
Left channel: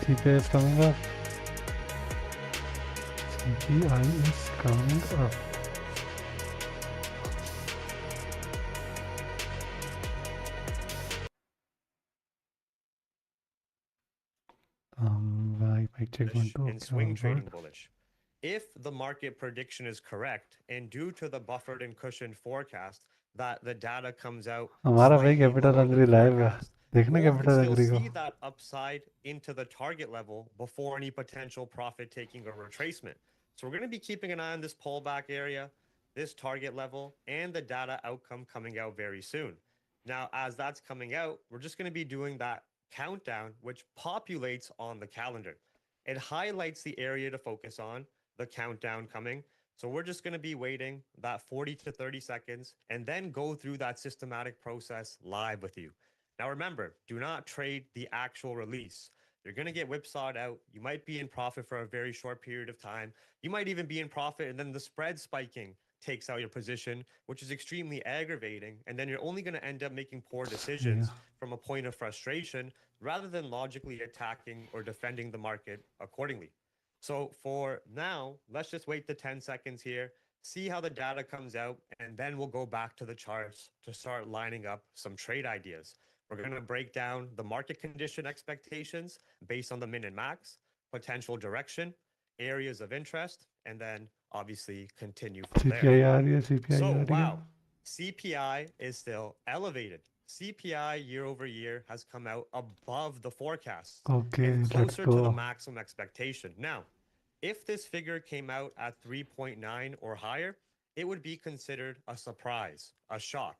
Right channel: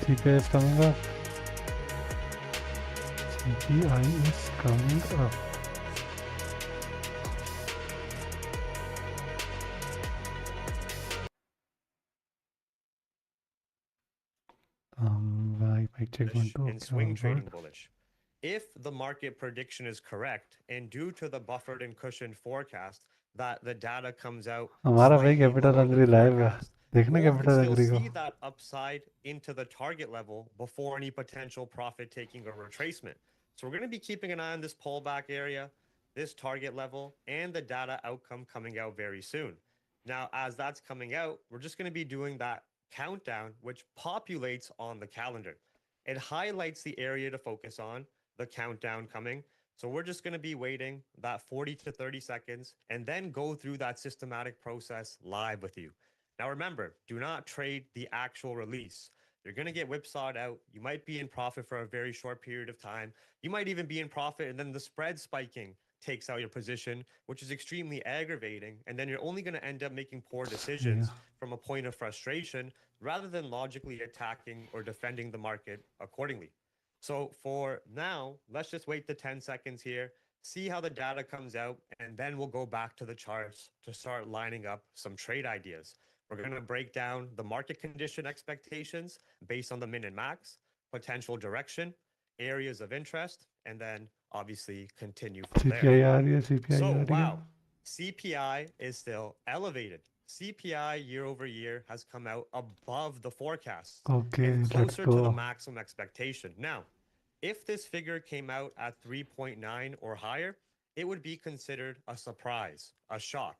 CPI is coming up CPI is coming up I check one two and swing trading bullish. If the market prediction is correct, and due to the buffered and cushioned forecast, that the data comes out हमारा भाई slightly capital lower agree than live है forecast, देखना gold could capital still agree को see that upside into the target level before any potential profit taking or retracement. So we're going to be keeping an eye on this pullback area, this target level, and the data outcome coming out very soon. Now, as that's coming out, we're just going to be doing that countdown, which populates on the calendar. It highlights the area to focus on, the countdown coming. So we're just going to be waiting that 40 to 30 seconds and then go through that systematic process live with you. Now, remember, do not trade the actual release. You're going to get whipsawed out. You might be in profit for a very short period of time. You might even be in profit, and then the spread spiking takes out your position, which is extremely aggravating. And then you're only going to end up making poor decisions from a point of frustration rather than logically attacking or defending the market accordingly. So for now, let's just wait the 10 seconds here, see how the data comes out, and then we'll go back to the charts to start lining up some trade ideas. We're going to break down the market condition expectations based on the min and max, potential direction, areas of interest, and then obviously continue from there. CPI आ रही है, CPI So, आ रही है. wow, CPI is still elevated. CPI year over year has come out above the forecast Okay, and let's closer to the go. maximum expectation. Now, if this figure came out at 3.9 or higher, it would be considered a surprise, a shock.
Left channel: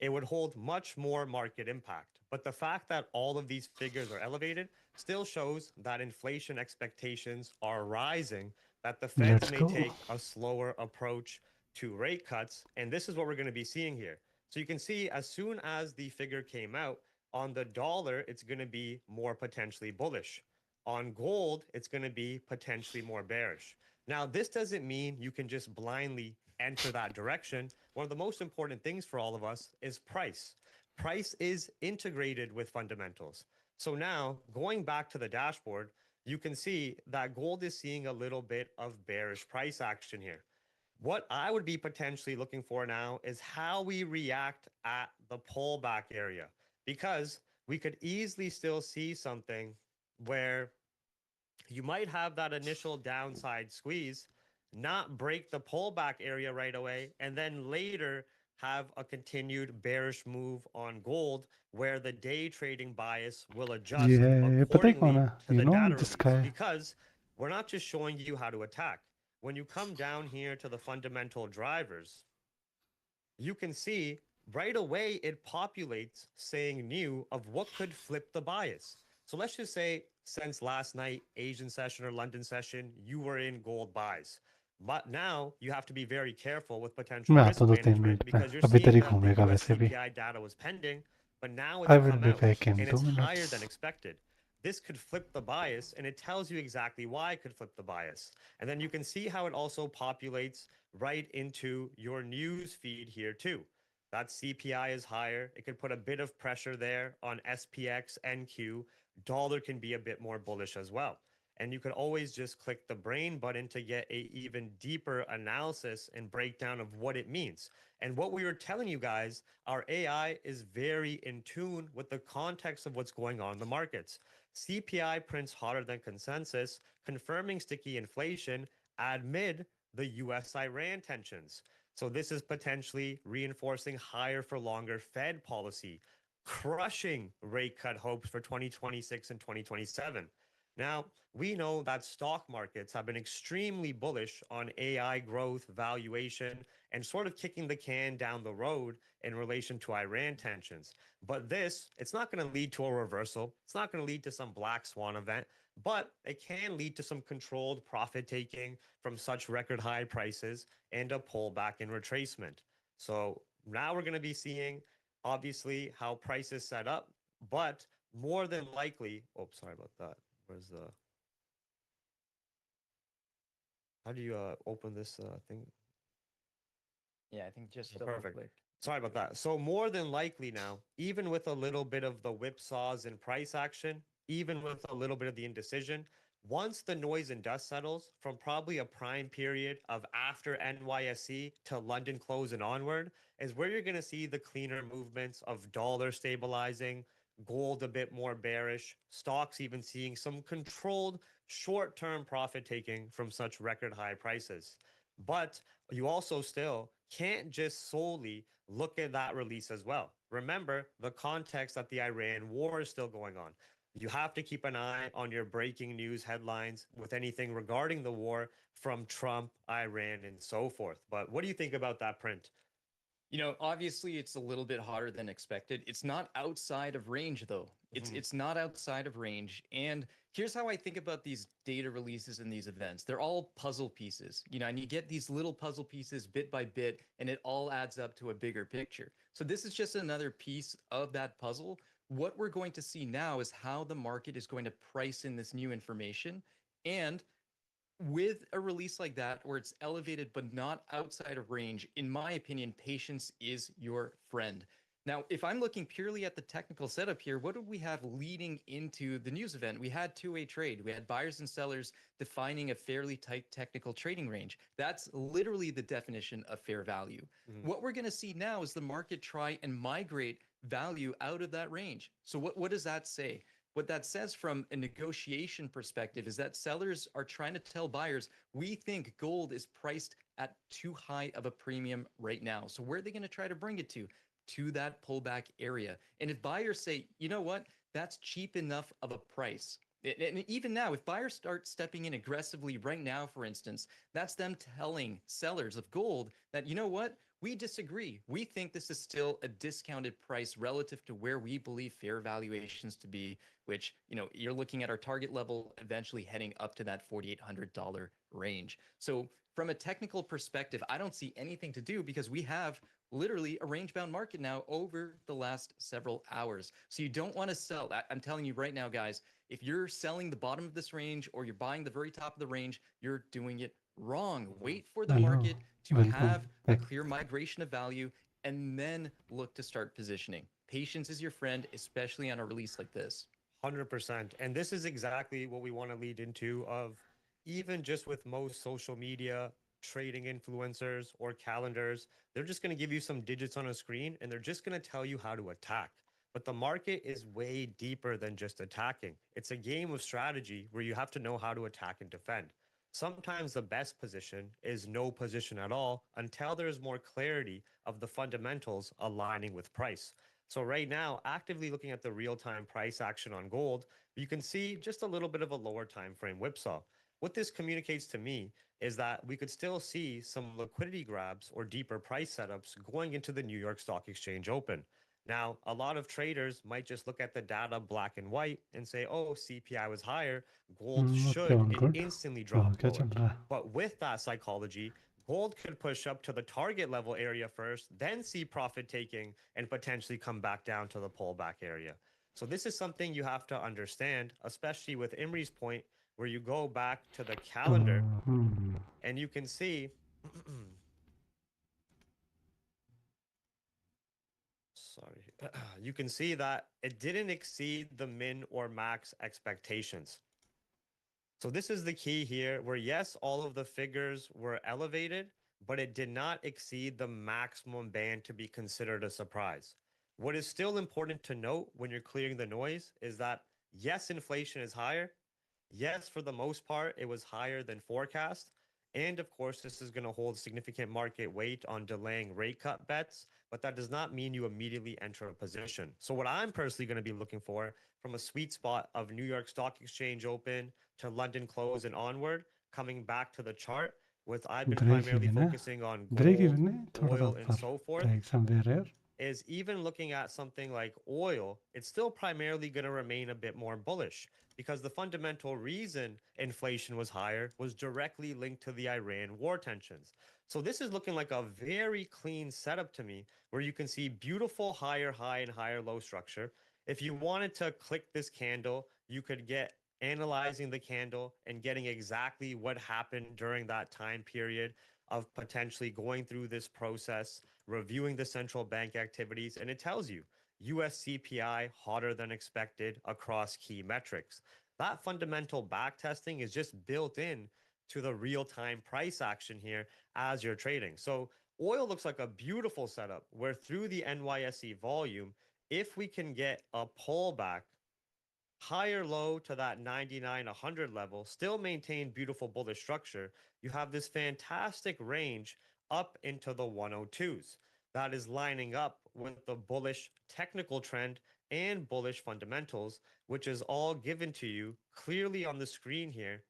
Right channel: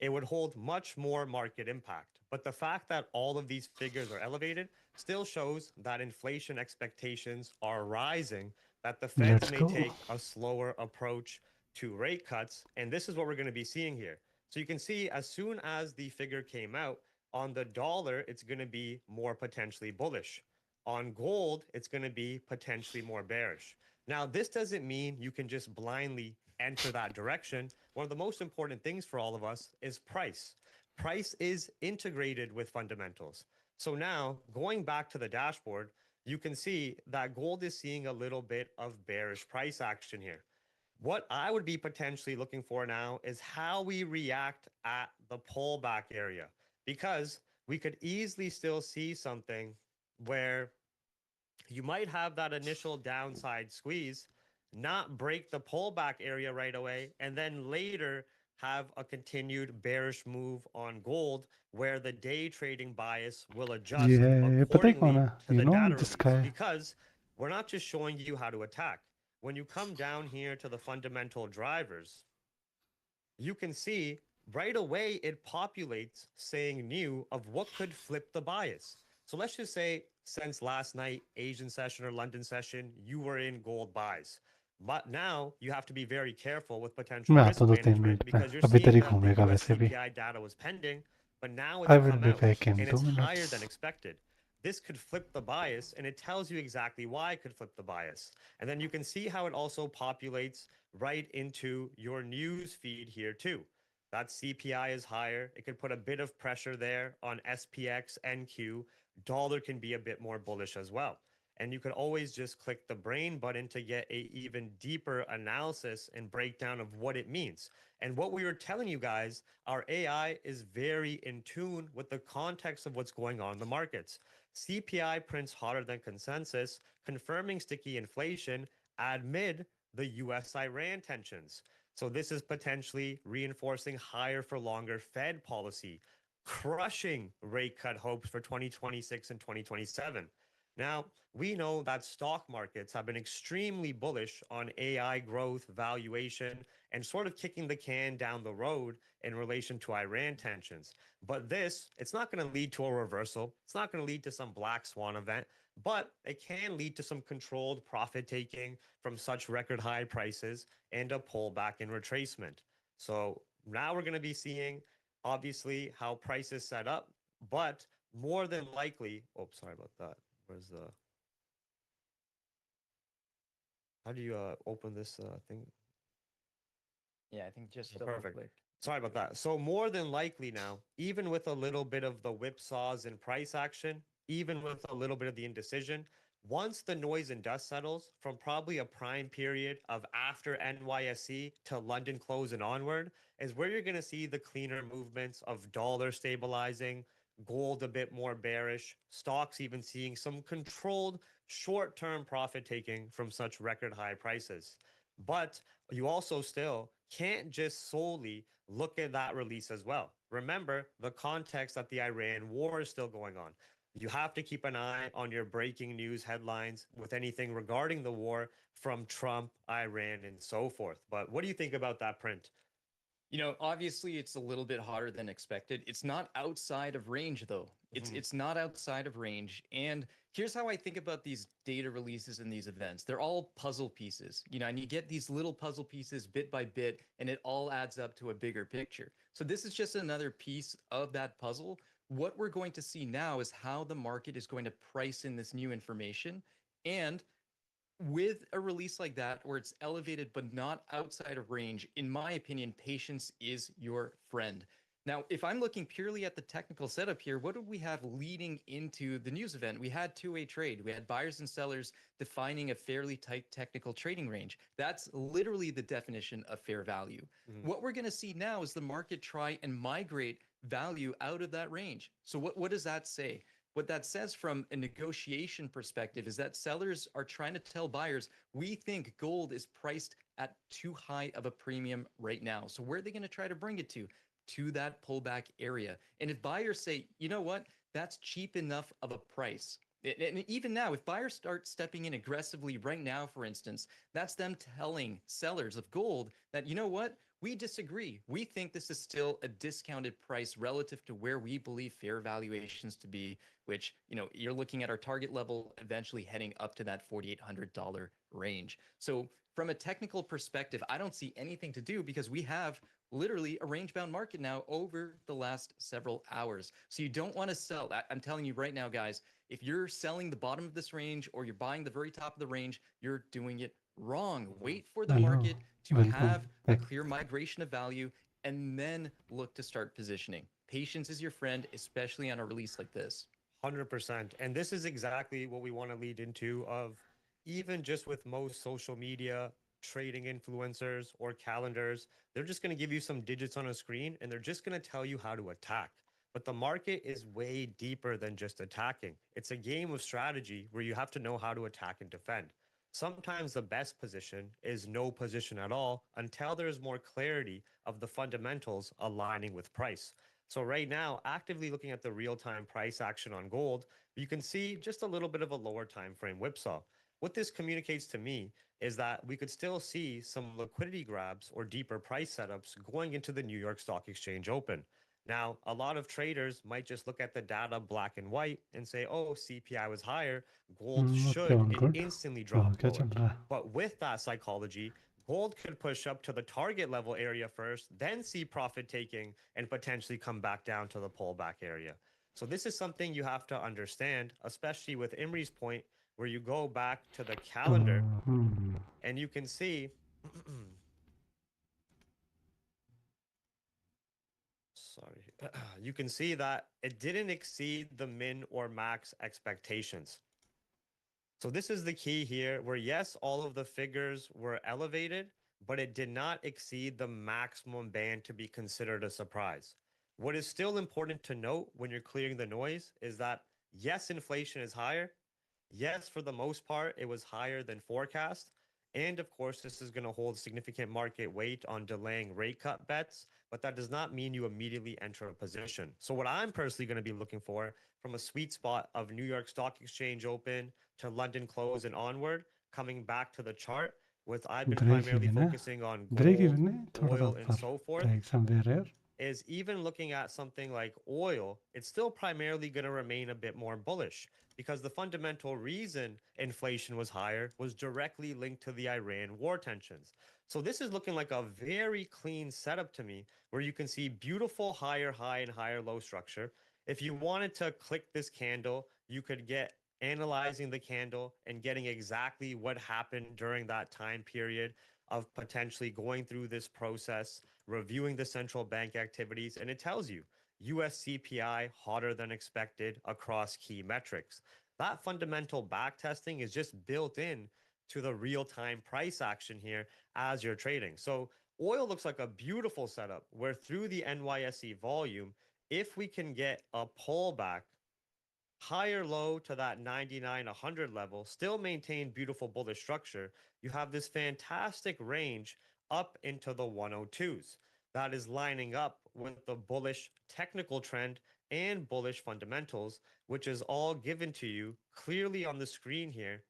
It would hold much more market impact. But the fact that all of these figures are elevated still shows that inflation expectations are rising, that the Feds Let's may go. take a slower approach to rate cuts. And this is what we're going to be seeing here. So you can see as soon as the figure came out, on the dollar, it's going to be more potentially bullish. On gold, it's going to be potentially more bearish. Now, this doesn't mean you can just blindly enter that direction. One of the most important things for all of us is price. Price is integrated with fundamentals. So now, going back to the dashboard, you can see that gold is seeing a little bit of bearish price action here. What I would be potentially looking for now is how we react at the pullback area, because we could easily still see something where you might have that initial downside squeeze, not break the pullback area right away, and then later have a continued bearish move on gold where the day trading bias will adjust ये पता है कौन accordingly है? to You the know data this release, guy. because we're not just showing you how to attack. When you come down here to the fundamental drivers, you can see right away it populates saying new of what could flip the bias. So let's just say since last night, Asian session or London session, you were in gold buys. But now you have to be very careful with potential मैं आता risk हूँ 2-3 management minute में. because you're अभी seeing तेरी that the घूमेगा US वैसे भी. CPI data was pending, but now I it's will come be out back in and 2 it's higher minutes. than expected. This could flip the bias, and it tells you exactly why it could flip the bias. And then you can see how it also populates right into your news feed here too. That CPI is higher. It could put a bit of pressure there on SPX, NQ. Dollar can be a bit more bullish as well. And you could always just click the brain button to get a even deeper analysis and breakdown of what it means. And what we were telling you guys, our AI is very in tune with the context of what's going on in the markets. CPI prints hotter than consensus, confirming sticky inflation amid the US Iran tensions. So this is potentially reinforcing higher for longer Fed policy, crushing rate cut hopes for 2026 and 2027. Now, we know that stock markets have been extremely bullish on AI growth, valuation, and sort of kicking the can down the road in relation to Iran tensions. But this, it's not going to lead to a reversal. It's not going to lead to some black swan event, but it can lead to some controlled profit taking from such record high prices and a pullback in retracement. So now we're going to be seeing obviously how prices set up, but more than likely, oh, sorry about that. Where's the, how do you open this thing? Yeah, I think just Yeah, double perfect. click. Sorry about that. So more than likely now, even with a little bit of the whipsaws and price action, even with a little bit of the indecision, once the noise and dust settles from probably a prime period of after NYSE to London close and onward, is where you're going to see the cleaner movements of dollar stabilizing, gold a bit more bearish, stocks even seeing some controlled short-term profit taking from such record high prices. But you also still can't just solely look at that release as well. Remember the context that the Iran war is still going on. You have to keep an eye on your breaking news headlines with anything regarding the war from Trump, Iran, and so forth. But what do you think about that print? You know, obviously it's a little bit hotter than expected. It's not outside of range though. It's not outside of range. And here's how I think about these data releases and these events. They're all puzzle pieces, you know, and you get these little puzzle pieces bit by bit, and it all adds up to a bigger picture. So this is just another piece of that puzzle. What we're going to see now is how the market is going to price in this new information. And with a release like that where it's elevated but not outside of range, in my opinion, patience is your friend. Now, if I'm looking purely at the technical setup here, what did we have leading into the news event? We had two-way trade. We had buyers and sellers defining a fairly tight technical trading range. That's literally the definition of fair value. What we're going to see now is the market try and migrate value out of that range. So what does that say? What that says from a negotiation perspective is that sellers are trying to tell buyers, we think gold is priced at too high of a premium right now. So where are they going to try to bring it to that pullback area? And if buyers say, you know what, that's cheap enough of a price. And even now, if buyers start stepping in aggressively right now, for instance, that's them telling sellers of gold that, you know what, we disagree. We think this is still a discounted price relative to where we believe fair valuations to be, which, you know, you're looking at our target level eventually heading up to that $4,800 range. So from a technical perspective, I don't see anything to do because we have literally a range bound market now over the last several hours. So you don't want to sell. I'm telling you right now, guys, if you're selling the bottom of this range or you're buying the very top of the range, you're doing it wrong. Wait for the Hello, market to welcome have a back. clear migration of value and then look to start positioning. Patience is your friend, especially on a release like this. 100%. And this is exactly what we want to lead into of even just with most social media trading influencers or calendars, they're just going to give you some digits on a screen and they're just going to tell you how to attack. But the market is way deeper than just attacking. It's a game of strategy where you have to know how to attack and defend. Sometimes the best position is no position at all until there's more clarity of the fundamentals aligning with price. So right now, actively looking at the real-time price action on gold, you can see just a little bit of a lower time frame whipsaw. What this communicates to me is that we could still see some liquidity grabs or deeper price setups going into the New York Stock Exchange Open. Now, a lot of traders might just look at the data black and white and say, oh, CPI was higher, gold Okay, should all and good. instantly तो drop क्या lower. चल रहा है? But with that psychology, gold could push up to the target level area first, then see profit taking and potentially come back down to the pullback area. So this is something you have to understand, especially with Imri's point, where you go back to the तो calendar and you can see sorry, you can see that it didn't exceed the min or max expectations. So this is the key here where yes, all of the figures were elevated, but it did not exceed the maximum band to be considered a surprise. What is still important to note when you're clearing the noise is that yes, inflation is higher. Yes, for the most part, it was higher than forecast. And of course, this is going to hold significant market weight on delaying rate cut bets, but that does not mean you immediately enter a position. So, what I'm personally going to be looking for from a sweet spot of New York Stock Exchange Open to London close and onward, coming back to the chart, with I've been break primarily even है focusing on break gold, even है थोड़ा सा oil, and ऊपर so forth, like somewhere here is even looking at something like oil, it's still primarily going to remain a bit more bullish because the fundamental reason inflation was higher was directly linked to the Iran war tensions. So this is looking like a very clean setup to me where you can see beautiful higher high and higher low structure. If you wanted to click this candle, you could get analyzing the candle and getting exactly what happened during that time period of potentially going through this process, reviewing the central bank activities, and it tells you US CPI hotter than expected across key metrics. That fundamental back testing is just built in to the real-time price action here as you're trading. So oil looks like a beautiful setup where through the NYSE volume, if we can get a pullback higher low to that 99 100 level, still maintain beautiful bullish structure, you have this fantastic range up into the 102s that is lining up with the bullish technical trend and bullish fundamentals, which is all given to you clearly on the screen here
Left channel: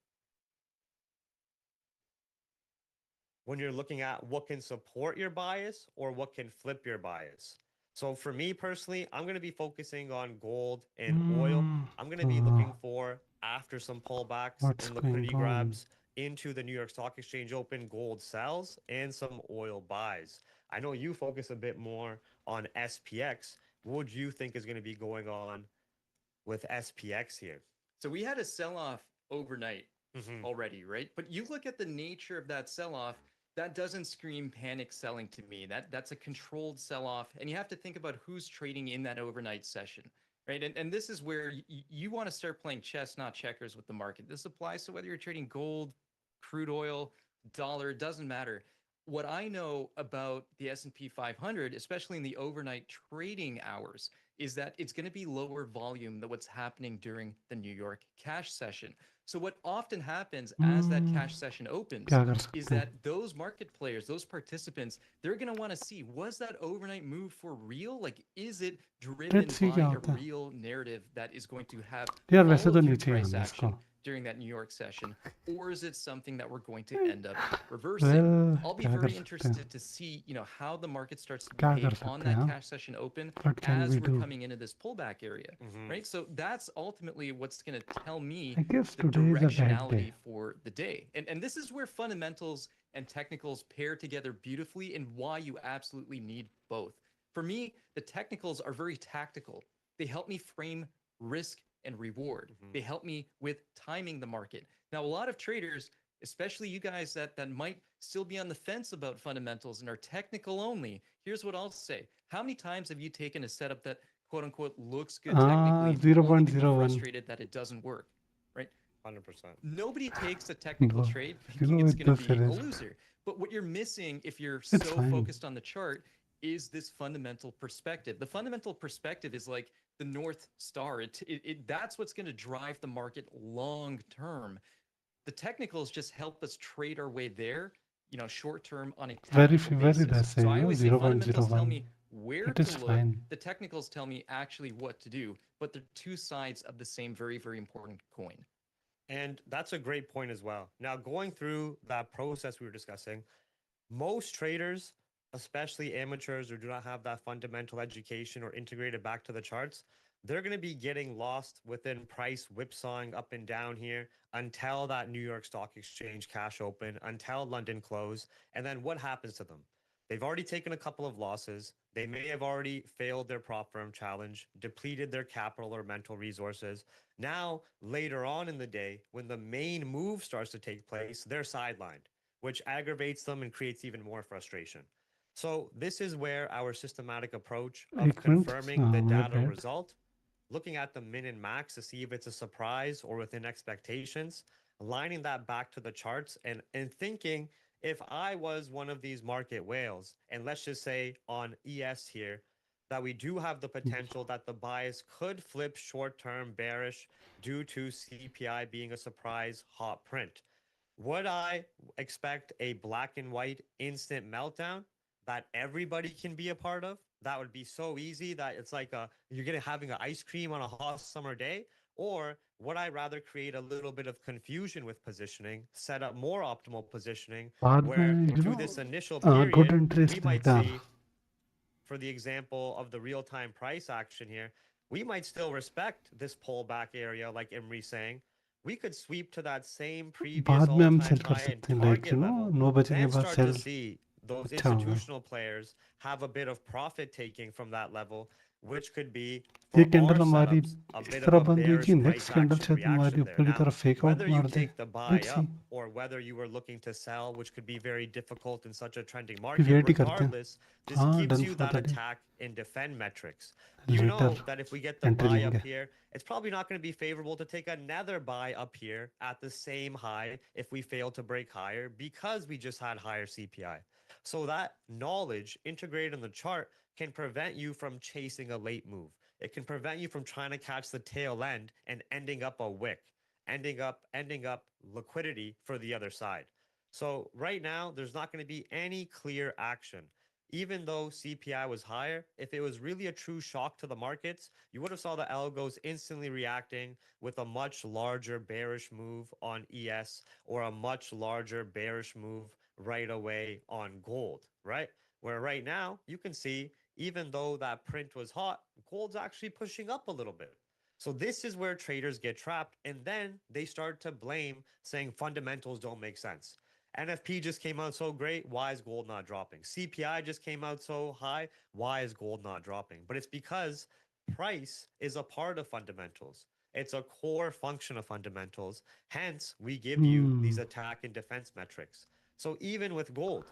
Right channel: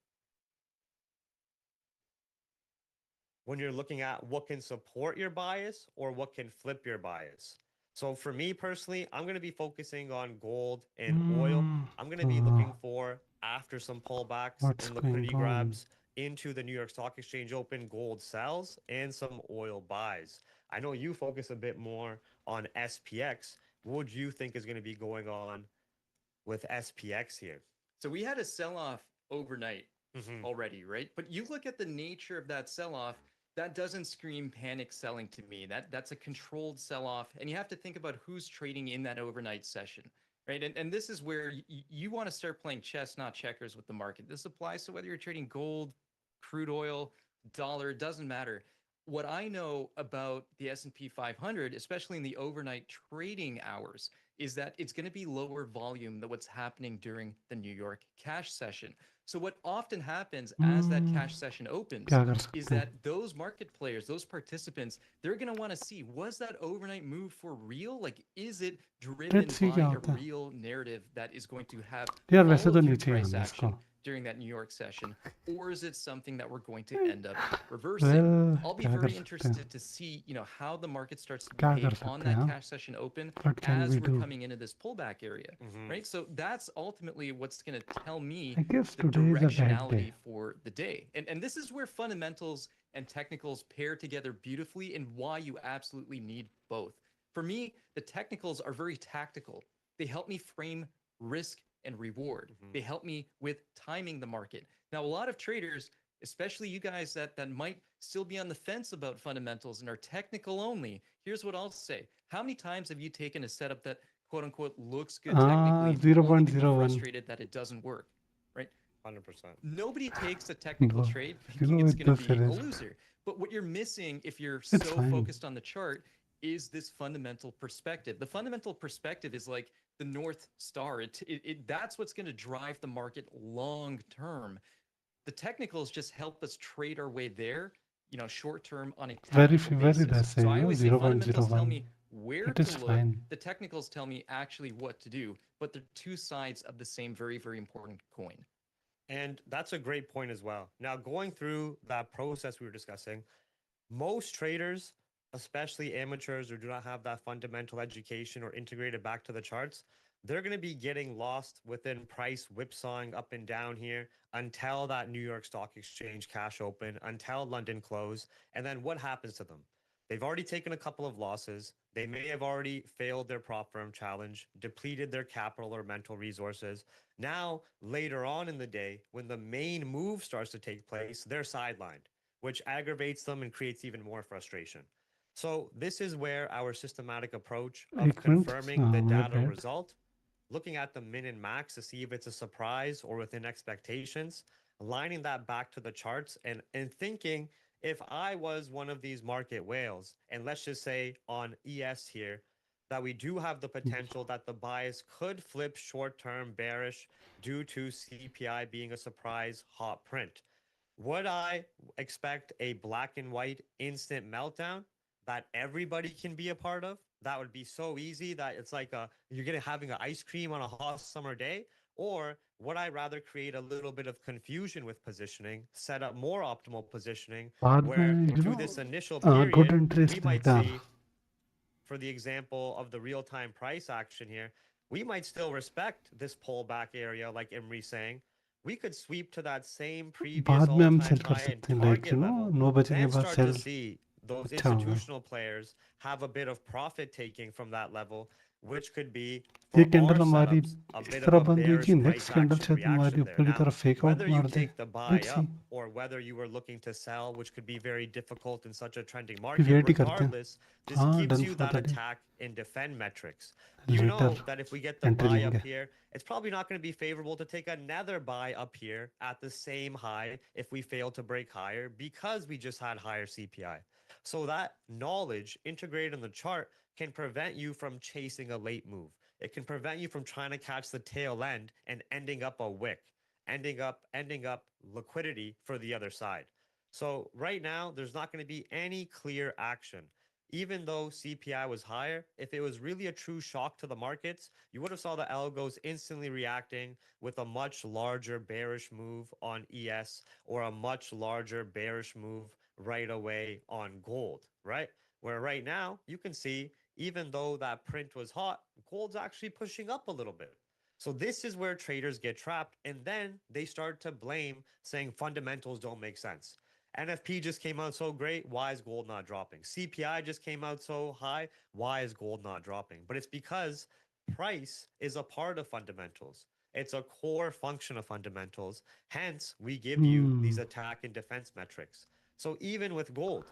when you're looking at what can support your bias or what can flip your bias. So for me personally, I'm going to be focusing on gold and oil. I'm going to be looking for after some pullbacks what's and going liquidity on grabs into the New York Stock Exchange Open gold sells and some oil buys. I know you focus a bit more on SPX. What would you think is going to be going on with SPX here? So we had a sell off overnight Mhm. already, right? But you look at the nature of that sell off, that doesn't scream panic selling to me. That's a controlled sell off, and you have to think about who's trading in that overnight session, right? And this is where you want to start playing chess, not checkers, with the market. This applies to whether you're trading gold, crude oil, dollar. It doesn't matter. What I know about the S&P 500, especially in the overnight trading hours, is that it's going to be lower volume than what's happening during the New York cash session. So what often happens as that hmm, cash session opens क्या कर is सकते हैं? that those market players, those participants, they're going to want to see, was that overnight move for real? Like, is it driven let's see क्या by a होता है. real narrative that is going to have यार वैसे follow तो through नीचे ही price आना है इसको. action during that New York session? Or is it something that we're going to end up reversing? Well I'll be क्या कर very सकते हैं? interested to see, how the market starts to क्या कर behave on सकते हैं that हम? cash session open What can we as we're do? coming into this pullback area, right? So that's ultimately what's going to tell me I guess the today is a bad day. directionality for the day. And this is where fundamentals and technicals pair together beautifully, and why you absolutely need both. For me, the technicals are very tactical. They help me frame risk and reward. They help me with timing the market. Now, a lot of traders, especially you guys that might still be on the fence about fundamentals and are technical only, here's what I'll say. How many times have you taken a setup that quote unquote looks good technically, only to be 0.01. frustrated that it doesn't work, right? 100%. Nobody takes a technical But, trade thinking it's it going to does be a finish. loser. But what you're missing if you're It's so fine. focused on the chart is this fundamental perspective. The fundamental perspective is like the North Star. That's what's going to drive the market long term. The technicals just help us trade our way there, short term on a Very, tactical very basis. less, So I no? always say fundamentals tell 0.01. me where It to is look. fine. The technicals tell me actually what to do, but they're two sides of the same very, very important coin. And that's a great point as well. Now, going through that process we were discussing, most traders, especially amateurs who do not have that fundamental education or integrated back to the charts, they're going to be getting lost within price whipsawing up and down here until that New York Stock Exchange cash open, until London close. And then what happens to them? They've already taken a couple of losses. They may have already failed their prop firm challenge, depleted their capital or mental resources. Now, later on in the day, when the main move starts to take place, they're sidelined, which aggravates them and creates even more frustration. So, this is where our systematic approach of 1 minute. confirming the My data bad. result, looking at the min and max to see if it's a surprise or within expectations, aligning that back to the charts and thinking, if I was one of these market whales, and let's just say on ES here, that we do have the potential that the bias could flip short term bearish due to CPI being a surprise hot print. Would I expect a black and white instant meltdown that everybody can be a part of? That would be so easy that it's like you're getting having an ice cream on a hot summer day. Or would I rather create a little bit of confusion with positioning, set up more optimal positioning, बाद where में, through this initial good period, interest we might later. see, for the example of the real-time price action here, we might still respect this pullback area, like Imri's saying. We could sweep to that same previous बाद में हम all-time cell कर high and सकते हैं, like, target level, 9 बजे के then बाद start to sell see those अच्छा होगा. institutional players have a bit of profit taking from that level, which could be ये for कैंडल our हमारी setups a इस bit of तरह a बंद हुई थी. bearish next price candle action शायद हमारी reaction there. ऊपर की Now, तरफ फेक आउट whether you मार दे. take the buy let's see. up or whether you were looking to sell, which could be very difficult in such a trending कि market, wait ही करते हैं. regardless, this हाँ, gives done you for that the day. attack and defend metrics. You later know that if we get the entry buy लेंगे. up here, it's probably not going to be favorable to take another buy up here at the same high if we fail to break higher because we just had higher CPI. So that knowledge integrated in the chart can prevent you from chasing a late move. It can prevent you from trying to catch the tail end and ending up a wick, ending up liquidity for the other side. So right now, there's not going to be any clear action. Even though CPI was higher, if it was really a true shock to the markets, you would have saw the algos instantly reacting with a much larger bearish move on ES or a much larger bearish move right away on gold, right? Where right now you can see, even though that print was hot, gold's actually pushing up a little bit. So this is where traders get trapped, and then they start to blame, saying fundamentals don't make sense. NFP just came out so great. Why is gold not dropping? CPI just came out so high. Why is gold not dropping? But it's because price is a part of fundamentals. It's a core function of fundamentals. Hence, we give you these attack and defense metrics. So even with gold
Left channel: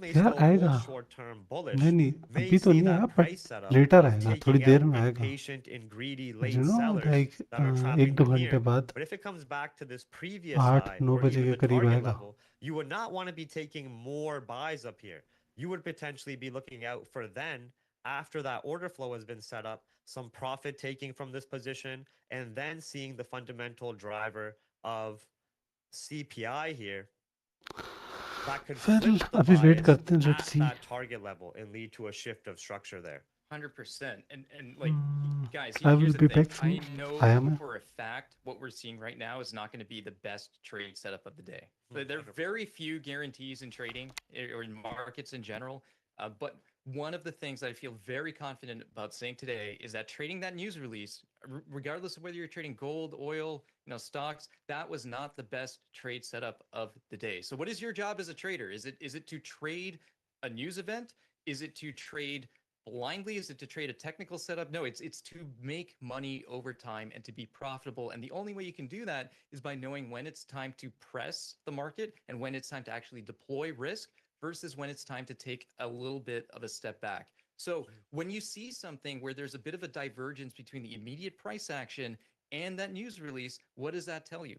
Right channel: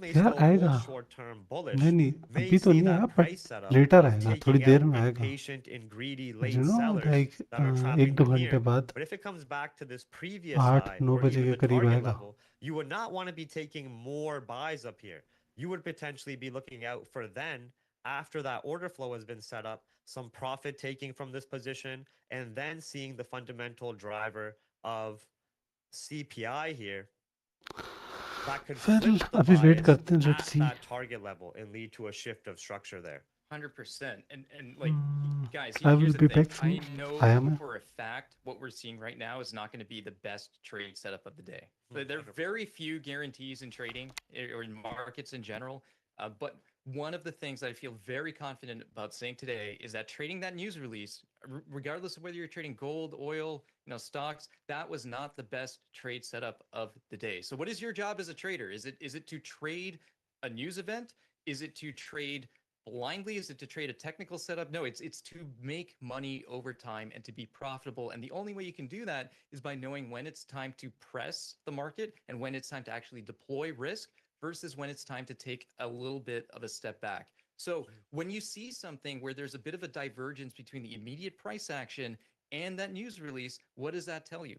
may यार still आएगा. hold short term bullish, नहीं नहीं, may अभी तो see नहीं आया, that but price setup later of आएगा, थोड़ी taking देर out में आएगा. impatient and greedy you late know sellers like that are एक trapping दो them घंटे here. बाद But if it comes back to this previous 8 high 9 or बजे even के the करीब target आएगा. level, you would not want to be taking more buys up here. You would potentially be looking out for then, after that order flow has been set up, some profit taking from this position, and then seeing the fundamental driver of CPI here that could फिर flip the अभी wait bias करते हैं, let's at see. that target level and lead to a shift of structure there. 100%. And like, guys, I here's will the be thing. Back I soon. know आया मैं. for a fact what we're seeing right now is not going to be the best trade setup of the day. There are 100%. very few guarantees in trading or in markets in general. But one of the things that I feel very confident about saying today is that trading that news release, regardless of whether you're trading gold, oil, stocks, that was not the best trade setup of the day. So, what is your job as a trader? Is it to trade a news event? Is it to trade blindly? Is it to trade a technical setup? No, it's to make money over time and to be profitable. And the only way you can do that is by knowing when it's time to press the market and when it's time to actually deploy risk versus when it's time to take a little bit of a step back. So when you see something where there's a bit of a divergence between the immediate price action and that news release, what does that tell you?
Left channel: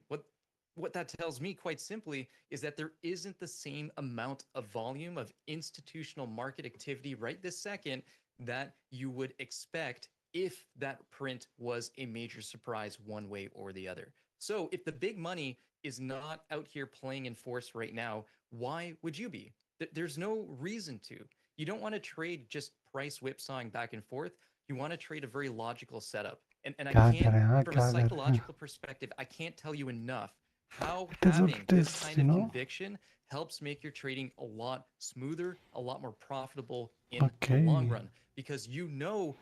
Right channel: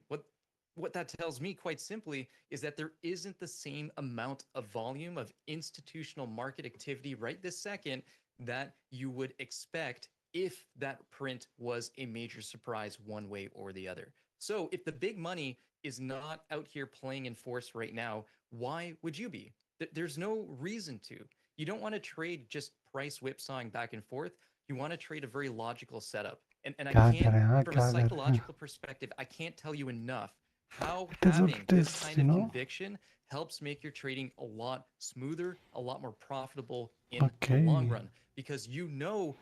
What that tells me, quite simply, is that there isn't the same amount of volume of institutional market activity right this second that you would expect if that print was a major surprise one way or the other. So if the big money is not out here playing in force right now, why would you be? There's no reason to. You don't want to trade just price whipsawing back and forth. You want to trade a very logical setup. And I क्या कर can't, रहे हैं, हाँ, from a क्या कर रहे हैं. psychological perspective, I can't tell you enough how It is what having it this is, kind you of know. conviction helps make your trading a lot smoother, a lot more profitable in the Okay. long run, because you know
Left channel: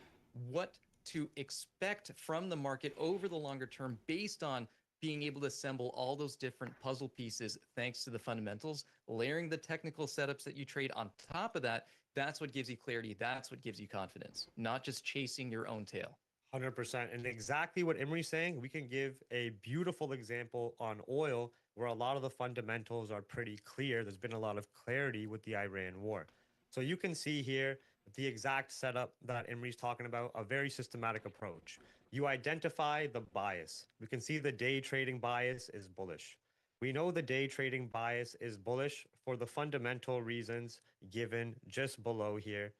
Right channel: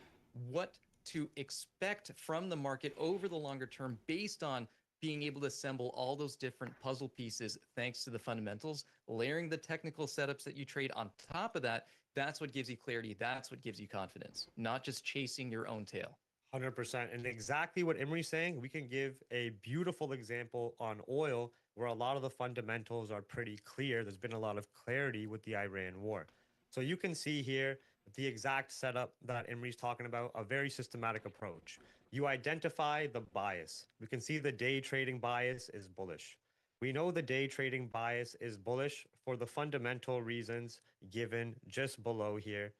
what to expect from the market over the longer term based on being able to assemble all those different puzzle pieces thanks to the fundamentals, layering the technical setups that you trade on top of that. That's what gives you clarity. That's what gives you confidence, not just chasing your own tail. 100%. And exactly what Imri's saying, we can give a beautiful example on oil where a lot of the fundamentals are pretty clear. There's been a lot of clarity with the Iran war. So you can see here the exact setup that Imri's talking about, a very systematic approach. You identify the bias. We can see the day trading bias is bullish. We know the day trading bias is bullish for the fundamental reasons given just below here,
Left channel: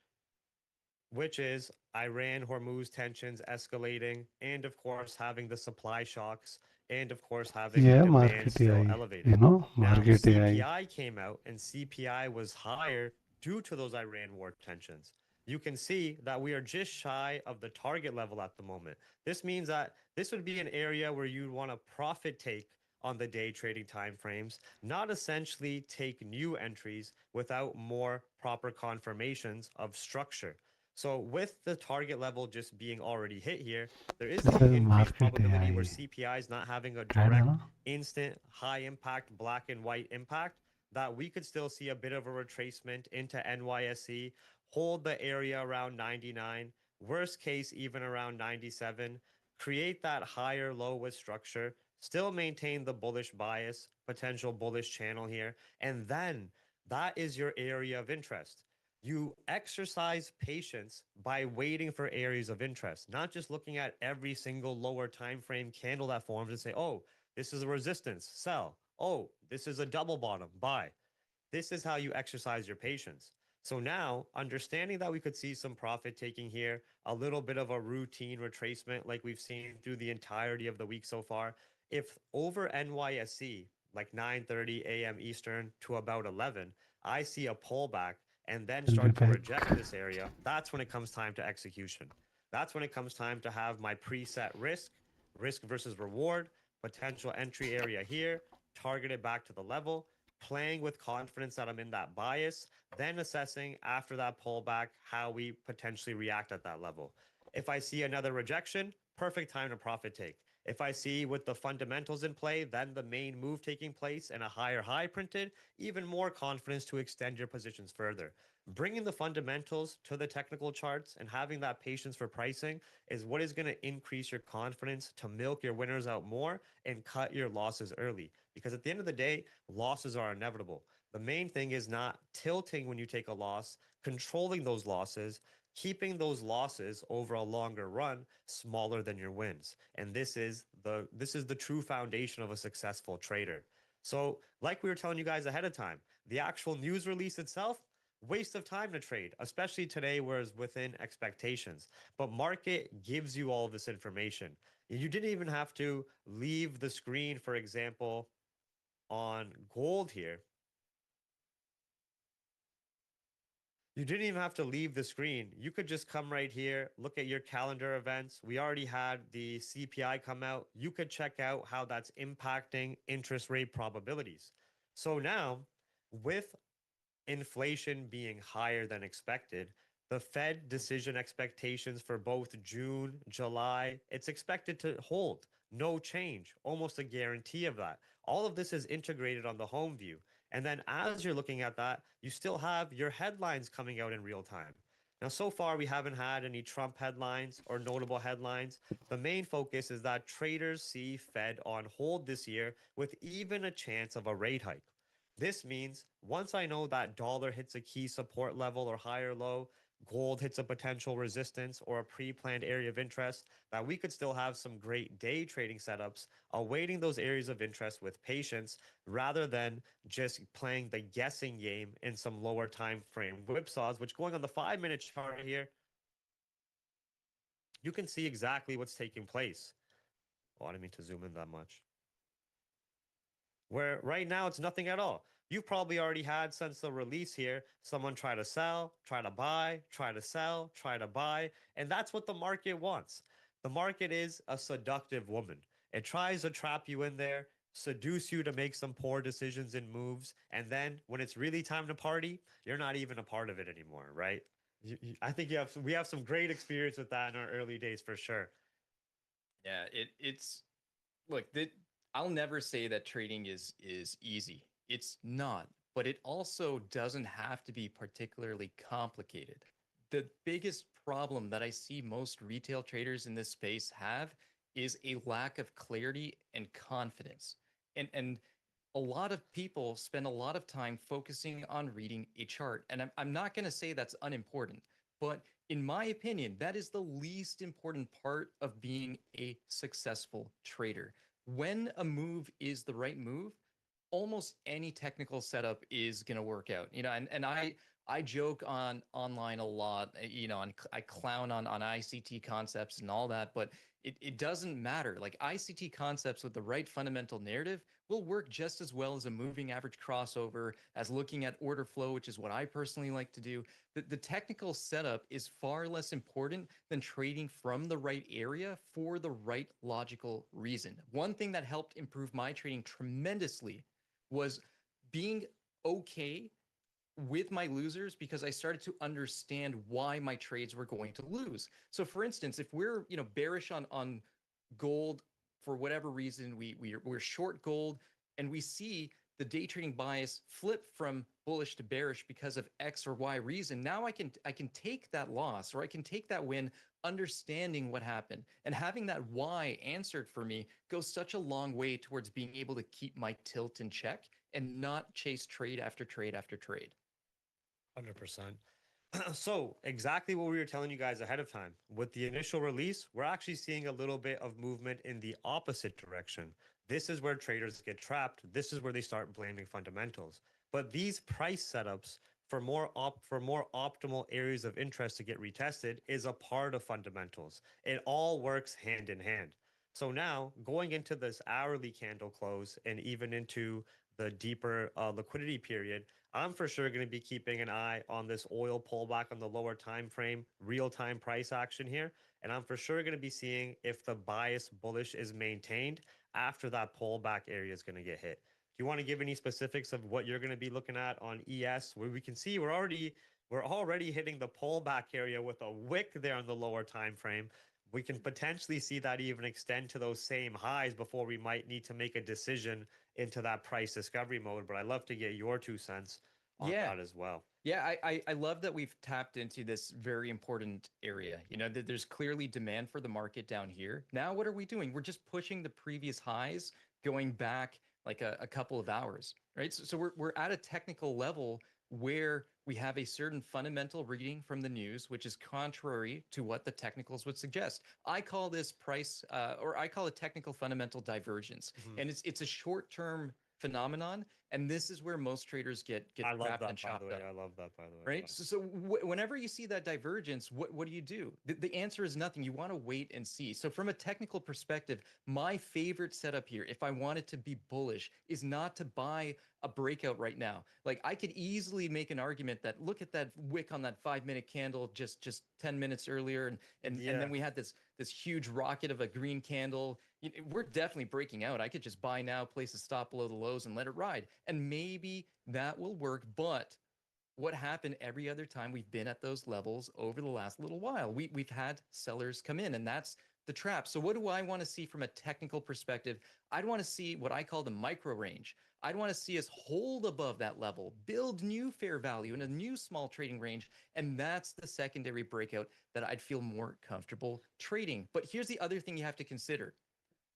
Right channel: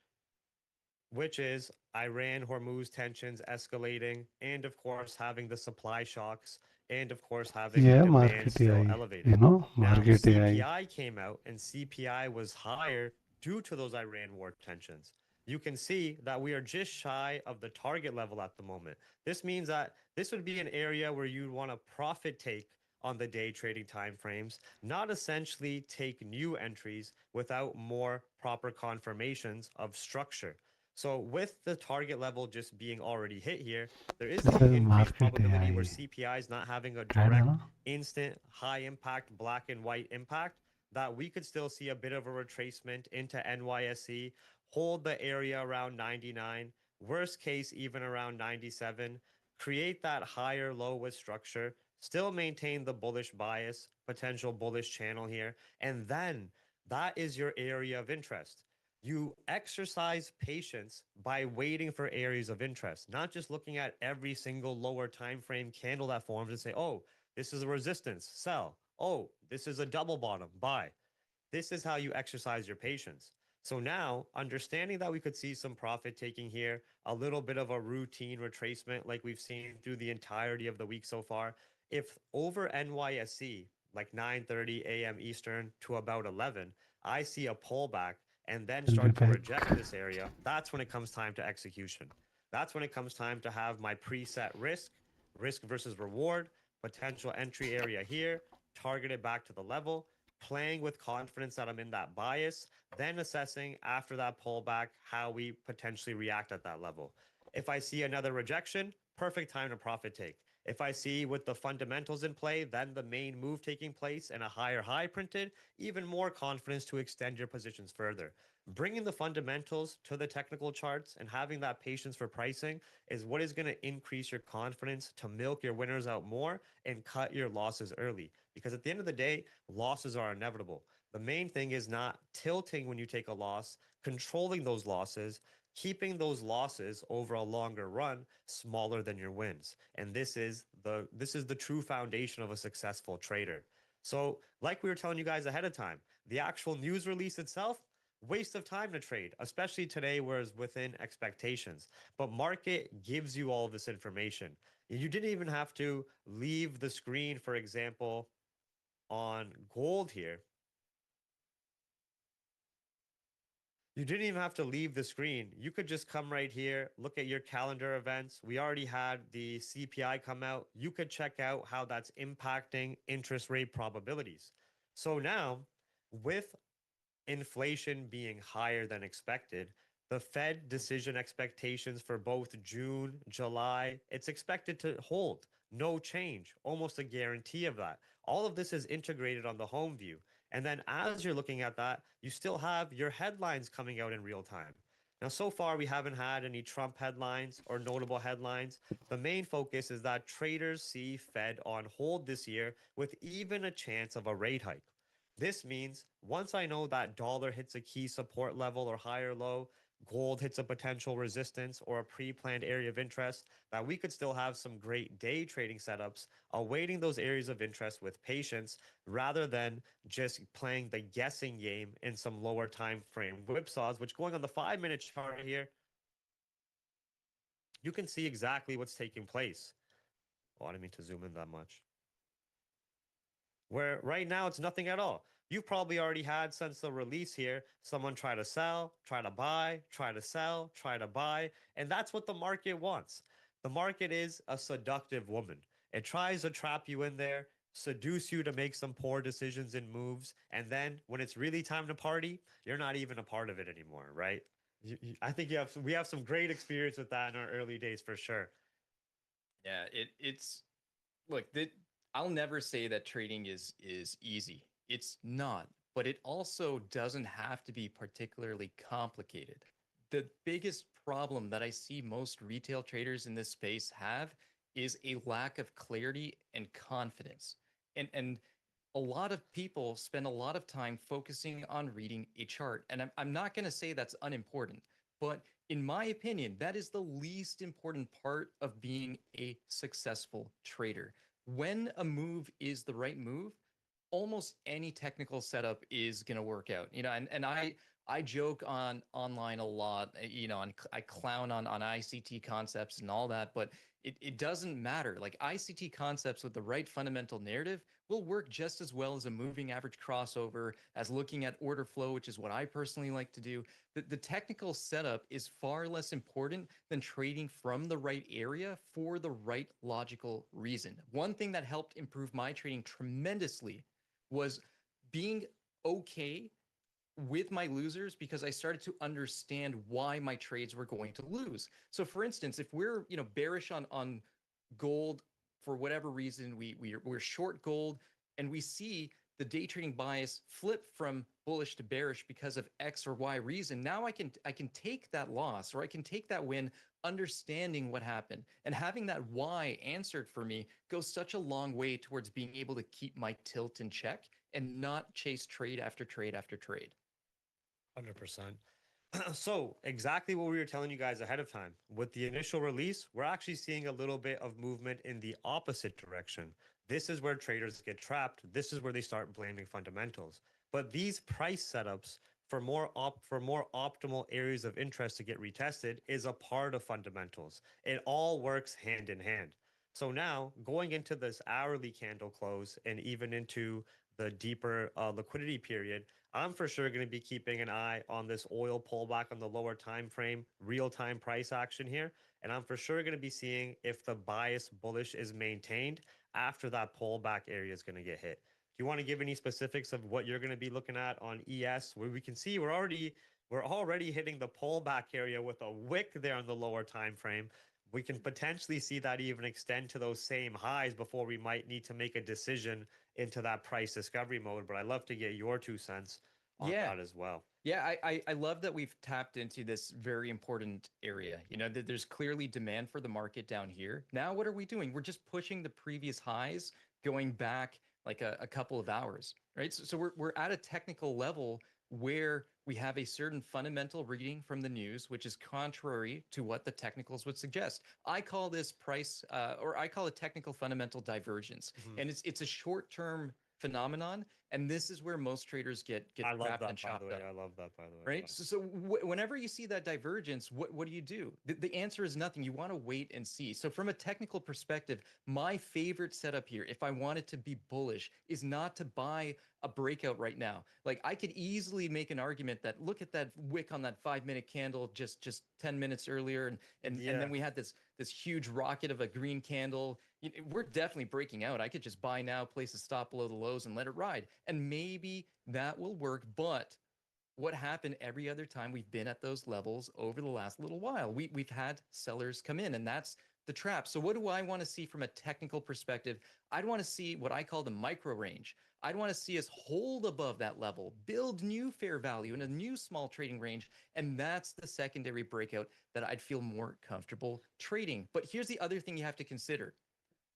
which is Iran Hormuz tensions escalating, and of course, having the supply shocks, and of course, having Yeah, demand market still AI, elevated. Now, market AI. CPI came out, and CPI was higher due to those Iran war tensions. You can see that we are just shy of the target level at the moment. This means that this would be an area where you'd want to profit take on the day trading timeframes, not essentially take new entries without more proper confirmations of structure. So with the target level just being already hit here, there is This the is increased market probability where AI. CPI is not having a Right, direct, huh? instant, high impact, black and white impact, that we could still see a bit of a retracement into NYSE, hold the area around 99, worst case, even around 97, create that higher low with structure, still maintain the bullish bias, potential bullish channel here, and then that is your area of interest. You exercise patience by waiting for areas of interest, not just looking at every single lower time frame candle that forms and say, oh, this is a resistance, sell. Oh, this is a double bottom, buy. This is how you exercise your patience. So now, understanding that we could see some profit taking here, a little bit of a routine retracement like we've seen through the entirety of the week so far, if over NYSE, like 9:30 a.m. Eastern to about 11, I see a pullback and then I'll be start to back. reject this area, that's when it comes time to execution. That's when it comes time to have my preset risk versus reward, potential entry area here, target it back to the level, playing with confidence that I'm in that bias, then assessing after that pullback how we potentially react at that level. If I see another rejection, perfect time to profit take. If I see with the fundamentals in play, then the main move taking place and a higher high printed, even more confidence to extend your positions further. Bringing the fundamentals to the technical charts and having that patience for pricing is what is going to increase your confidence to milk your winners out more and cut your losses early. Because at the end of the day, losses are inevitable. The main thing is not tilting when you take a loss, controlling those losses, keeping those losses over a longer run smaller than your wins. And this is the true foundation of a successful trader. So, like we were telling you guys ahead of time, the actual news release itself, waste of time to trade, especially today where it's within expectations. But market gives you all this information. You didn't even have to leave the screen, for example, on gold here. You didn't even have to leave the screen. You could just come right here, look at your calendar events. We already had the CPI come out. You could check out how that's impacting interest rate probabilities. So now, with inflation being higher than expected, the Fed decision expectations for both June, July, it's expected to hold. No change, almost a guarantee of that. All of this is integrated on the home view. And then as you're looking at that, you still have your headlines coming out in real time. Now, so far, we haven't had any Trump headlines or notable headlines. The main focus is that traders see Fed on hold this year with even a chance of a rate hike. This means once I know that dollar hits a key support level or higher low, gold hits a potential resistance or a pre-planned area of interest, that we could still have some great day trading setups awaiting those areas of interest with patience rather than just playing the guessing game in some lower time frame whipsaws, which going on the 5-minute chart here, you can see exactly what's taking place. Oh, I didn't mean to zoom in that much. Where right now it's nothing at all. You've probably already had since the release here, someone try to sell, try to buy, try to sell, try to buy. And that's what the market wants. The market is a seductive woman. It tries to trap you in there, seduce you to make some poor decisions and moves. And then when it's really time to party, you're not even a part of it anymore, right? I think we have some great experience with that in our early days for sure. Yeah, it's look that I'll never say that trading is easy. It's not, but it also doesn't have to be particularly complicated. The biggest problem that I see most retail traders in this space have is a lack of clarity and confidence. And a lot of people spend a lot of time focusing on reading a chart. And I'm not going to say that's unimportant, but in my opinion, that is the least important part of being a successful trader. When a move is the right move, almost any technical setup is going to work out. And I joke on online a lot, I clown on ICT concepts and all that, but it doesn't matter. Like ICT concepts with the right fundamental narrative will work just as well as a moving average crossover, as looking at order flow, which is what I personally like to do. The technical setup is far less important than trading from the right area for the right logical reason. One thing that helped improve my trading tremendously was being okay with my losers because I started to understand why my trades were going to lose. So for instance, if we're, bearish on gold for whatever reason, we're short gold and we see the day trading bias flip from bullish to bearish because of X or Y reason. Now I can take that loss or I can take that win understanding what happened, and having that why answered for me goes such a long way towards being able to keep my tilt in check and not chase trade after trade after trade. 100%. So, exactly what we were telling you guys ahead of time. With the initial release, we're actually seeing a little bit of movement in the opposite direction. This is where traders get trapped. This is where they start blaming fundamentals. But these price setups for more optimal areas of interest to get retested is a part of fundamentals. It all works hand in hand. So now, going into this hourly candle close and even into the deeper liquidity period, I'm for sure going to be keeping an eye on this oil pullback on the lower time frame, real-time price action here, and I'm for sure going to be seeing if the bias bullish is maintained after that pullback area is going to get hit. Do you want to give any specifics of what you're going to be looking at on ES, where we can see we're already hitting the pullback area with a wick there on the lower time frame. We can potentially see that even extend to those same highs before we might need to make a decision into that price discovery mode. But I'd love to get your 2 cents on Yeah. that as well. Yeah, I love that we've tapped into this very important area. That there's clearly demand for the market down here. Now, what are we doing? We're just pushing the previous highs, going back like a couple of hours, right? So we're at a technical level where we have a certain fundamental reading from the news, which is contrary to what the technicals would suggest. I call this price, or I call it technical fundamental divergence, Mhm. and it's a short-term phenomenon, and this is where most traders get I love trapped that, and by the chopped way. up. I love that, by the way. Right. So whenever you see that divergence, what do? The answer is nothing. You want to wait and see. So from a technical perspective, my favorite setup here, if I wanted to be bullish, is not to buy a breakout right now. Like I could easily make an argument that look at that wick on that 5-minute candle just 10 minutes earlier, and Yeah. then we had this huge rocket of a green candle. We're definitely breaking out. I could just buy now, place a stop below the lows, and let it ride, and maybe that will work. But what happened every other time we've been at those levels over the last little while? We've had sellers come in, and that's the trap. So what do I want to see from a technical perspective? I'd want to see what I call the micro range. I'd want to see us hold above that level, build new fair value in a new small trading range, and that's the secondary breakout that I'd feel more comfortable trading. But here's the other thing you have to consider.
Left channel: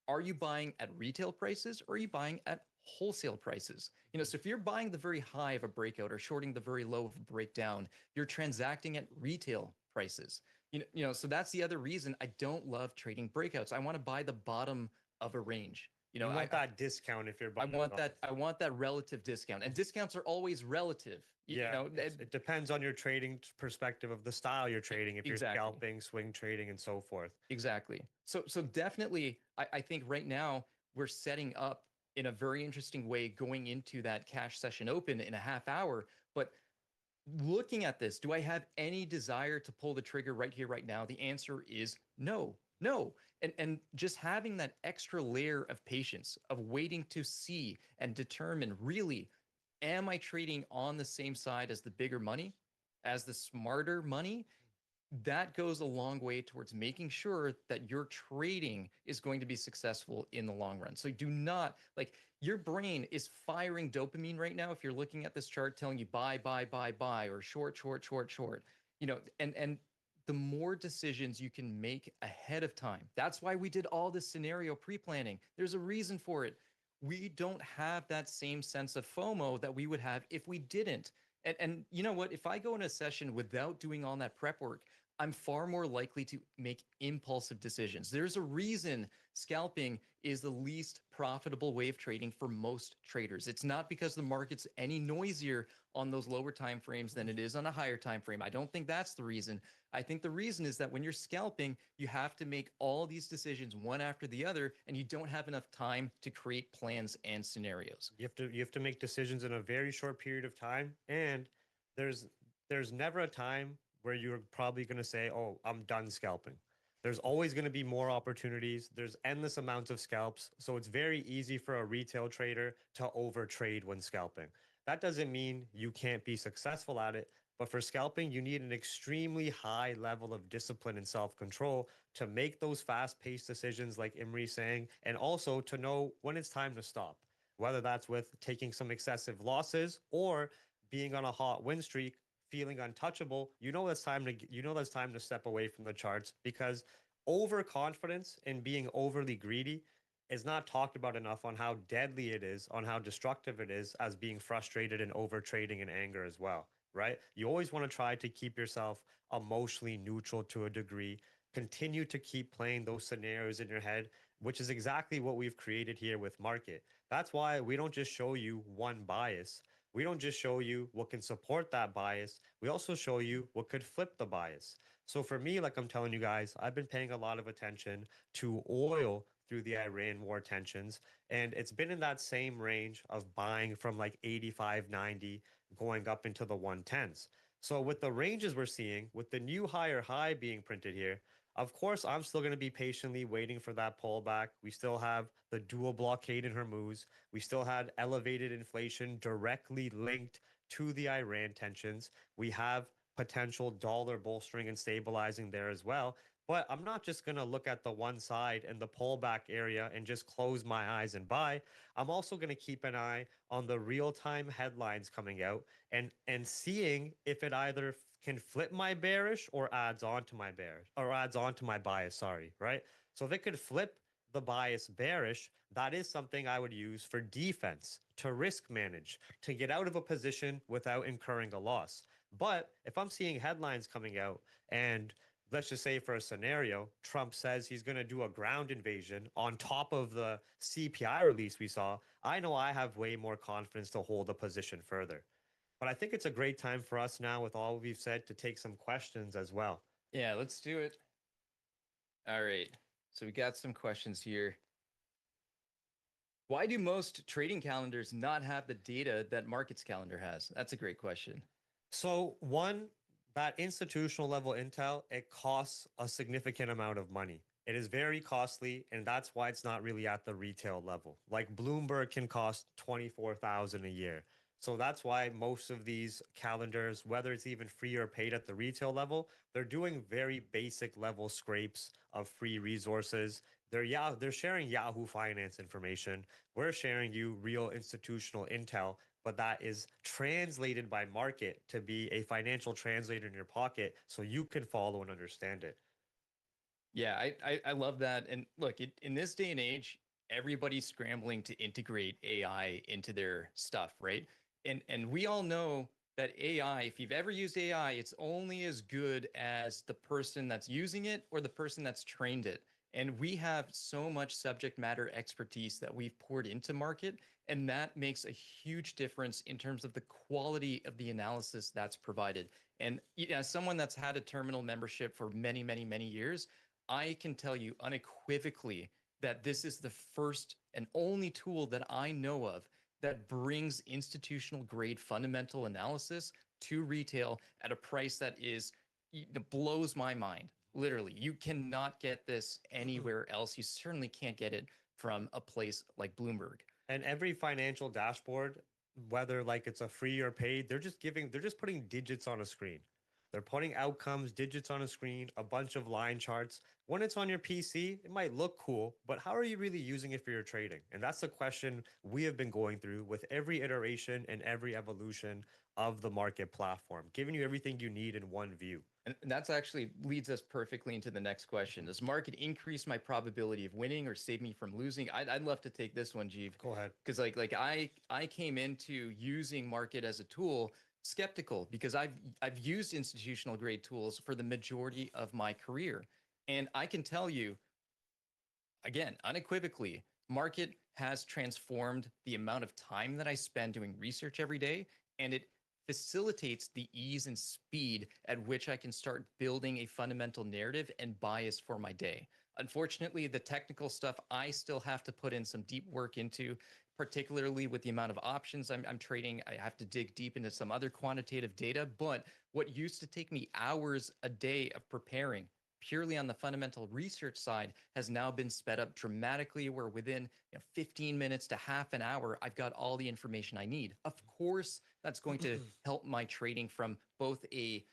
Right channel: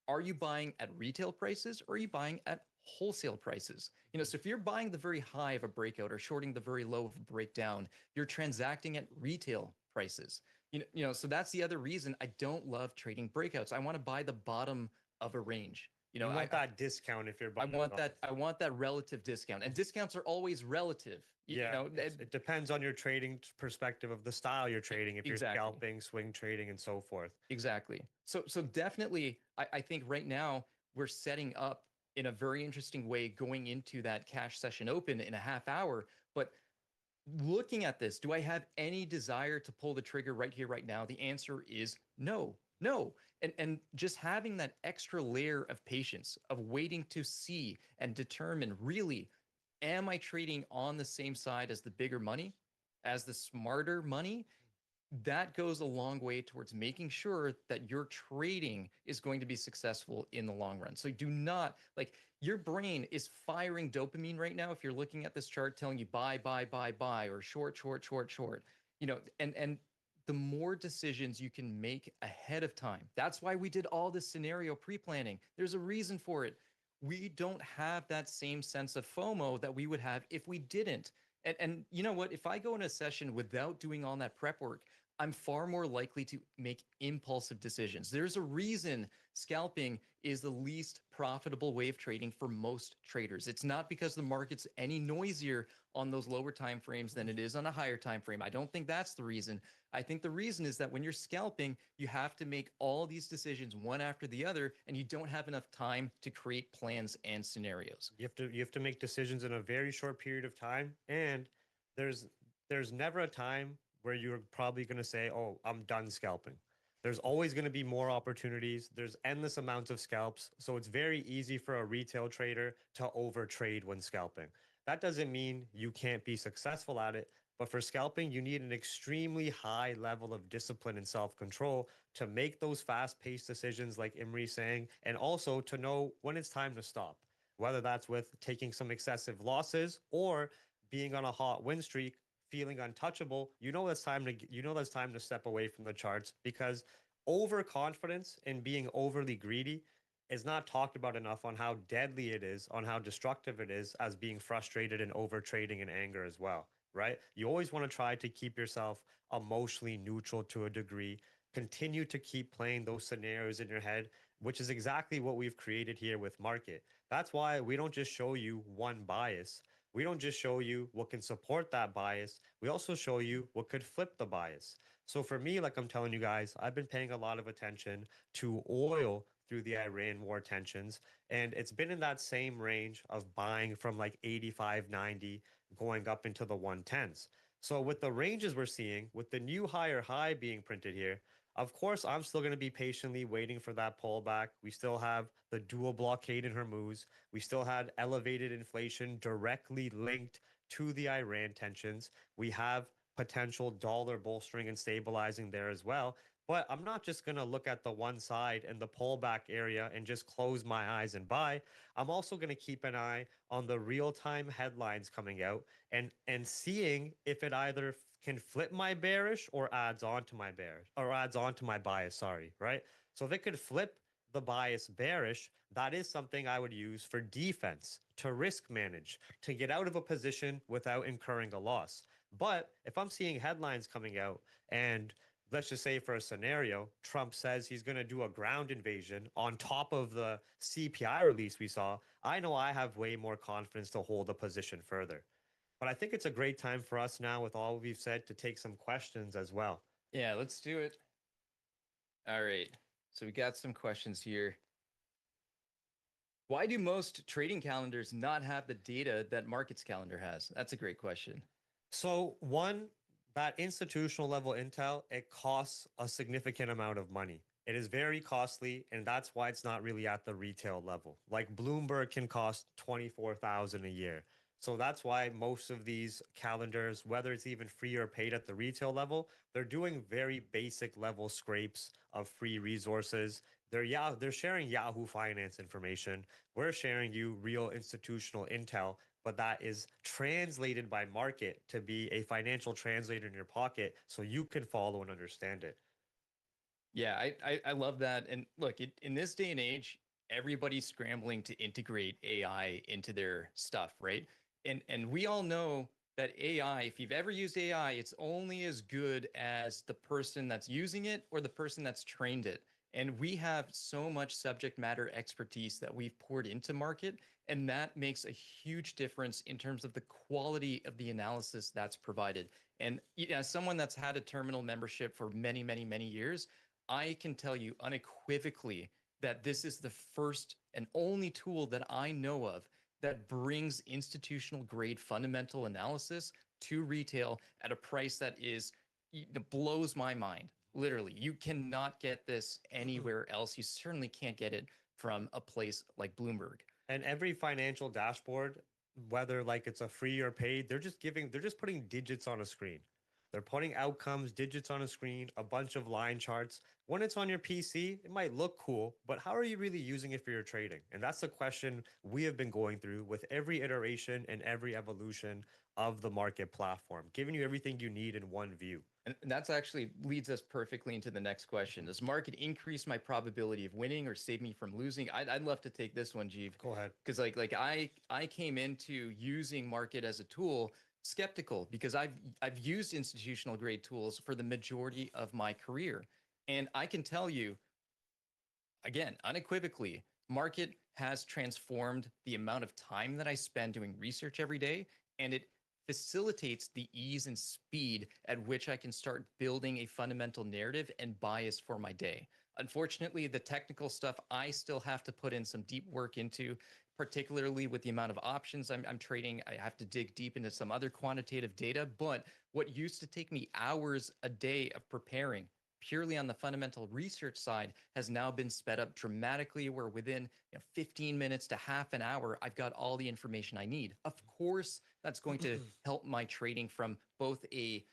Are you buying at retail prices or are you buying at wholesale prices? So if you're buying the very high of a breakout or shorting the very low of a breakdown, you're transacting at retail prices. So that's the other reason I don't love trading breakouts. I want to buy the bottom of a range. You want that discount if you're I buying want off. that. I want that relative discount, and discounts are always relative. Yeah, it depends on your trading perspective of the style you're trading, if you're Exactly. scalping, swing trading, and so forth. Exactly. So definitely, I think right now we're setting up in a very interesting way going into that cash session open in a half hour. But looking at this, do I have any desire to pull the trigger right here, right now? The answer is no, no. And just having that extra layer of patience, of waiting to see and determine really, am I trading on the same side as the bigger money, as the smarter money? That goes a long way towards making sure that your trading is going to be successful in the long run. So do not, like, your brain is firing dopamine right now if you're looking at this chart telling you buy, buy, buy, buy, or short, short, short, short. And the more decisions you can make ahead of time. That's why we did all this scenario pre-planning. There's a reason for it. We don't have that same sense of FOMO that we would have if we didn't. And you know what? If I go in a session without doing all that prep work, I'm far more likely to make impulsive decisions. There's a reason scalping is the least profitable way of trading for most traders. It's not because the market's any noisier on those lower time frames than it is on a higher time frame. I don't think that's the reason. I think the reason is that when you're scalping, you have to make all these decisions one after the other, and you don't have enough time to create plans and scenarios. You have to make decisions in a very short period of time, and there's there's never a time where you're probably going to say, "Oh, I'm done scalping." There's always going to be more opportunities. There's endless amounts of scalps, so it's very easy for a retail trader to overtrade when scalping. That doesn't mean you can't be successful at it, but for scalping, you need an extremely high level of discipline and self-control to make those fast-paced decisions like Imri's saying, and also to know when it's time to stop, whether that's with taking some excessive losses or being on a hot win streak, feeling untouchable. That's time to step away from the charts, because overconfidence and being overly greedy is not talked about enough on how deadly it is, on how destructive it is, as being frustrated and over trading in anger as well, right? You always want to try to keep yourself emotionally neutral to a degree. Continue to keep playing those scenarios in your head, which is exactly what we've created here with market. That's why we don't just show you one bias. We don't just show you what can support that bias. We also show you what could flip the bias. So for me, like I'm telling you guys, I've been paying a lot of attention to oil through the Iran war tensions, and it's been in that same range of buying from like 85, 90, going up into the 110s. So with the ranges we're seeing, with the new higher high being printed here, of course, I'm still going to be patiently waiting for that pullback. We still have the dual blockade in Hormuz. We still had elevated inflation directly linked to the Iran tensions. We have potential dollar bolstering and stabilizing there as well. But I'm not just going to look at the one side and the pullback area and just close my eyes and buy. I'm also going to keep an eye on the real-time headlines coming out and seeing if it either can flip my bearish or adds on to my bearish or adds on to my bias, sorry, right? So if it could flip the bias bearish, that is something I would use for defense, to risk manage, to get out of a position without incurring a loss. But if I'm seeing headlines coming out and let's just say for a scenario, Trump says he's going to do a ground invasion on top of the CPI release we saw, I know I have way more confidence to hold a position further. But I think it's a great time for us now, with all we've said, to take some questions as well. Yeah, let's do it. All right. So we got some questions here. Why do most trading calendars not have the data that markets calendar has? That's a great question. So, one, that institutional level intel, it costs a significant amount of money. It is very costly, and that's why it's not really at the retail level. Like Bloomberg can cost 24,000 a year. So that's why most of these calendars, whether it's even free or paid at the retail level, they're doing very basic level scrapes of free resources. They're sharing Yahoo Finance information. We're sharing you real institutional intel, but that is translated by market to be a financial translator in your pocket so you can follow and understand it. Yeah, I love that. And look, in this day and age, everybody's scrambling to integrate AI into their stuff, right? And we all know that AI, if you've ever used AI, it's only as good as the person that's using it or the person that's trained it. And we have so much subject matter expertise that we've poured into market, and that makes a huge difference in terms of the quality of the analysis that's provided. And as someone that's had a terminal membership for many, many, many years, I can tell you unequivocally that this is the first and only tool that I know of that brings institutional grade fundamental analysis to retail at a price that blows my mind. Literally, you cannot get this anywhere else. You certainly can't get it from a place like Bloomberg. And every financial dashboard, whether like it's a free or paid, they're just putting digits on a screen. They're putting outcomes, digits on a screen, a bunch of line charts. When it's on your PC, it might look cool, but how are you really using it for your trading? And that's the question we have been going through with every iteration and every evolution of the market platform, giving you everything you need in one view. And that's actually leads us perfectly into the next question. Does market increase my probability of winning or save me from losing? I'd love to take this one, Jeev. Go ahead. Because I came into using market as a tool skeptical because I've used institutional grade tools for the majority of my career. And I can tell you, again, unequivocally, market has transformed the amount of time that I spend doing research every day, and it facilitates the ease and speed at which I can start building a fundamental narrative and bias for my day. Unfortunately, the technical stuff I still have to put in some deep work into, particularly with the amount of options I'm trading. I have to dig deep into some other quantitative data. But what used to take me hours a day of preparing purely on the fundamental research side has now been sped up dramatically, where within 15 minutes to half an hour, I've got all the information I need. Of course, that's going to help my trading from both the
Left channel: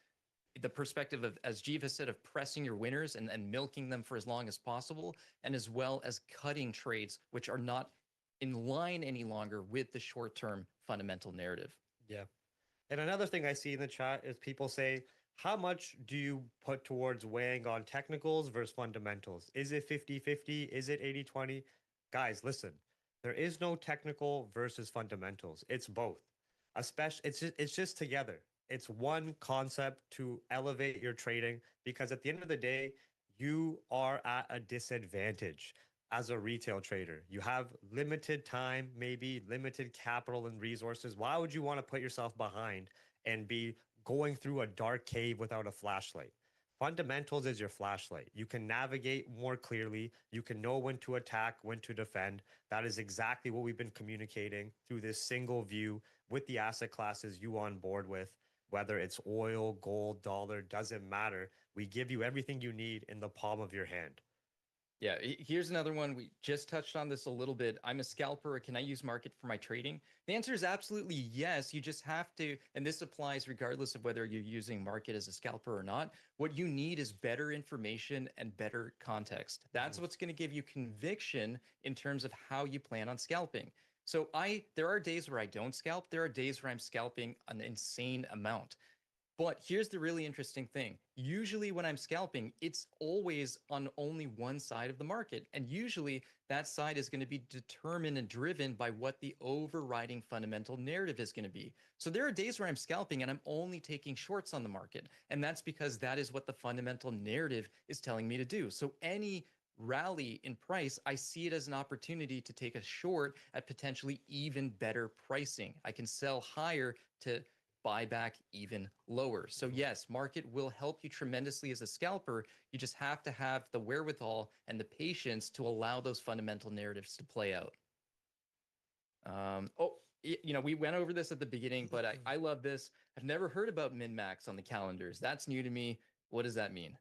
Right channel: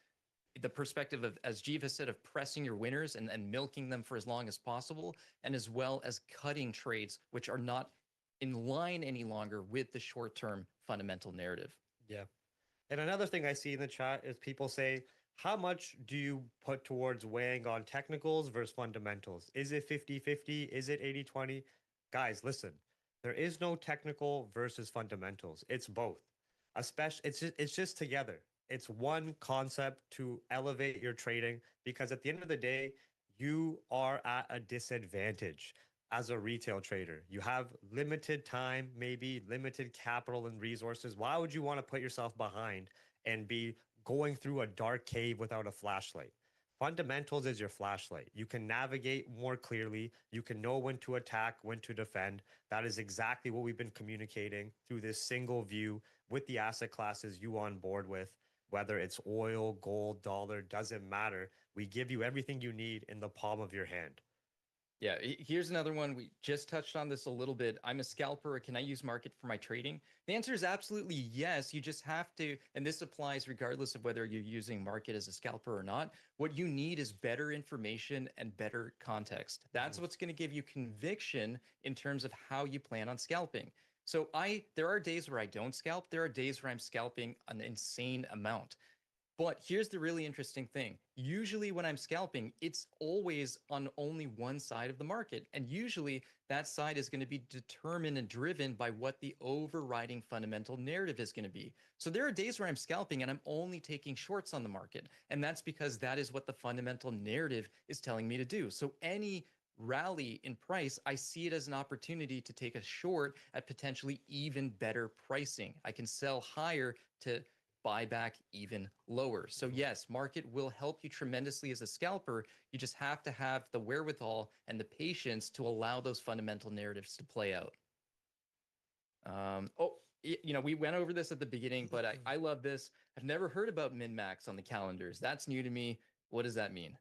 perspective of, as Jeev has said, of pressing your winners and milking them for as long as possible, and as well as cutting trades which are not in line any longer with the short-term fundamental narrative. Yeah. And another thing I see in the chat is people say, how much do you put towards weighing on technicals versus fundamentals? Is it 50-50? Is it 80-20? Guys, listen, there is no technical versus fundamentals. It's both. Especially, it's just together. It's one concept to elevate your trading, because at the end of the day, you are at a disadvantage as a retail trader. You have limited time, maybe limited capital and resources. Why would you want to put yourself behind and be going through a dark cave without a flashlight? Fundamentals is your flashlight. You can navigate more clearly. You can know when to attack, when to defend. That is exactly what we've been communicating through this single view with the asset classes you on board with. Whether it's oil, gold, dollar, doesn't matter. We give you everything you need in the palm of your hand. Yeah, here's another one. We just touched on this a little bit. I'm a scalper. Can I use market for my trading? The answer is absolutely yes. You just have to, and this applies regardless of whether you're using market as a scalper or not. What you need is better information and better context. That's what's going to give you conviction in terms of how you plan on scalping. So there are days where I don't scalp. There are days where I'm scalping an insane amount. But here's the really interesting thing. Usually when I'm scalping, it's always on only one side of the market. And usually that side is going to be determined and driven by what the overriding fundamental narrative is going to be. So there are days where I'm scalping and I'm only taking shorts on the market. And that's because that is what the fundamental narrative is telling me to do. So any rally in price, I see it as an opportunity to take a short at potentially even better pricing. I can sell higher to buy back even lower. So yes, market will help you tremendously as a scalper. You just have to have the wherewithal and the patience to allow those fundamental narratives to play out. We went over this at the beginning, but I love this. I've never heard about min-max on the calendars. That's new to me. What does that mean?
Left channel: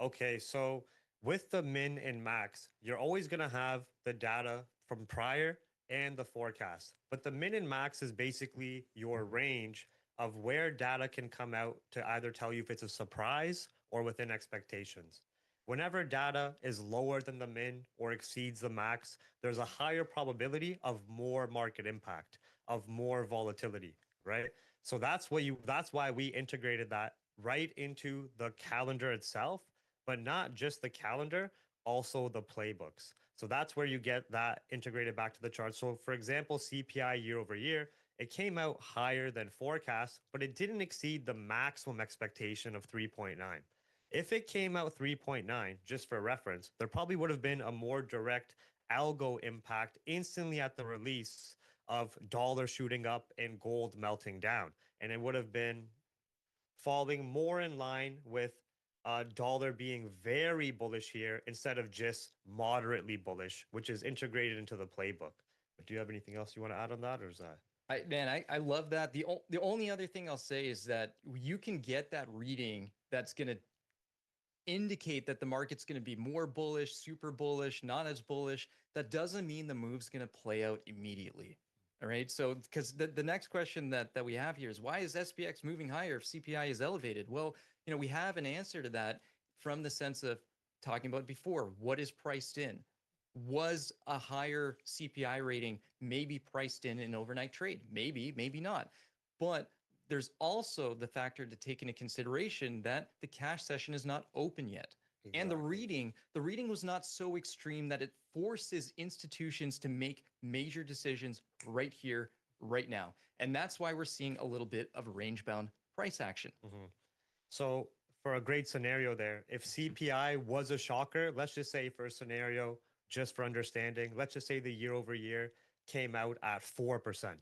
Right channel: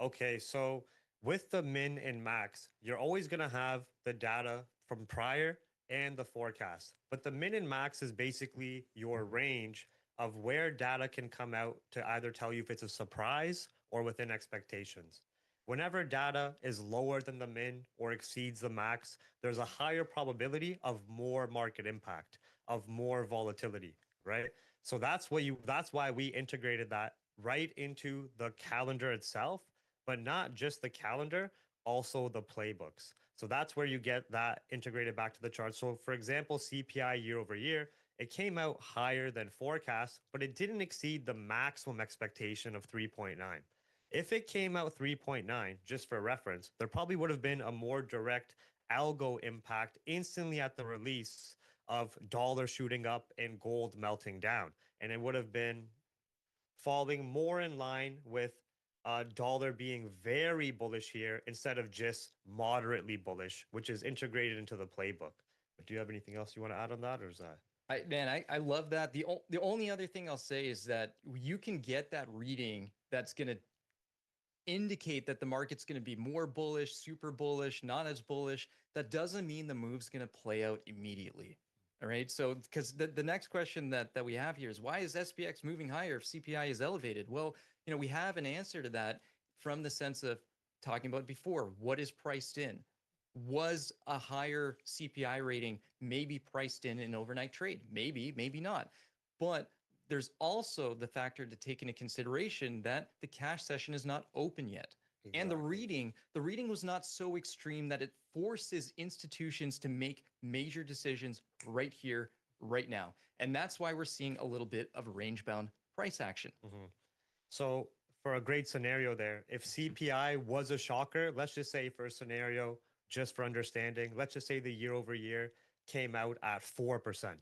Okay, so with the min and max, you're always going to have the data from prior and the forecast. But the min and max is basically your range of where data can come out to either tell you if it's a surprise or within expectations. Whenever data is lower than the min or exceeds the max, there's a higher probability of more market impact, of more volatility, right? So that's why we integrated that right into the calendar itself, but not just the calendar, also the playbooks. So that's where you get that integrated back to the chart. So for example, CPI year over year, it came out higher than forecast, but it didn't exceed the maximum expectation of 3.9. If it came out 3.9, just for reference, there probably would have been a more direct algo impact instantly at the release of dollar shooting up and gold melting down. And it would have been falling more in line with dollar being very bullish here instead of just moderately bullish, which is integrated into the playbook. But do you have anything else you want to add on that, or is that? I love that. The only other thing I'll say is that you can get that reading that's going to indicate that the market's going to be more bullish, super bullish, not as bullish. That doesn't mean the move's going to play out immediately. All right. So, because the next question that we have here is, why is SPX moving higher if CPI is elevated? Well, we have an answer to that from the sense of talking about before. What is priced in? Was a higher CPI rating maybe priced in an overnight trade? Maybe, maybe not. But there's also the factor to take into consideration that the cash session is not open yet. Exactly. And the reading was not so extreme that it forces institutions to make major decisions right here, right now. And that's why we're seeing a little bit of range-bound price action. Mm-hmm. So for a great scenario there, if CPI was a shocker, let's just say for a scenario, just for understanding, let's just say the year over year came out at 4%.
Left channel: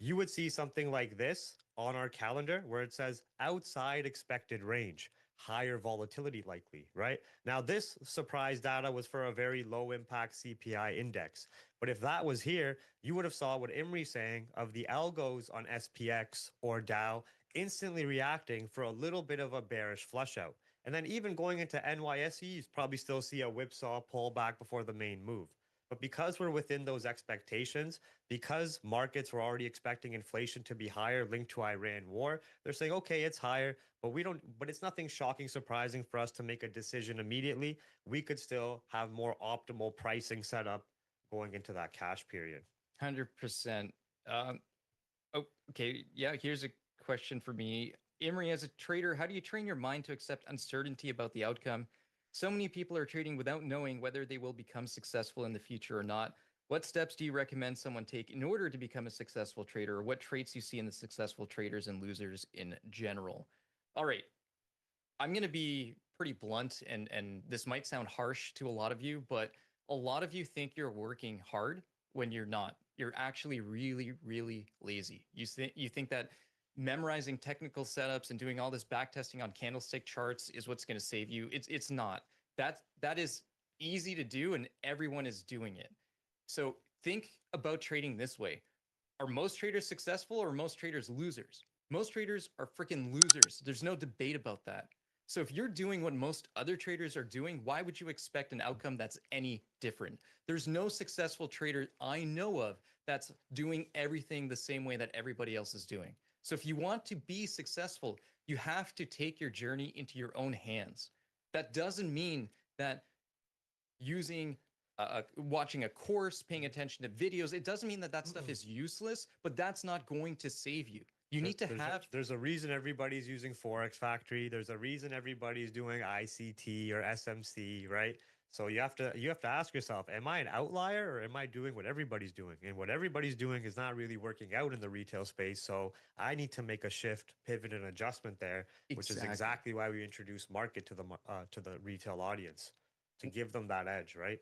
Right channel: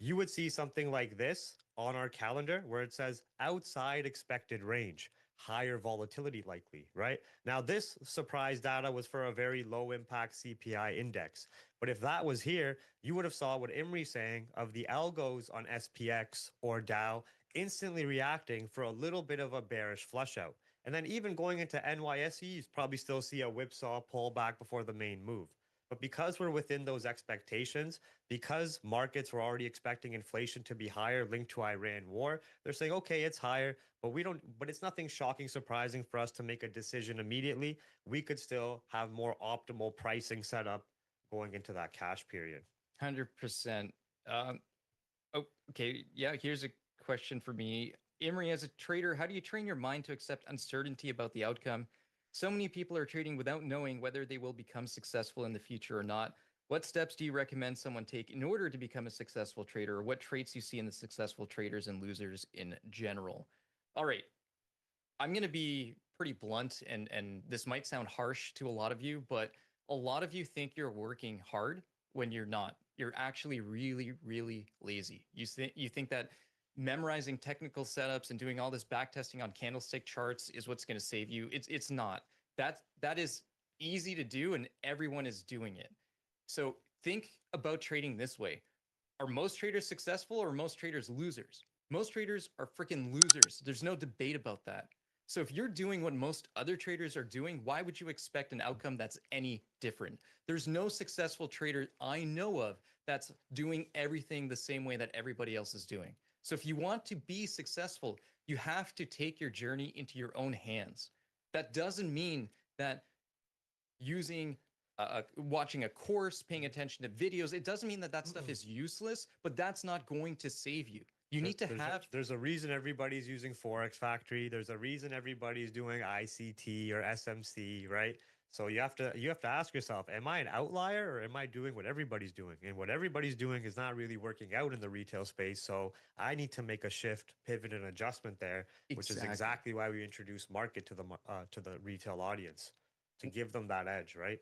You would see something like this on our calendar where it says outside expected range, higher volatility likely, right? Now, this surprise data was for a very low impact CPI index. But if that was here, you would have saw what Imri's saying of the algos on SPX or Dow instantly reacting for a little bit of a bearish flush out. And then even going into NYSE, you probably still see a whipsaw pullback before the main move. But because we're within those expectations, because markets were already expecting inflation to be higher linked to Iran war, they're saying, okay, it's higher, but it's nothing shocking, surprising for us to make a decision immediately. We could still have more optimal pricing set up going into that cash period. 100%. Okay. Yeah. Here's a question for me. Imri, as a trader, how do you train your mind to accept uncertainty about the outcome? So many people are trading without knowing whether they will become successful in the future or not. What steps do you recommend someone take in order to become a successful trader? Or what traits you see in the successful traders and losers in general? All right. I'm going to be pretty blunt, and this might sound harsh to a lot of you, but a lot of you think you're working hard when you're not. You're actually really, really lazy. You think that memorizing technical setups and doing all this backtesting on candlestick charts is what's going to save you. It's not. That is easy to do, and everyone is doing it. So think about trading this way. Are most traders successful or are most traders losers? Most traders are freaking losers. There's no debate about that. So if you're doing what most other traders are doing, why would you expect an outcome that's any different? There's no successful trader I know of that's doing everything the same way that everybody else is doing. So if you want to be successful, you have to take your journey into your own hands. That doesn't mean that watching a course, paying attention to videos, it doesn't mean that stuff is useless, but that's not going to save you. You need to there's have there's a reason everybody's using Forex Factory. There's a reason everybody's doing ICT or SMC, right? So you have to ask yourself, am I an outlier or am I doing what everybody's doing? And what everybody's doing is not really working out in the retail space. So I need to make a shift, pivot, and adjustment there, which is exactly why we introduced market to the retail audience to give them that edge, right?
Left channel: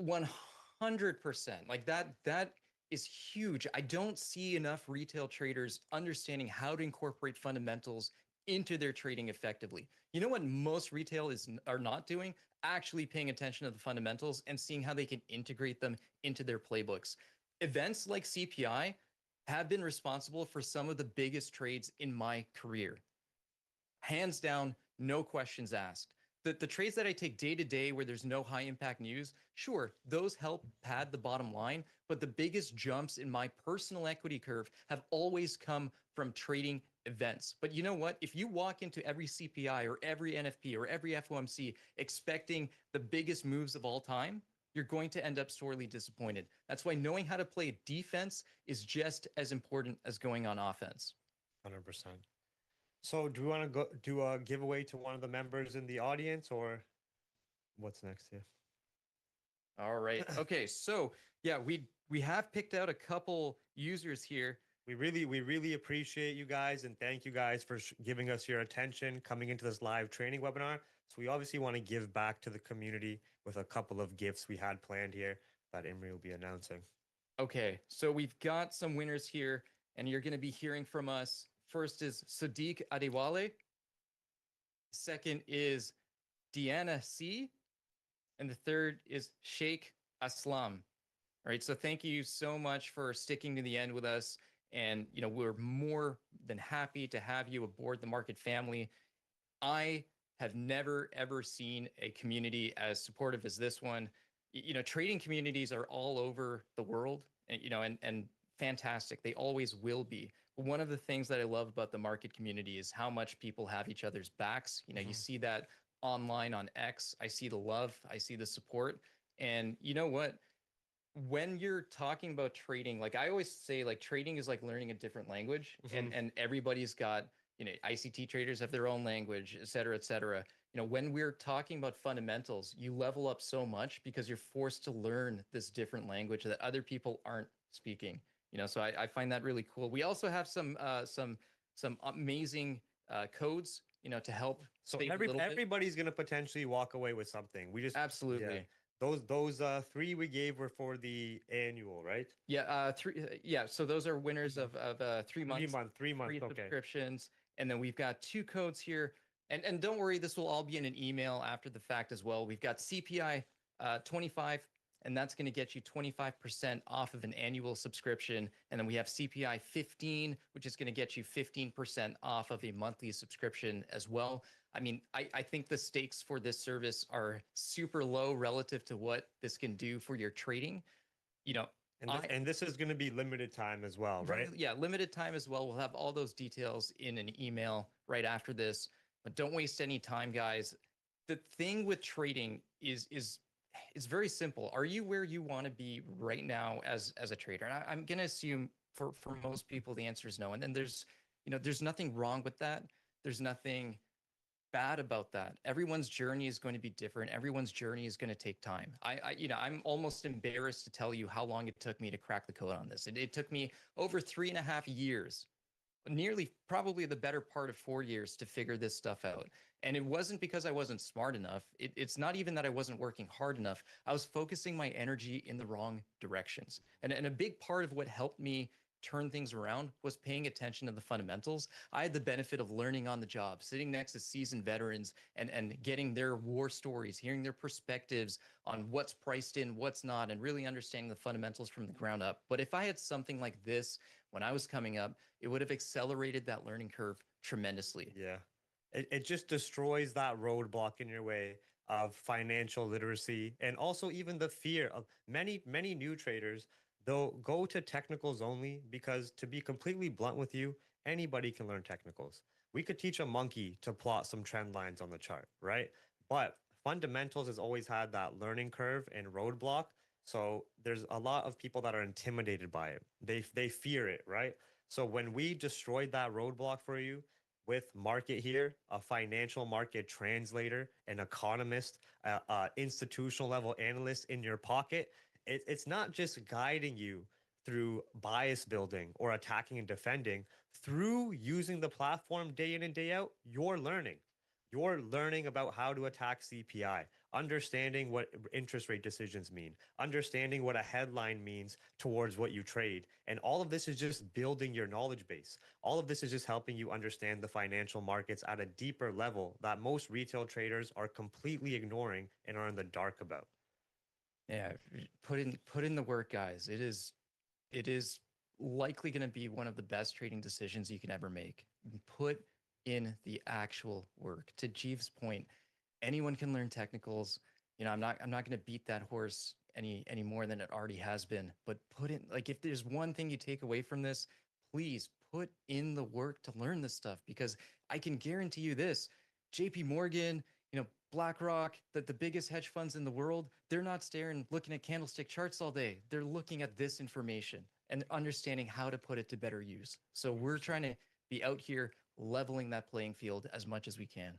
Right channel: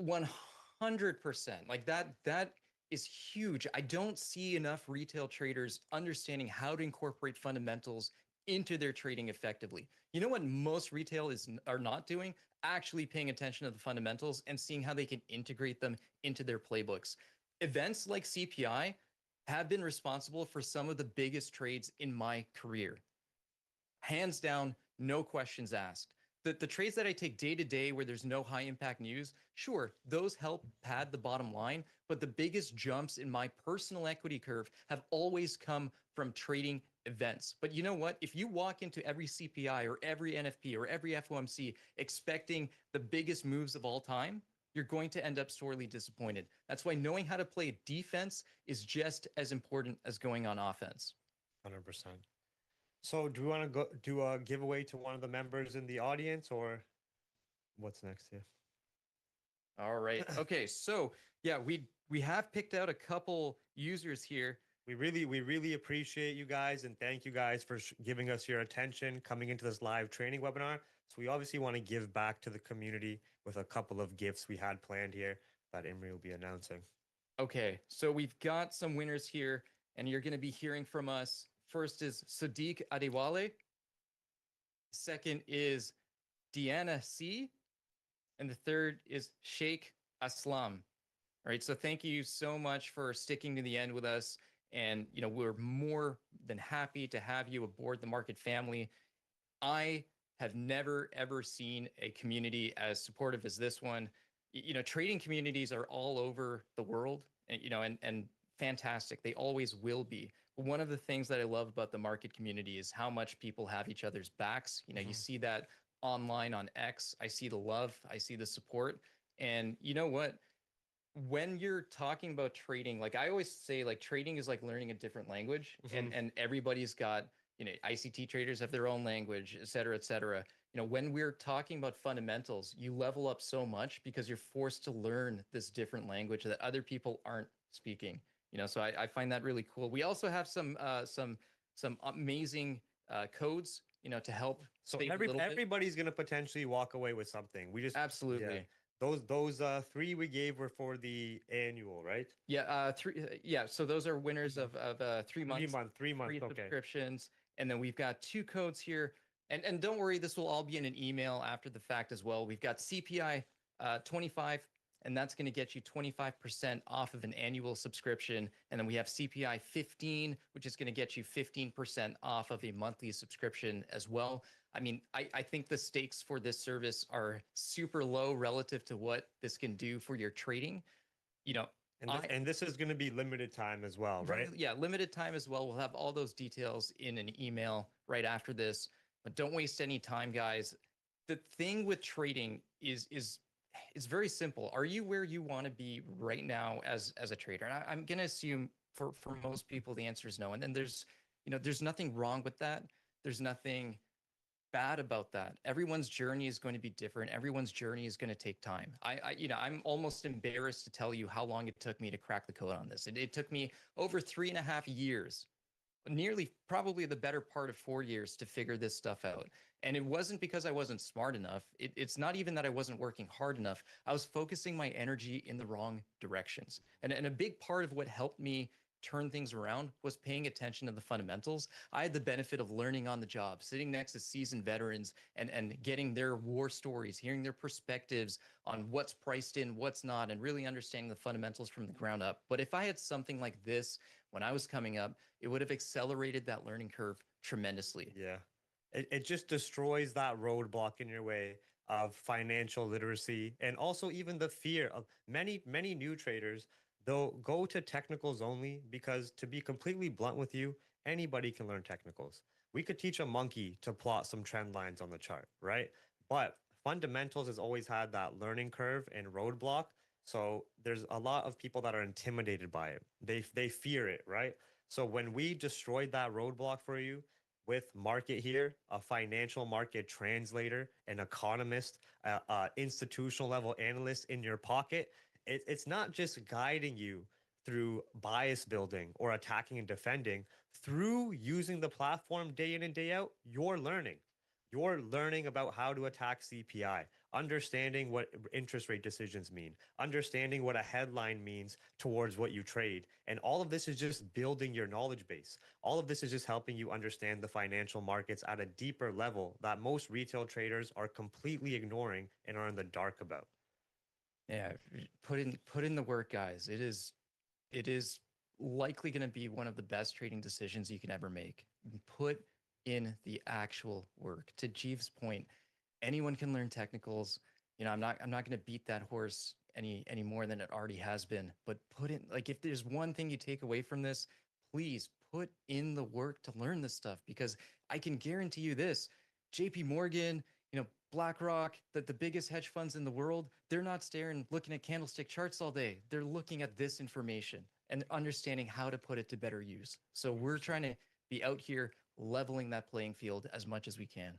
100%. Like that is huge. I don't see enough retail traders understanding how to incorporate fundamentals into their trading effectively. You know what most retail are not doing? Actually paying attention to the fundamentals and seeing how they can integrate them into their playbooks. Events like CPI have been responsible for some of the biggest trades in my career. Hands down, no questions asked. The trades that I take day to day where there's no high impact news, sure, those help pad the bottom line, but the biggest jumps in my personal equity curve have always come from trading events. But you know what? If you walk into every CPI or every NFP or every FOMC expecting the biggest moves of all time, you're going to end up sorely disappointed. That's why knowing how to play defense is just as important as going on offense. 100%. So do we want to go do a giveaway to one of the members in the audience, or what's next here? All right. Okay. So yeah, we have picked out a couple users here. We really appreciate you guys and thank you guys for giving us your attention coming into this live training webinar. So we obviously want to give back to the community with a couple of gifts we had planned here that Imri will be announcing. Okay. So we've got some winners here, and you're going to be hearing from us. First is Sadiq Adewale. Second is Deanna C. And the third is Sheikh Aslam. All right. So thank you so much for sticking to the end with us. And, you know, we're more than happy to have you aboard the market family. I have never, ever seen a community as supportive as this one. You know, trading communities are all over the world, and, you know, and fantastic. They always will be. One of the things that I love about the market community is how much people have each other's backs. You know, you see that online on X. I see the love, I see the support. And you know what? When you're talking about trading, like I always say, like trading is like learning a different language, and everybody's got, you know, ICT traders have their own language, et cetera, et cetera. You know, when we're talking about fundamentals, you level up so much because you're forced to learn this different language that other people aren't speaking. You know, so I find that really cool. We also have some amazing codes, you know, to help. So everybody's going to potentially walk away with something. We just Absolutely. Yeah. Those three we gave were for the annual, right? Yeah, yeah. So those are winners of 3 months, 3 months, free okay. subscriptions, and then we've got 2 codes here. And don't worry, this will all be in an email after the fact as well. We've got CPI 25, and that's going to get you 25% off of an annual subscription. And then we have CPI 15, which is going to get you 15% off of a monthly subscription as well. I mean, I think the stakes for this service are super low relative to what this can do for your trading. You know, and this is going to be limited time as well, right? Yeah, limited time as well. We'll have all those details in an email right after this. But don't waste any time, guys. The thing with trading is very simple. Are you where you want to be right now as a trader? And I'm going to assume for most people the answer is no. And then there's, you know, there's nothing wrong with that. There's nothing bad about that. Everyone's journey is going to be different. Everyone's journey is going to take time. You know, I'm almost embarrassed to tell you how long it took me to crack the code on this. It took me over 3.5 years, nearly probably the better part of 4 years to figure this stuff out. And it wasn't because I wasn't smart enough. It's not even that I wasn't working hard enough. I was focusing my energy in the wrong directions. And a big part of what helped me turn things around was paying attention to the fundamentals. I had the benefit of learning on the job, sitting next to seasoned veterans and getting their war stories, hearing their perspectives on what's priced in, what's not, and really understanding the fundamentals from the ground up. But if I had something like this when I was coming up, it would have accelerated that learning curve tremendously. Yeah. It just destroys that roadblock in your way of financial literacy, and also even the fear of many new traders. They'll go to technicals only because, to be completely blunt with you, anybody can learn technicals. We could teach a monkey to plot some trend lines on the chart, right? But fundamentals has always had that learning curve and roadblock. So there's a lot of people that are intimidated by it. They fear it, right? So when we destroyed that roadblock for you with market here, a financial market translator, an economist, institutional level analyst in your pocket, it's not just guiding you through bias building or attacking and defending. Through using the platform day in and day out, you're learning. You're learning about how to attack CPI, understanding what interest rate decisions mean, understanding what a headline means towards what you trade. And all of this is just building your knowledge base. All of this is just helping you understand the financial markets at a deeper level that most retail traders are completely ignoring and are in the dark about. Yeah, put in the work, guys. It is likely going to be one of the best trading decisions you can ever make. Put in the actual work. To Jeeves' point, anyone can learn technicals. You know, I'm not going to beat that horse any more than it already has been. But put in, like, if there's one thing you take away from this, please put in the work to learn this stuff, because I can guarantee you this: JP Morgan, you know, BlackRock, the biggest hedge funds in the world, they're not staring, looking at candlestick charts all day. They're looking at this information and understanding how to put it to better use. So we're trying to be out here leveling that playing field as much as we can.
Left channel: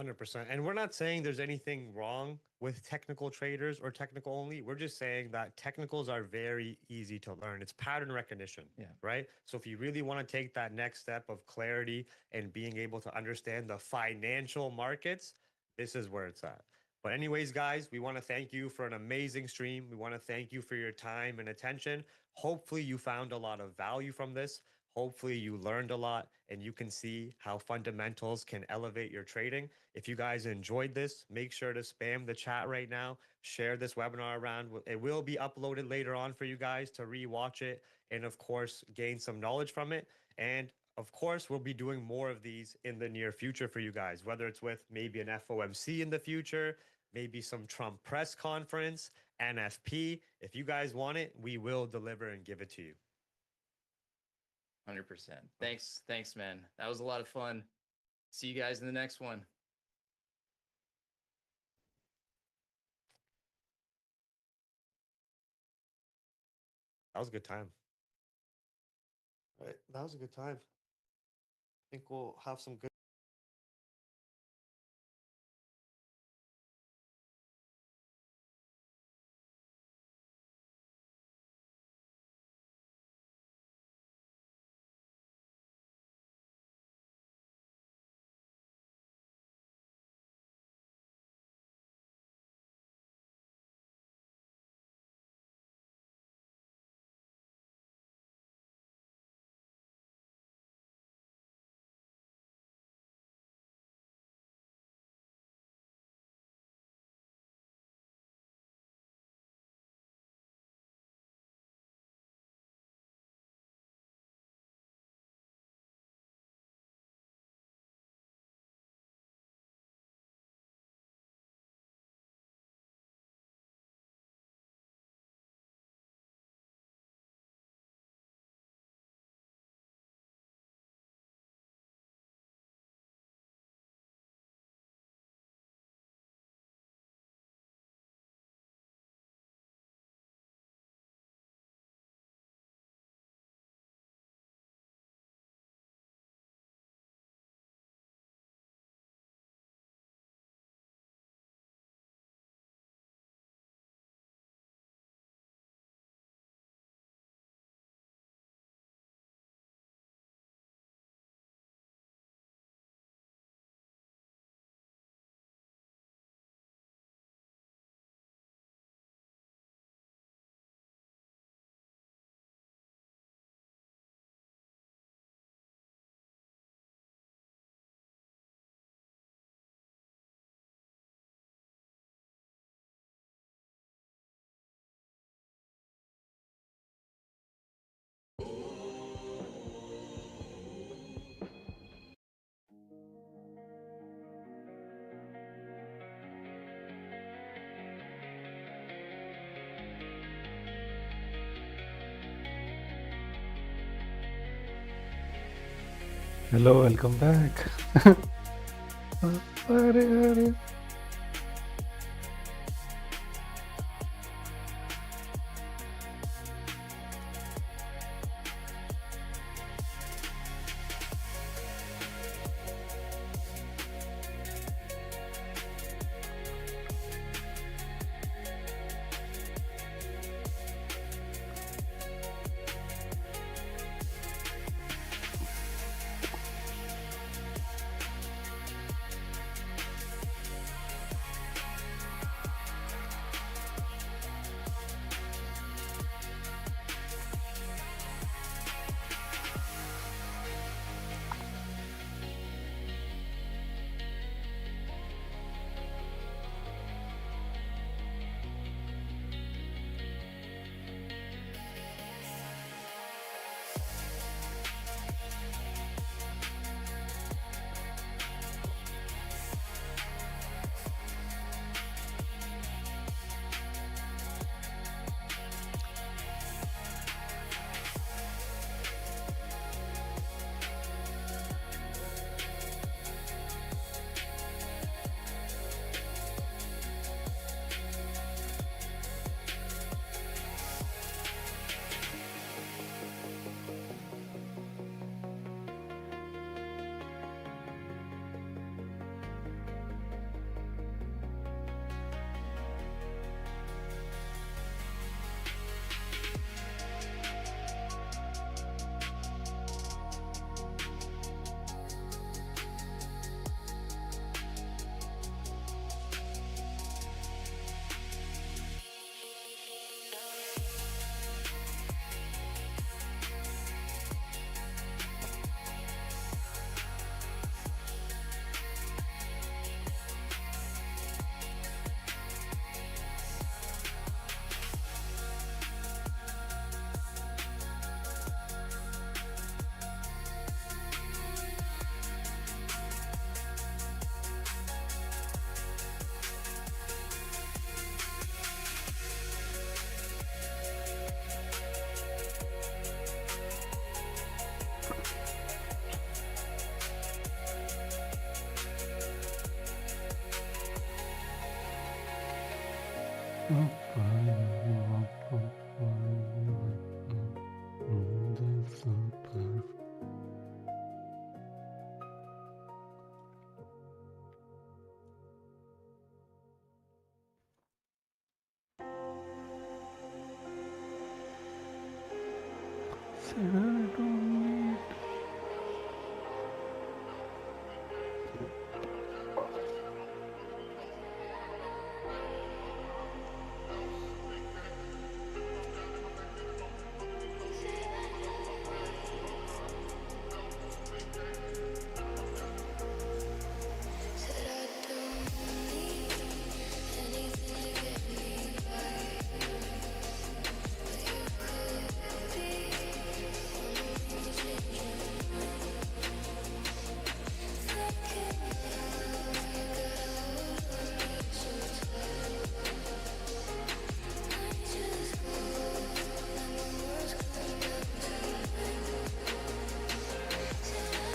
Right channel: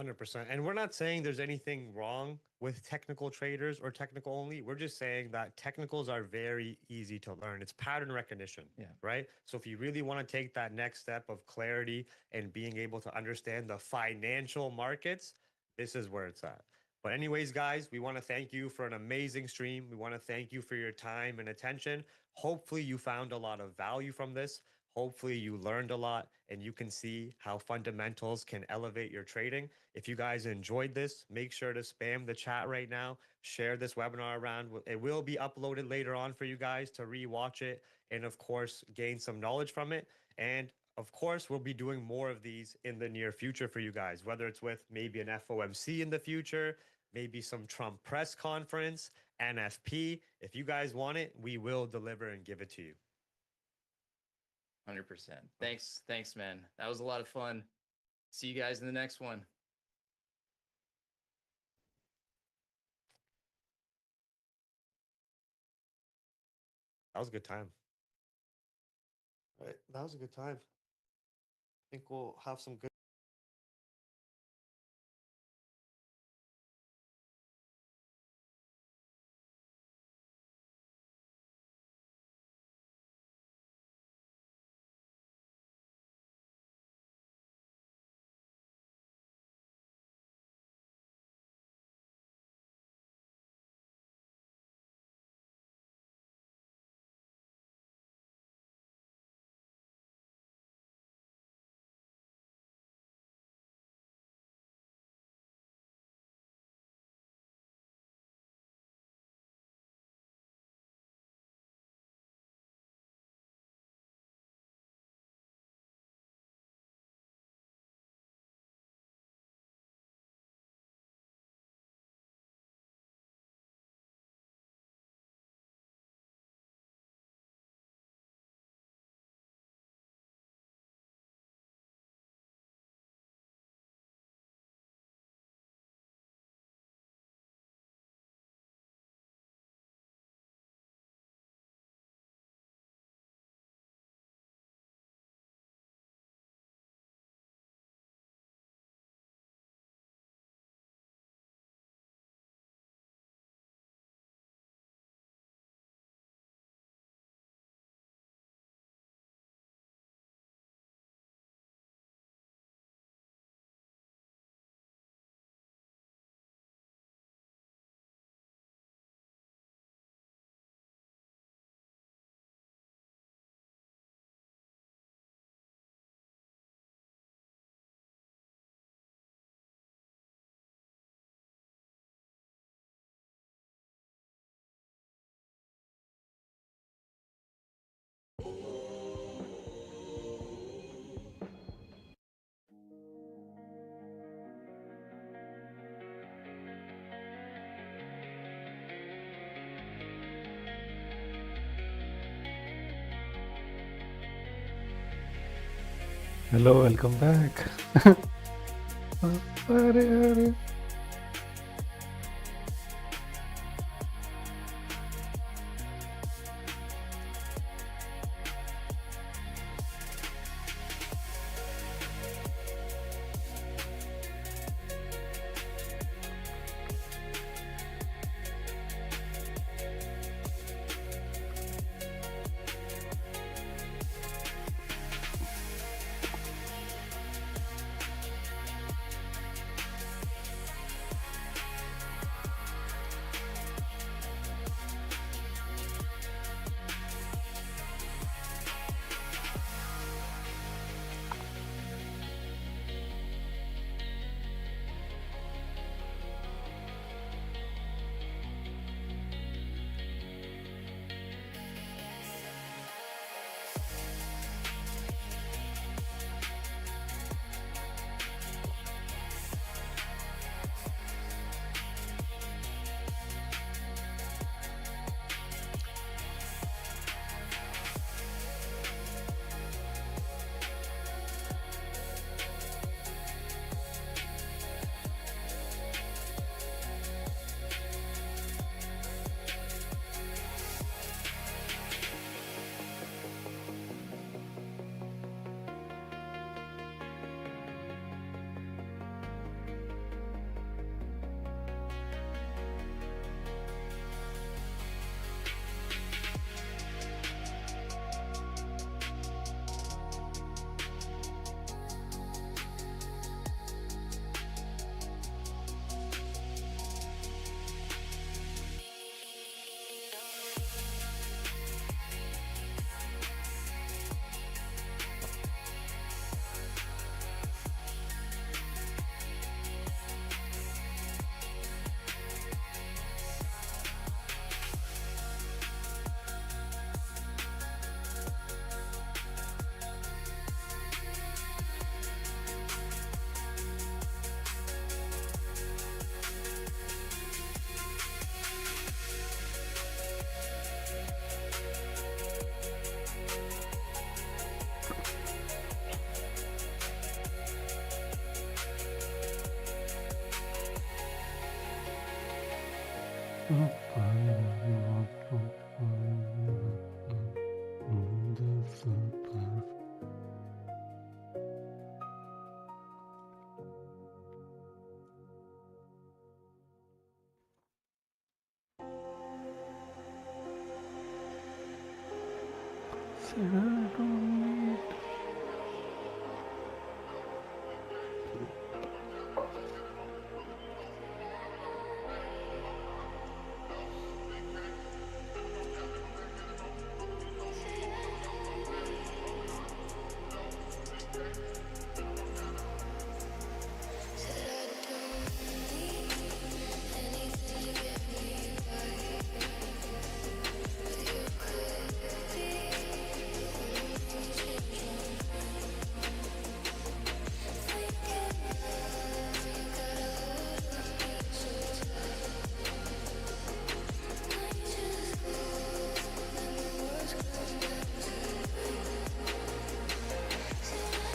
100%. And we're not saying there's anything wrong with technical traders or technical only. We're just saying that technicals are very easy to learn. It's pattern recognition, right? So if you really want to take that next step of clarity and being able to understand the financial markets, this is where it's at. But anyways, guys, we want to thank you for an amazing stream. We want to thank you for your time and attention. Hopefully you found a lot of value from this. Hopefully you learned a lot and you can see how fundamentals can elevate your trading. If you guys enjoyed this, make sure to spam the chat right now. Share this webinar around. It will be uploaded later on for you guys to rewatch it and, of course, gain some knowledge from it. And of course, we'll be doing more of these in the near future for you guys, whether it's with maybe an FOMC in the future, maybe some Trump press conference, NFP. If you guys want it, we will deliver and give it to you. 100%. Thanks, man. That was a lot of fun. See you guys in the next one. That was a good time. All right, that was a good time. I think we'll have some good. Hello, welcome back. Arey. Said I don't need anything to get me by, but you could be the one who made me change my mind. Thinking now you got a hold on me so tight. I just go let my words come down tonight. Said I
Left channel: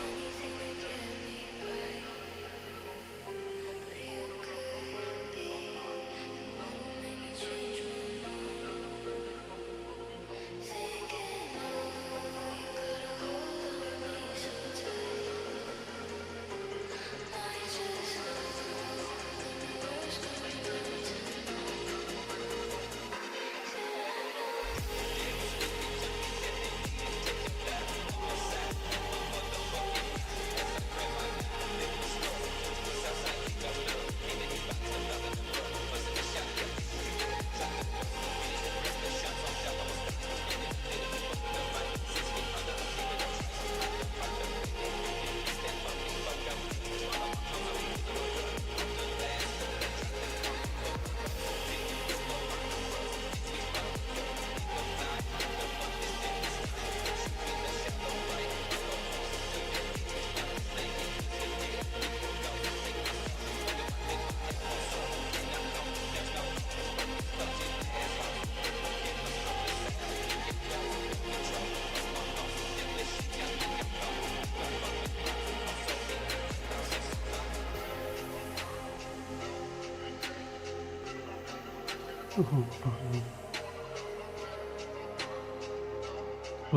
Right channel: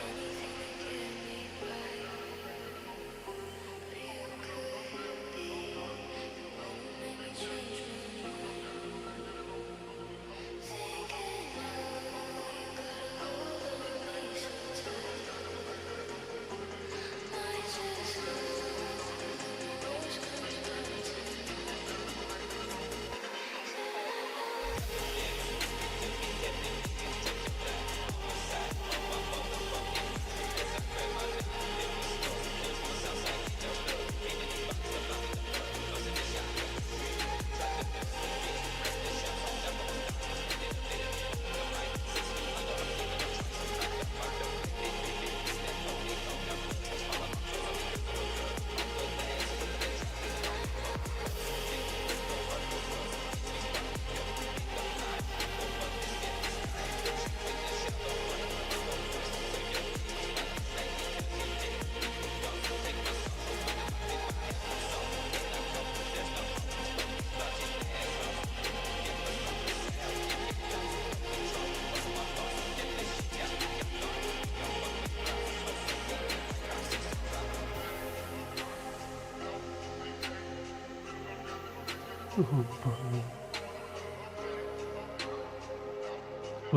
anything to get me by, but you could be the one who made me change my mind. Thinking now you got a hold on me so tight. I just go when my words come down tonight. Said I don't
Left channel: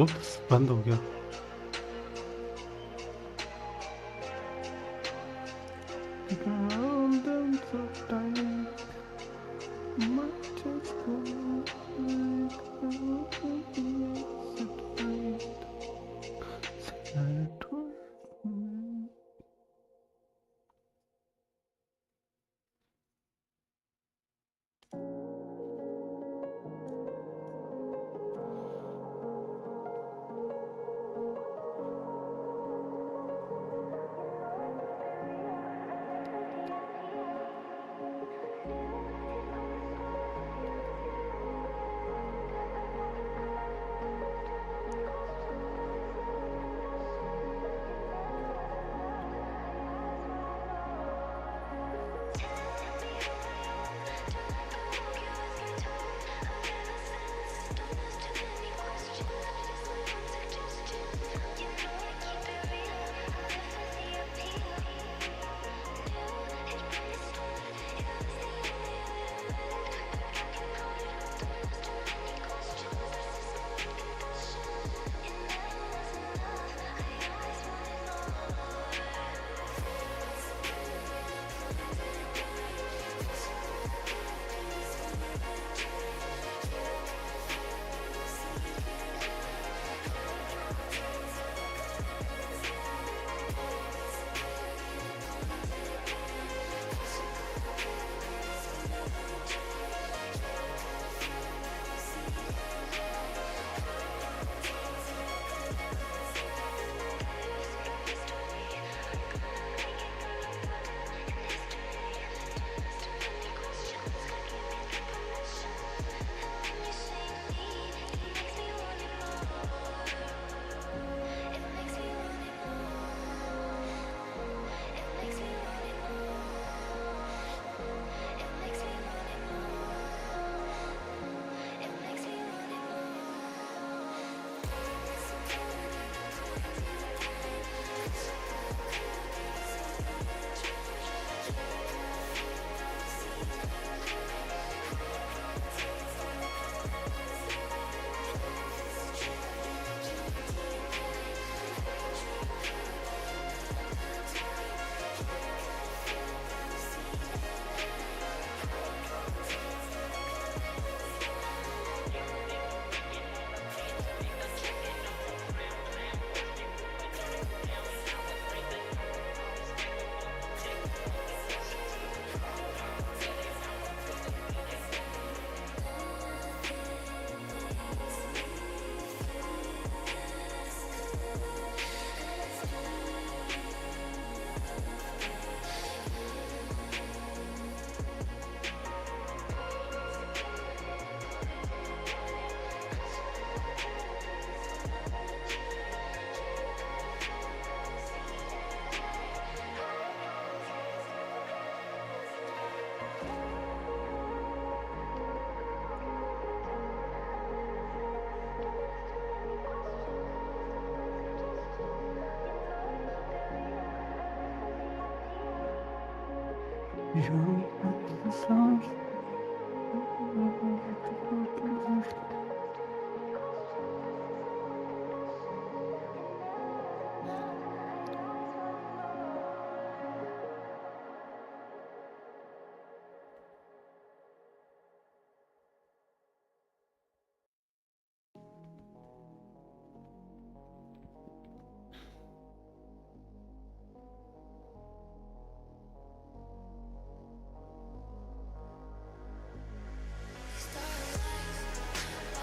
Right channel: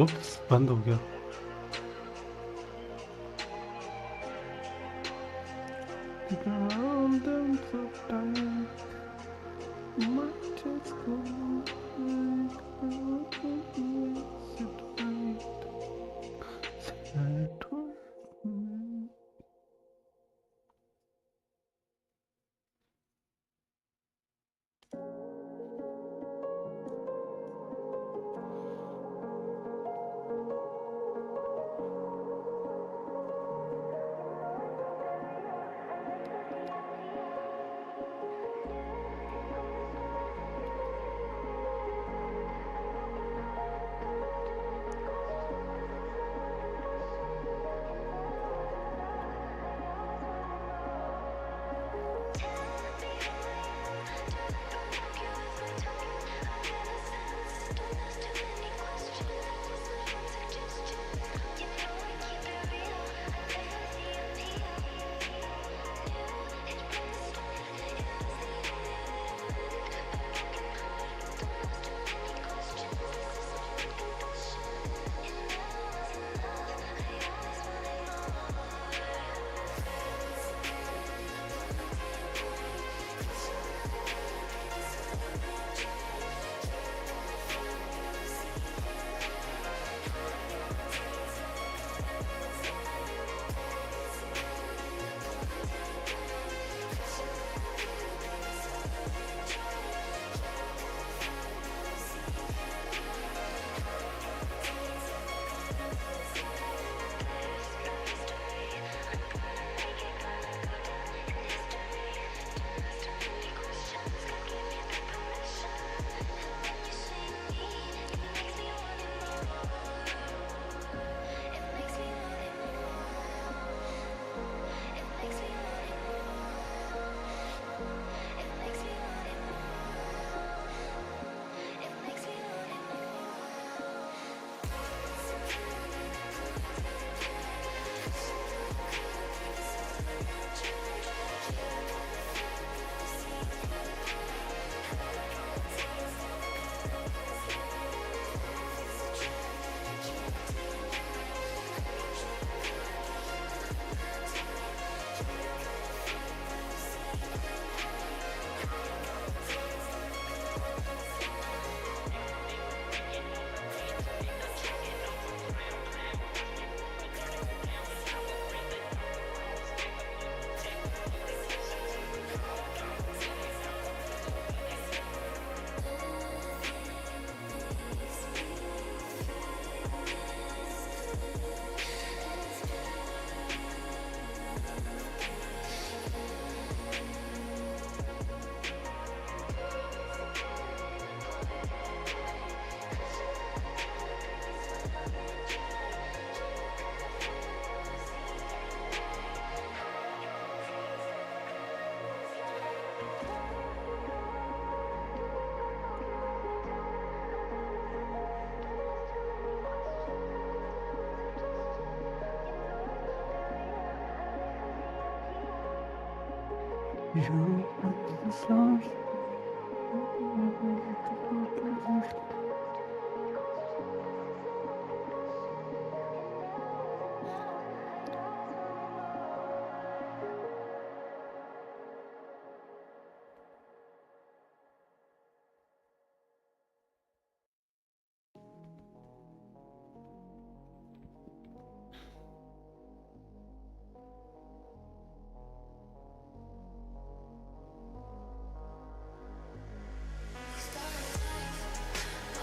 Oops, बंद हो गया. Around them so tight, might just go like it right. I don't. You love. Starlight,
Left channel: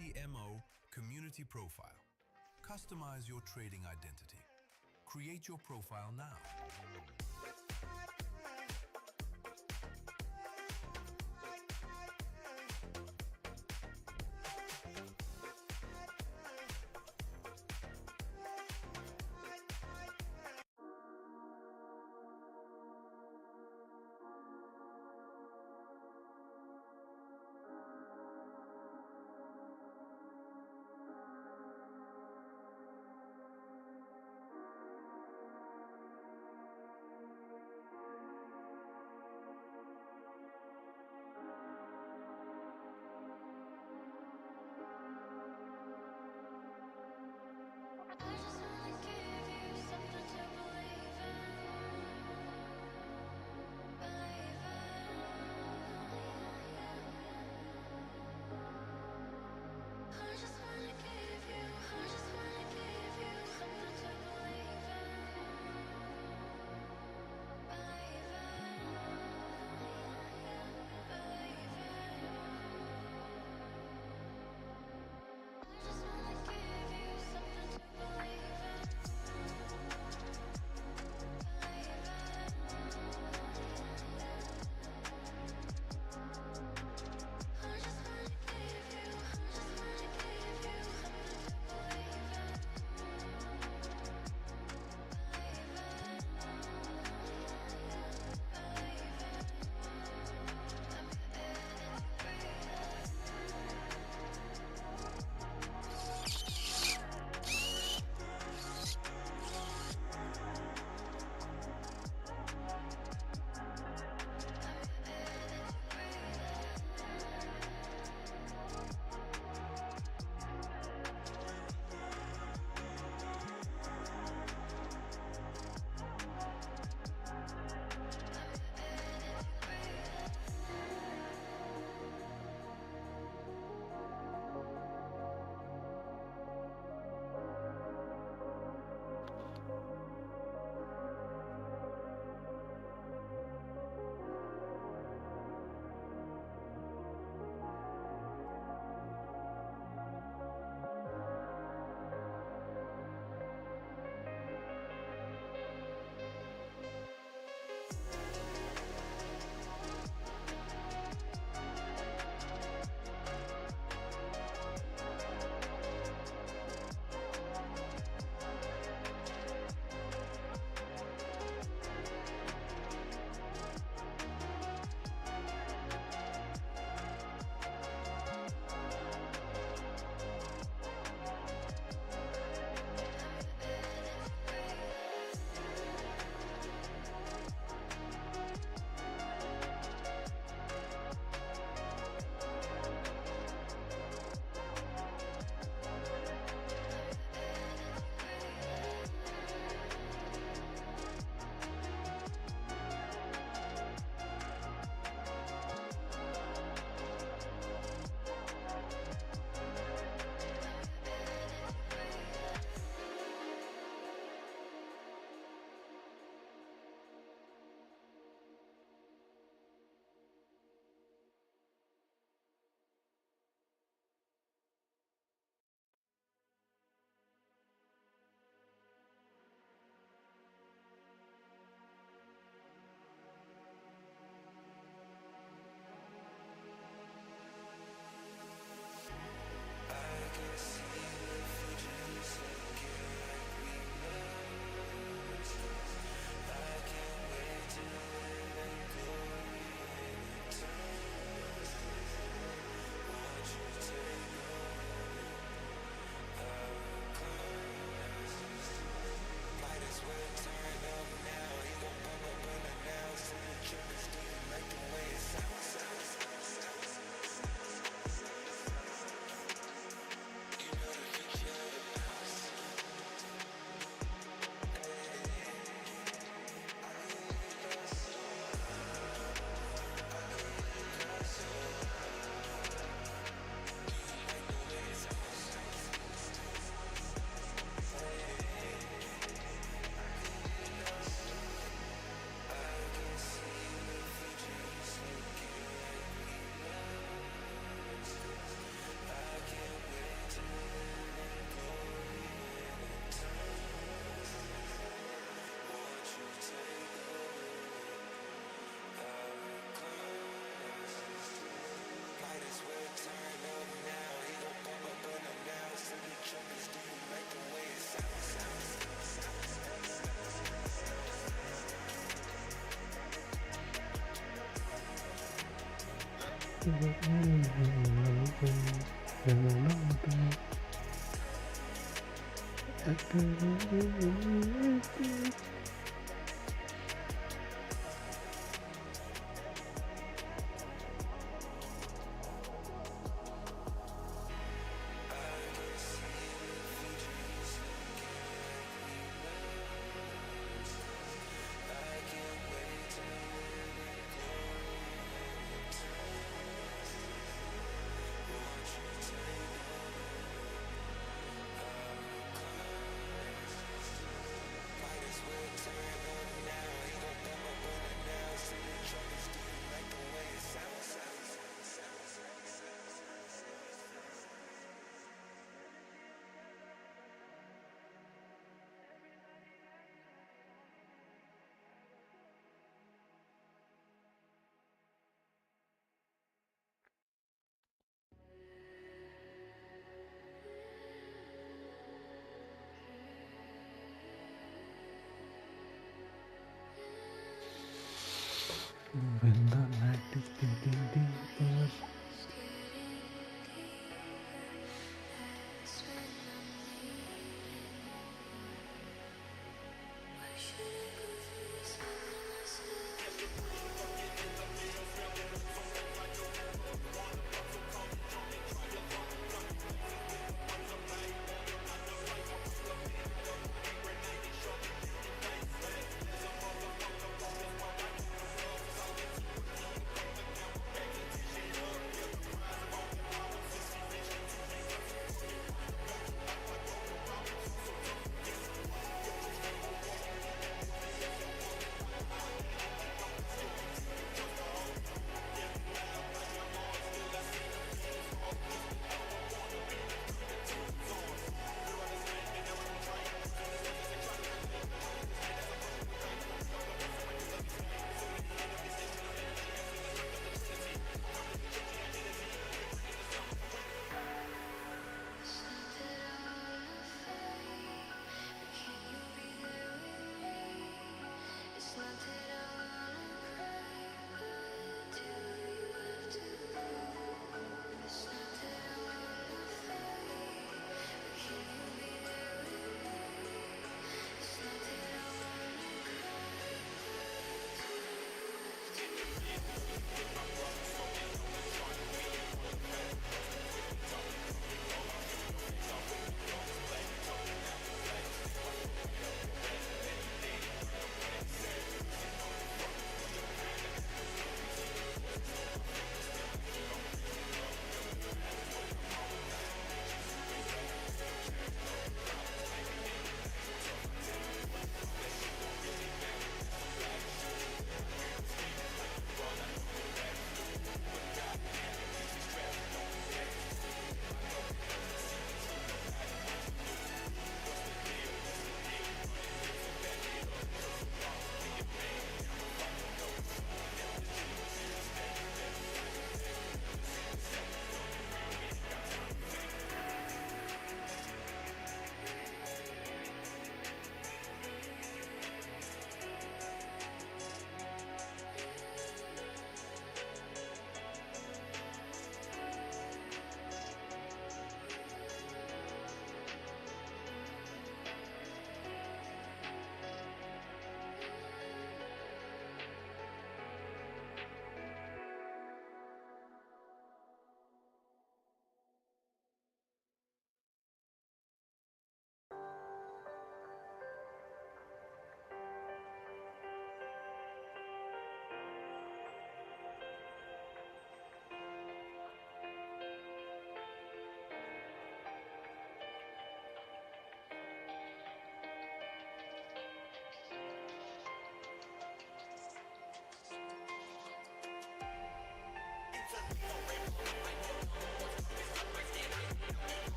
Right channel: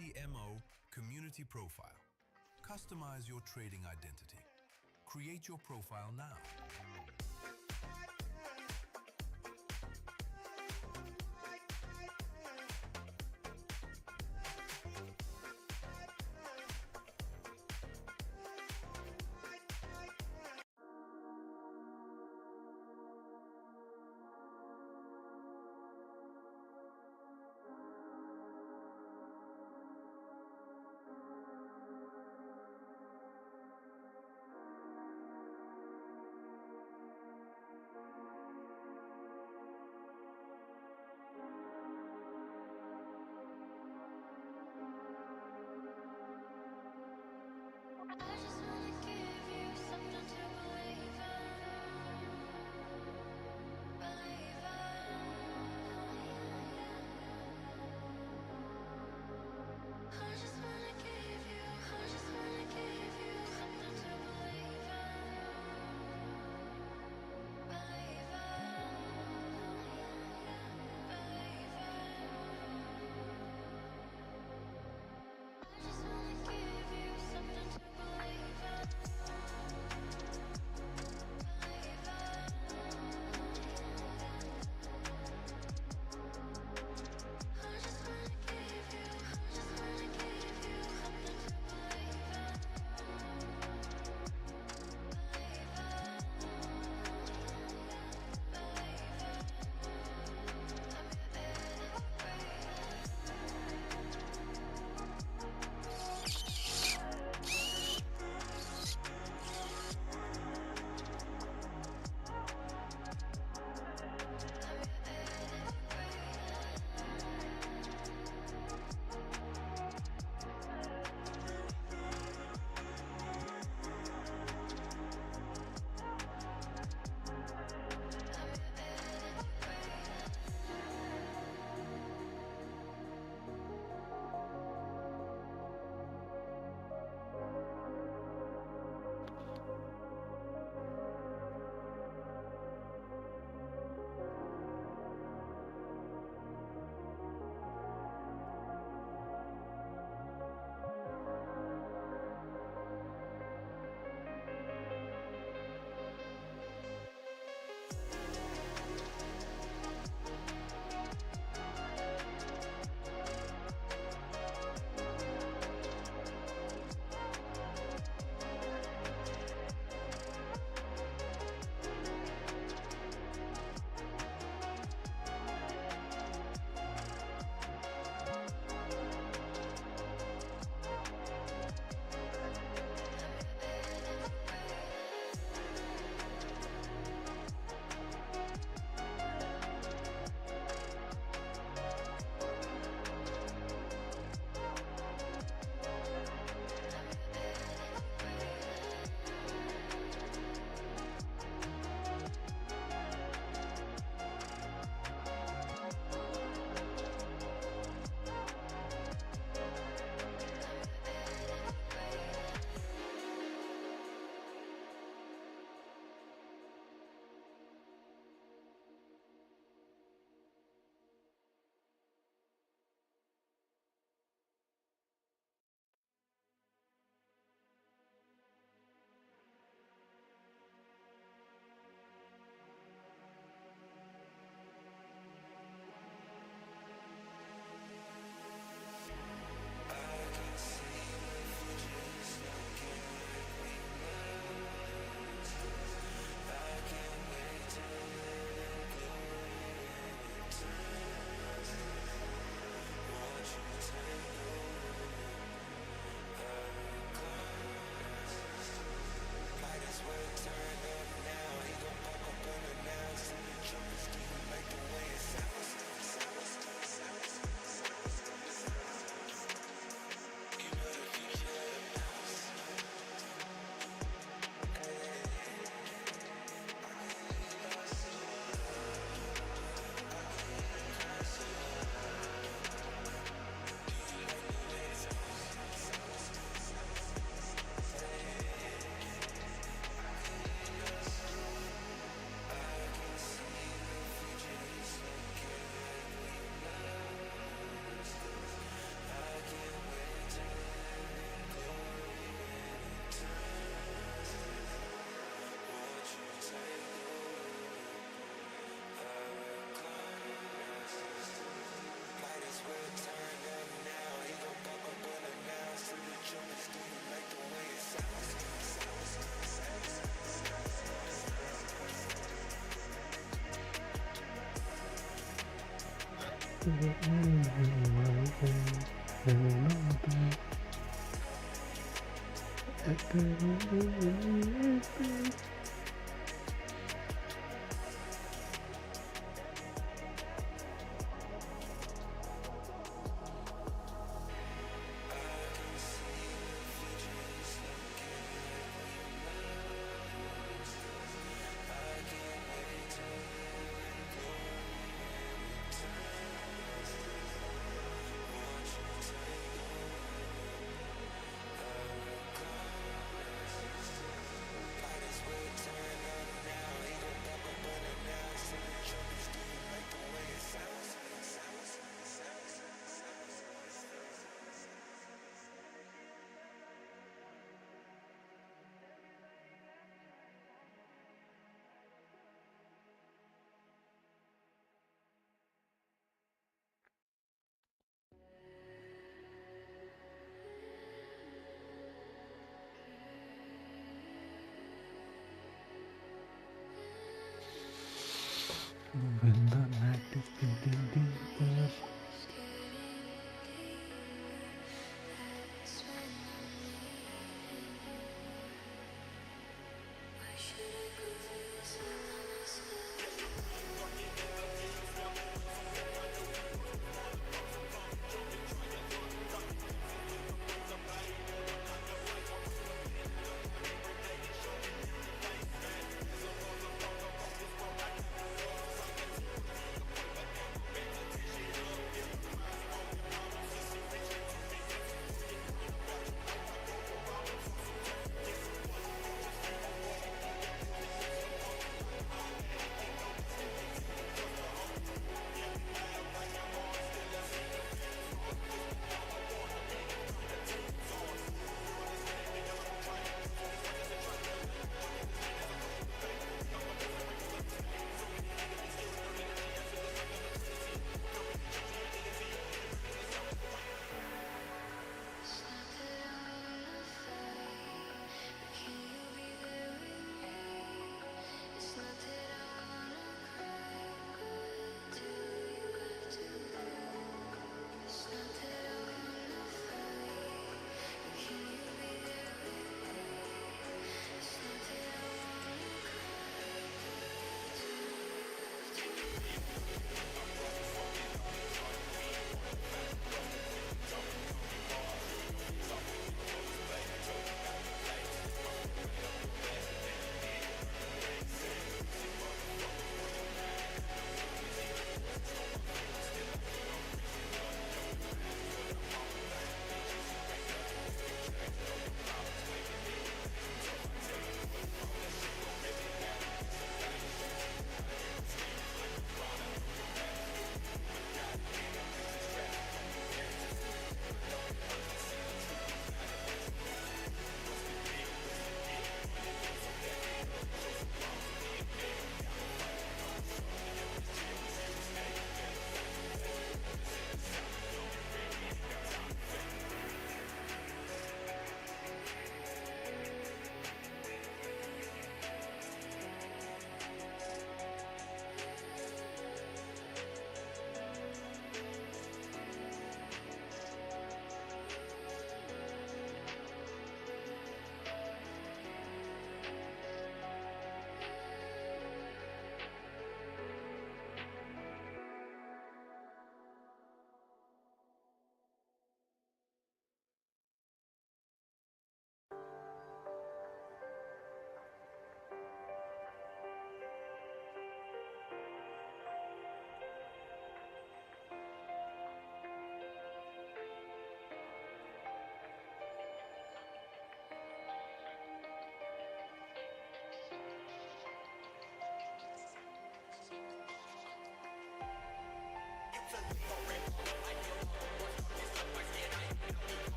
UTMO community profile. Customize your trading identity. Create your profile now.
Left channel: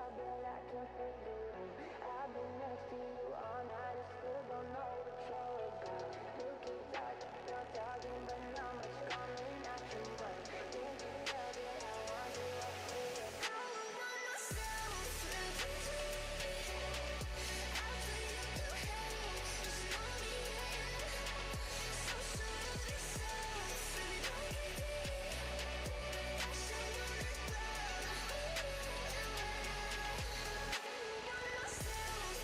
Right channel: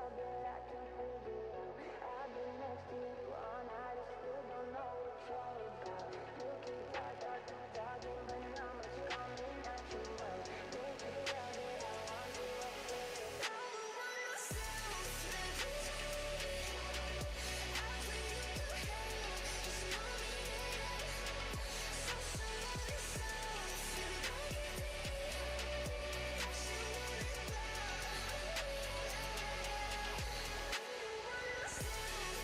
tell that I can't figure out. I've been next to you all night, I still don't know what you're about. You keep talking, but not much coming out your mouth. Can't you tell that I want you? I say it. I would want myself to please me. I'll put you through hell, just know me, yeah. So sure of yourself, baby, don't get greedy. I should want it well, want myself.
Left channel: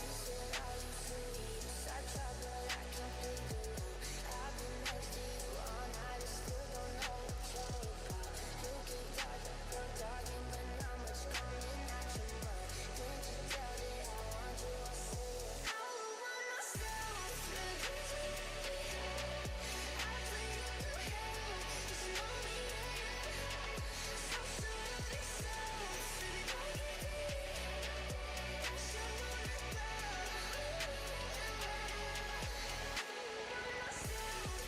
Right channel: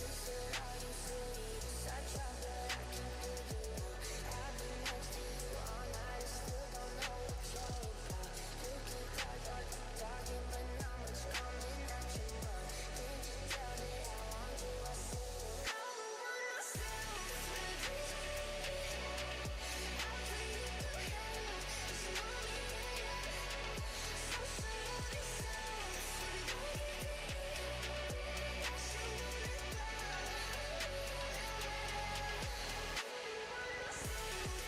You said how you sleep, I try but I can't figure out. I've been next to you all night, I still don't know what you're about. You keep talking, but not much coming out your mouth. Can't you tell that I want you? I say it. I would want myself to please me. I'll put you through hell, just know me, yeah. So sure of yourself, baby, don't get greedy. I should want it well, want myself.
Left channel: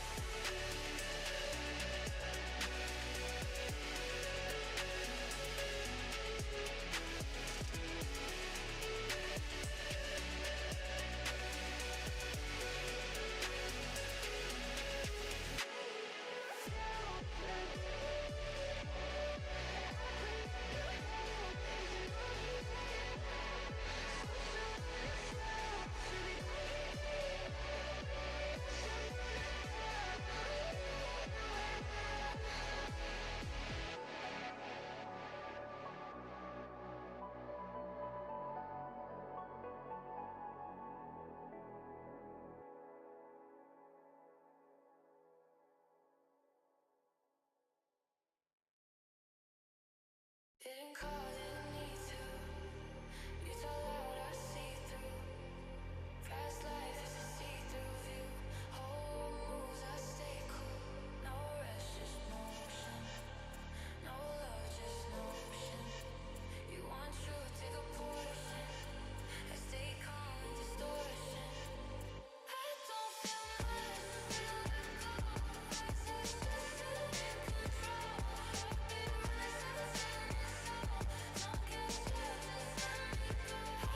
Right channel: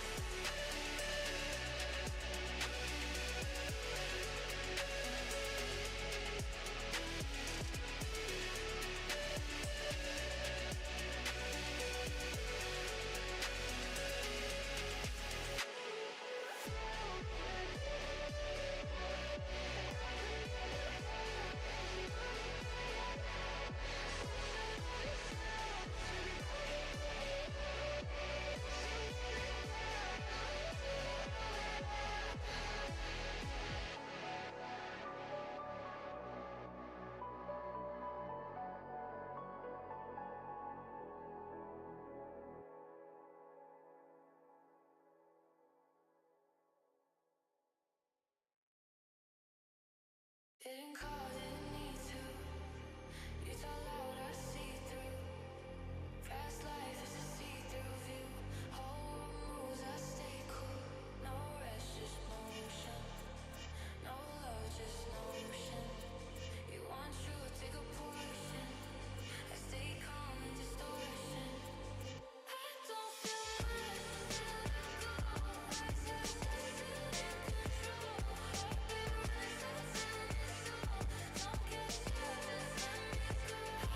Didn't call, didn't need to. You tell loud, I see through. Fast life is a see-through view. Whole moves, I stay cool. No rest, just motion. No love, just notion. You want truth, take a portion. I stay calm in distortion. I don't feel much till I go. I just still in control. Heartbeat runs out, time is so. Don't catch up, just let me go.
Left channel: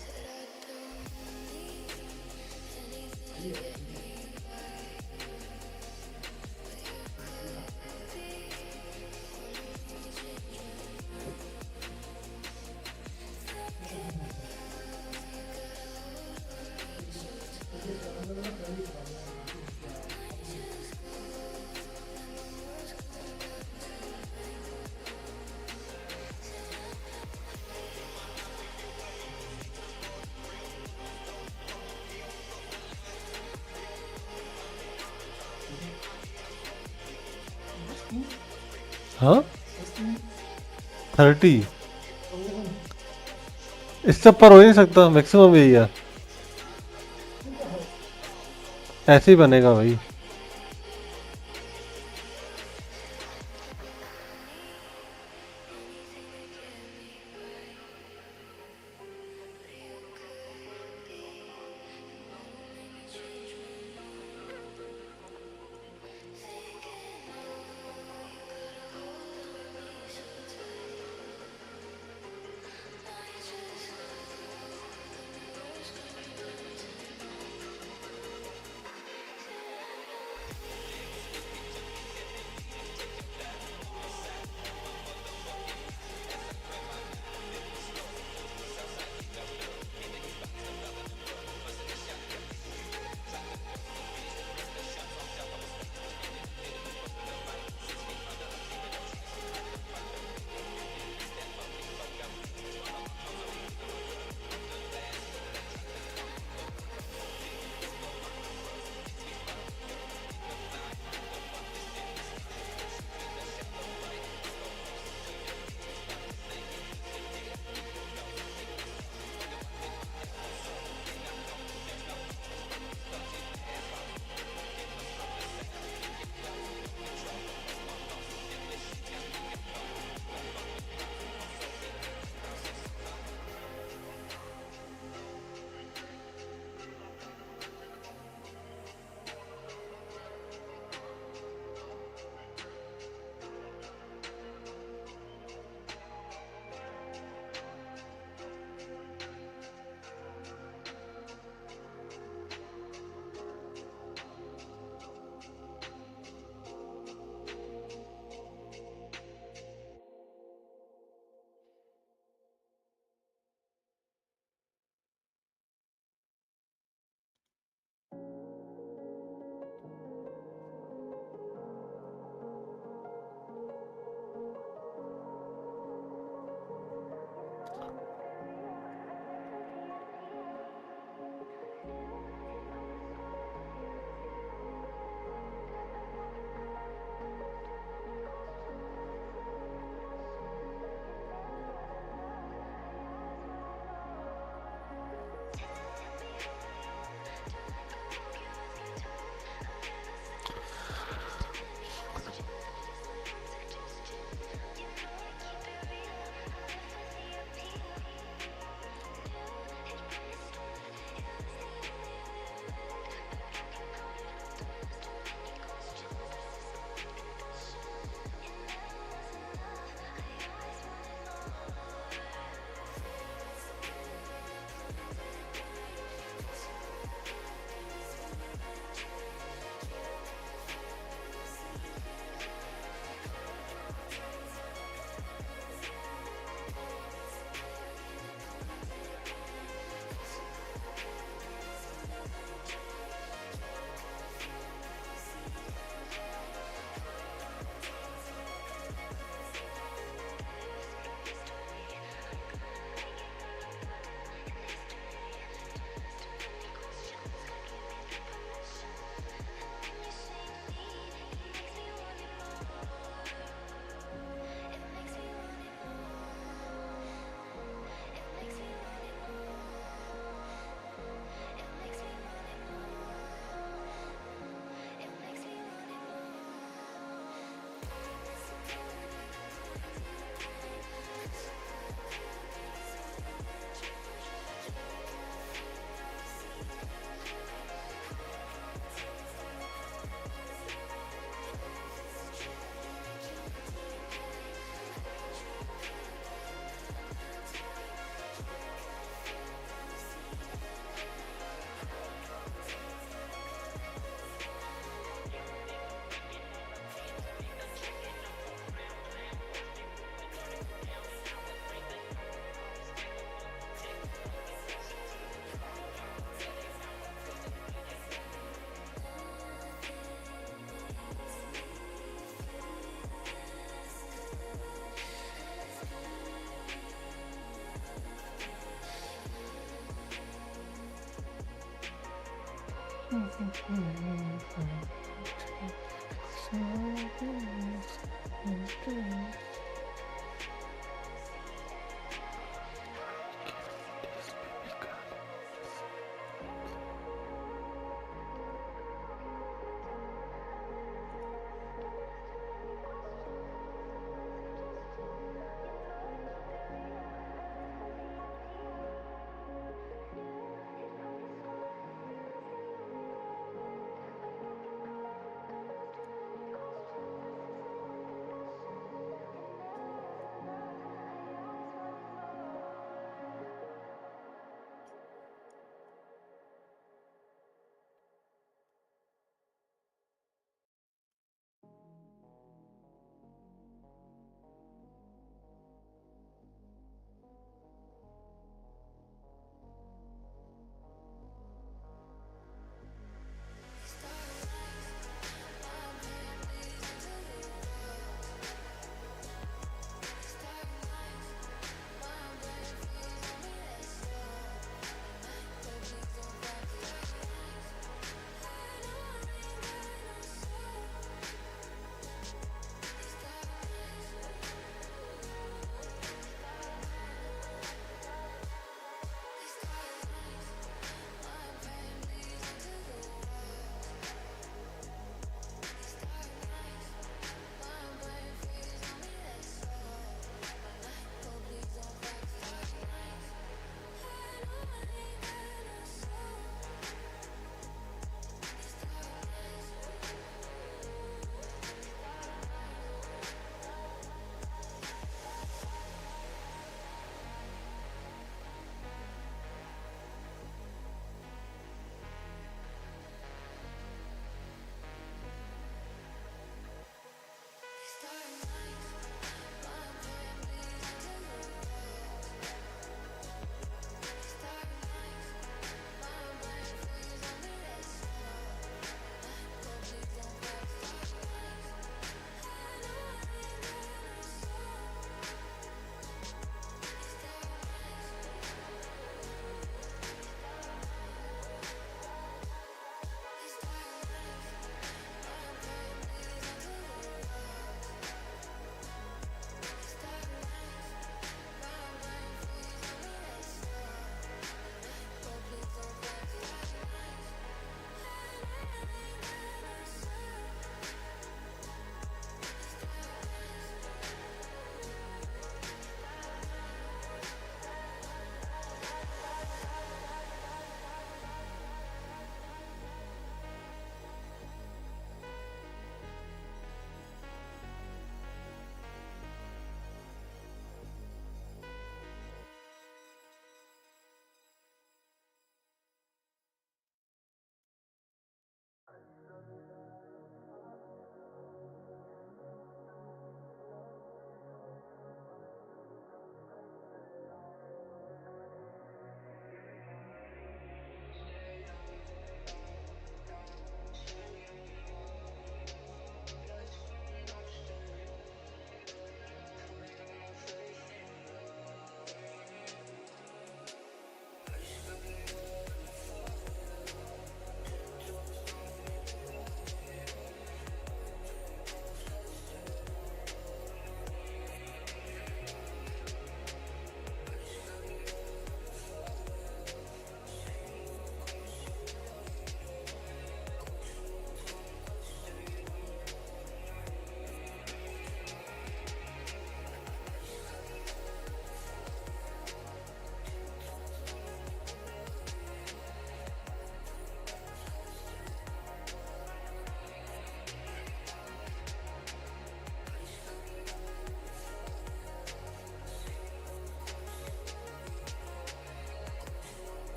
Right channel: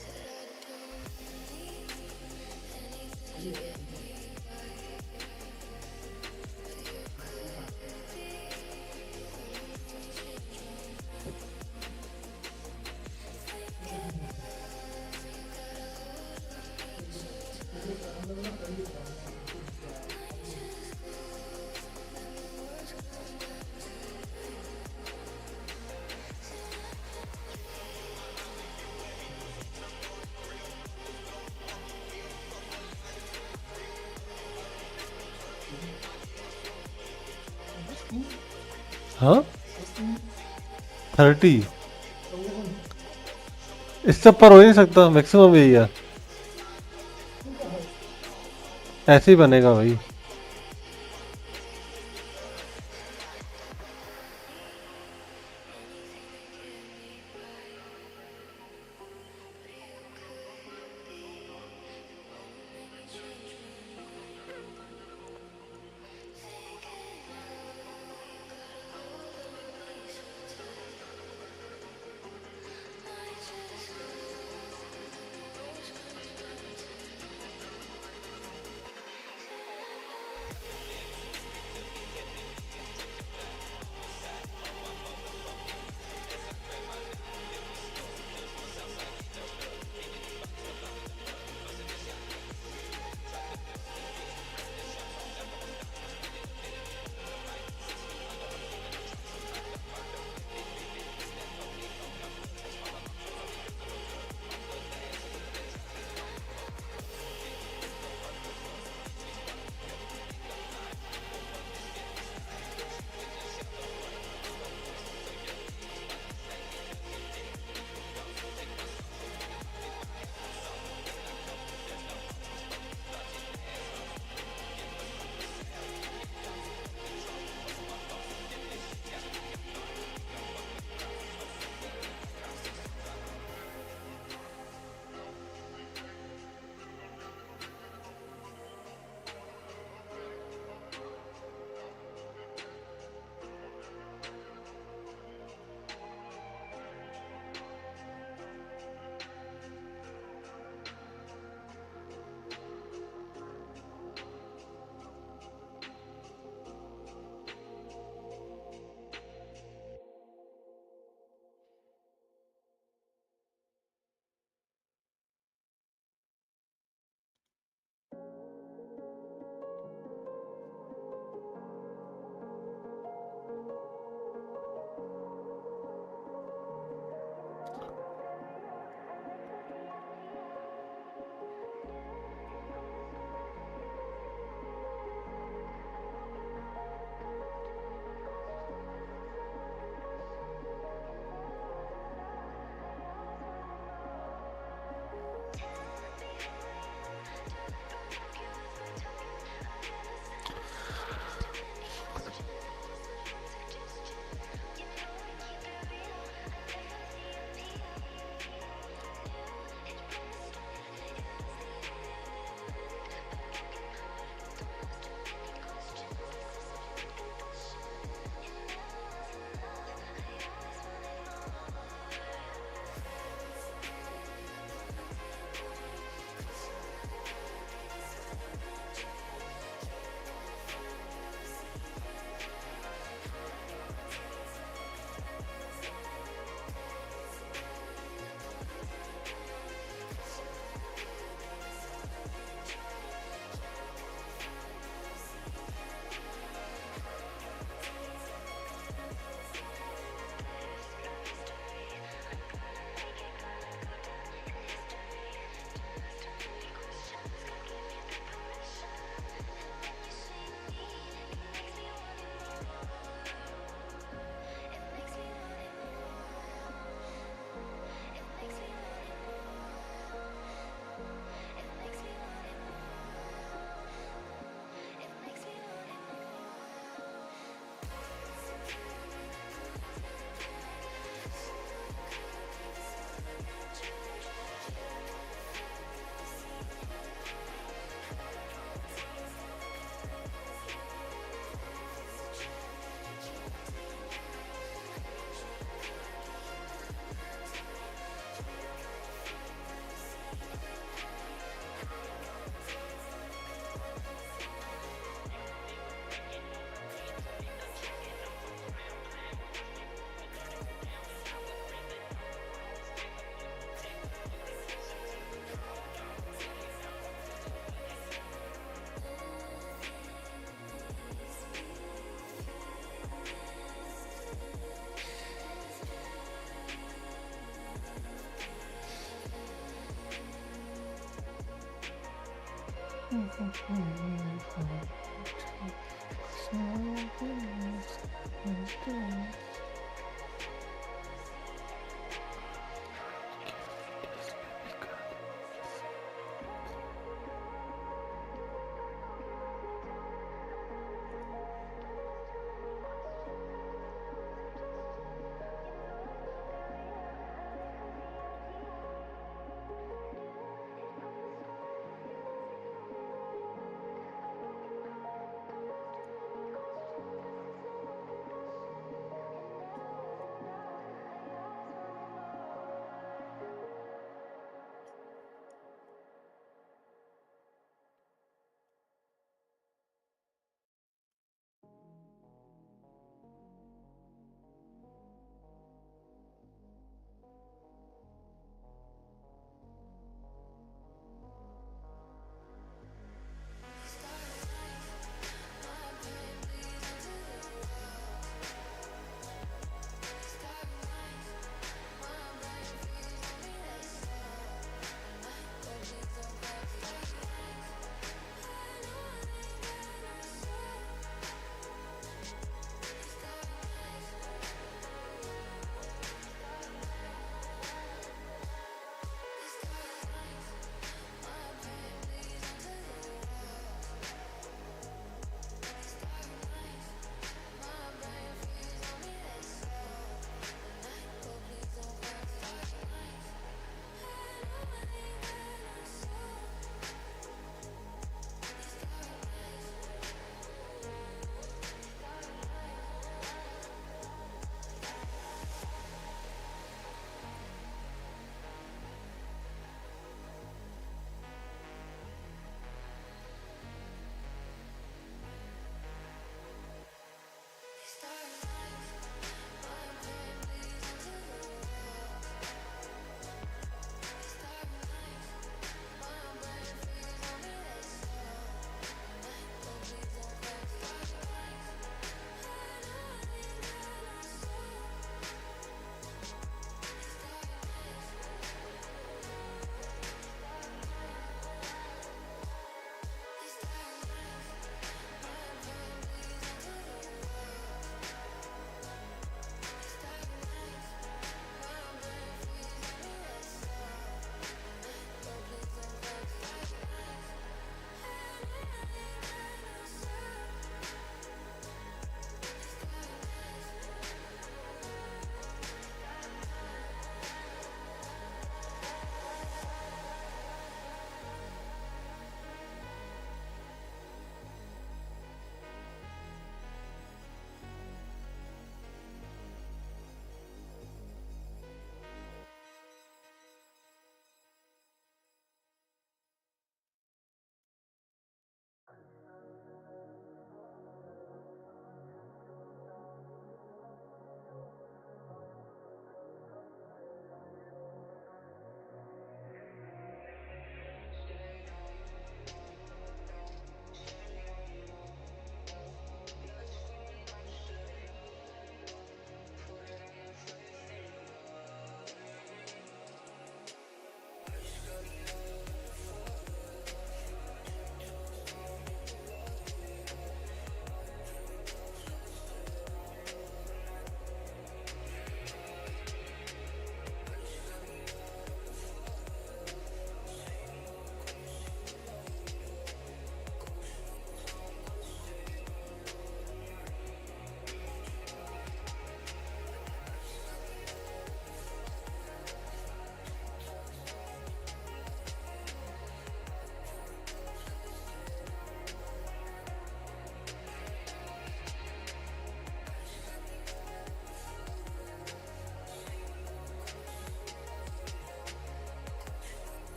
Said I don't need anything to get me by, but you could be the one who made me change my mind. Thinking how you got a hold on me so tight. Might just go, let my words come down tonight. Said I हाँ 30 इससे ऊपर हो ही नहीं सकता, maximum यही है, ऐसे ही बनेगा भाई। anything to get me by, but you could be the one who made me change my mind. Thinking how you got a hold on me so tight. Might just go, let my words come down tonight. Said I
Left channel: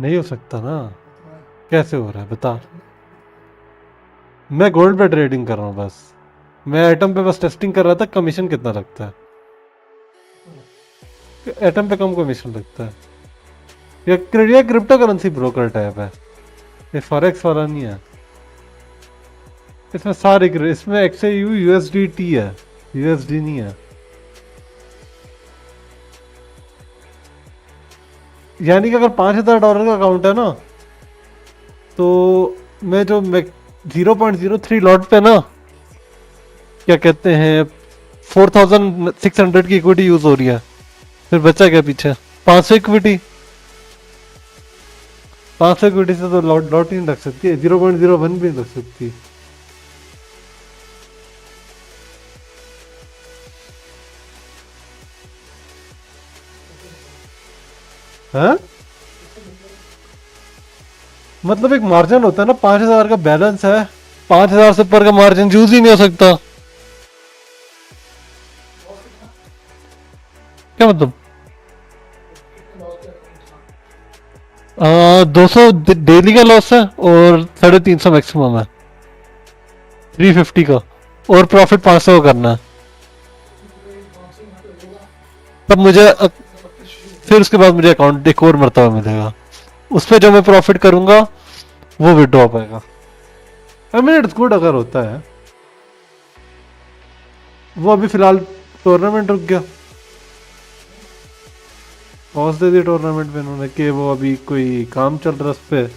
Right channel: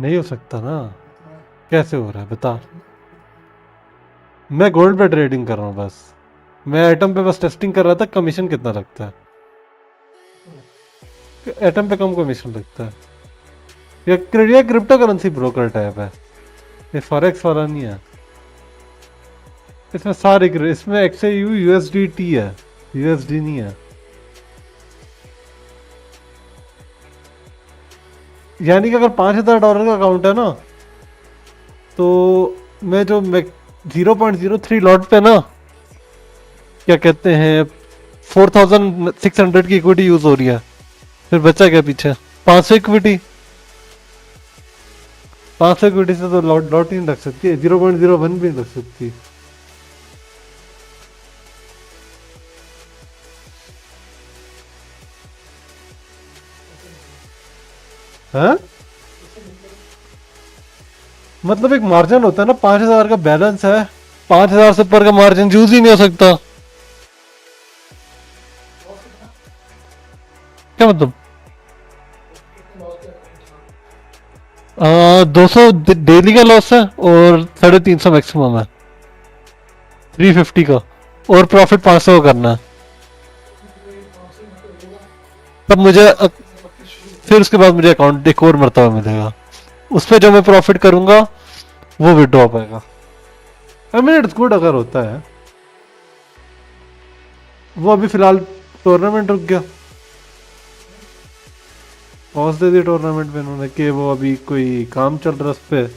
नहीं हो सकता ना, कैसे हो रहा है बता। मैं गोल्ड पे ट्रेडिंग कर रहा हूँ बस, मैं एटम पे बस टेस्टिंग कर रहा था कमीशन कितना लगता है। एटम पे कम कमीशन लगता है। ये क्रिप्टो करेंसी ब्रोकर टाइप है, ये फॉरेक्स वाला नहीं है। इसमें सारे इसमें XAU USDT है, USD नहीं है। यानी कि अगर $5,000 का अकाउंट है ना, तो मैं 0.03 लॉट पे ना, क्या कहते हैं, 4,600 की इक्विटी यूज हो रही है, फिर बचा क्या पीछे? 500 इक्विटी। 500 इक्विटी से तो लॉट लॉट ही नहीं लग सकती, 0.01 भी नहीं लग सकती। हाँ, मतलब एक मार्जिन होता है ना, 5,000 का बैलेंस है, 5,000 से ऊपर का मार्जिन यूज ही नहीं हो सकता। क्या मतलब? 200 डेली का लॉस है और 350 मैक्सिमम है, 350 का, और प्रॉफिट 500 का करना है। तब मुझे फिर उसके बाद मुझे अकाउंट एक और मरतबा मिलेगा, उस पर जो मैं प्रॉफिट करूंगा वो विड्रॉ पाएगा। आई मीन इट्स गुड अगर होता है। वो अभी फिलहाल टूर्नामेंट रुक गया, पॉज दे दी टूर्नामेंट में उन्होंने कि वो अभी कोई काम चल रहा है उस पर।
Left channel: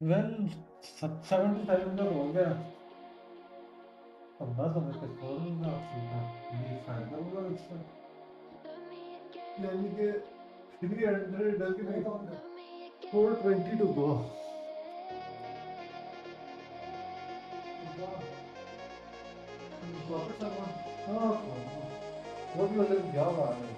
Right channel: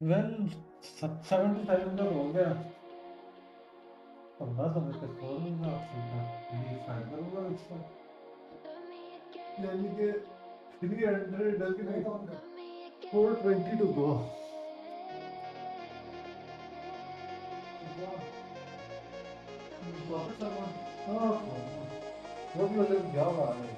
वेल 75 का हो गया, 15 समय पे छोड़ दूंगा, सीधा लीव साइन करूंगा इसमें, यानी कि 300 again 420 to go. Profit server हाँ वो भी मतलब क्या हुआ है।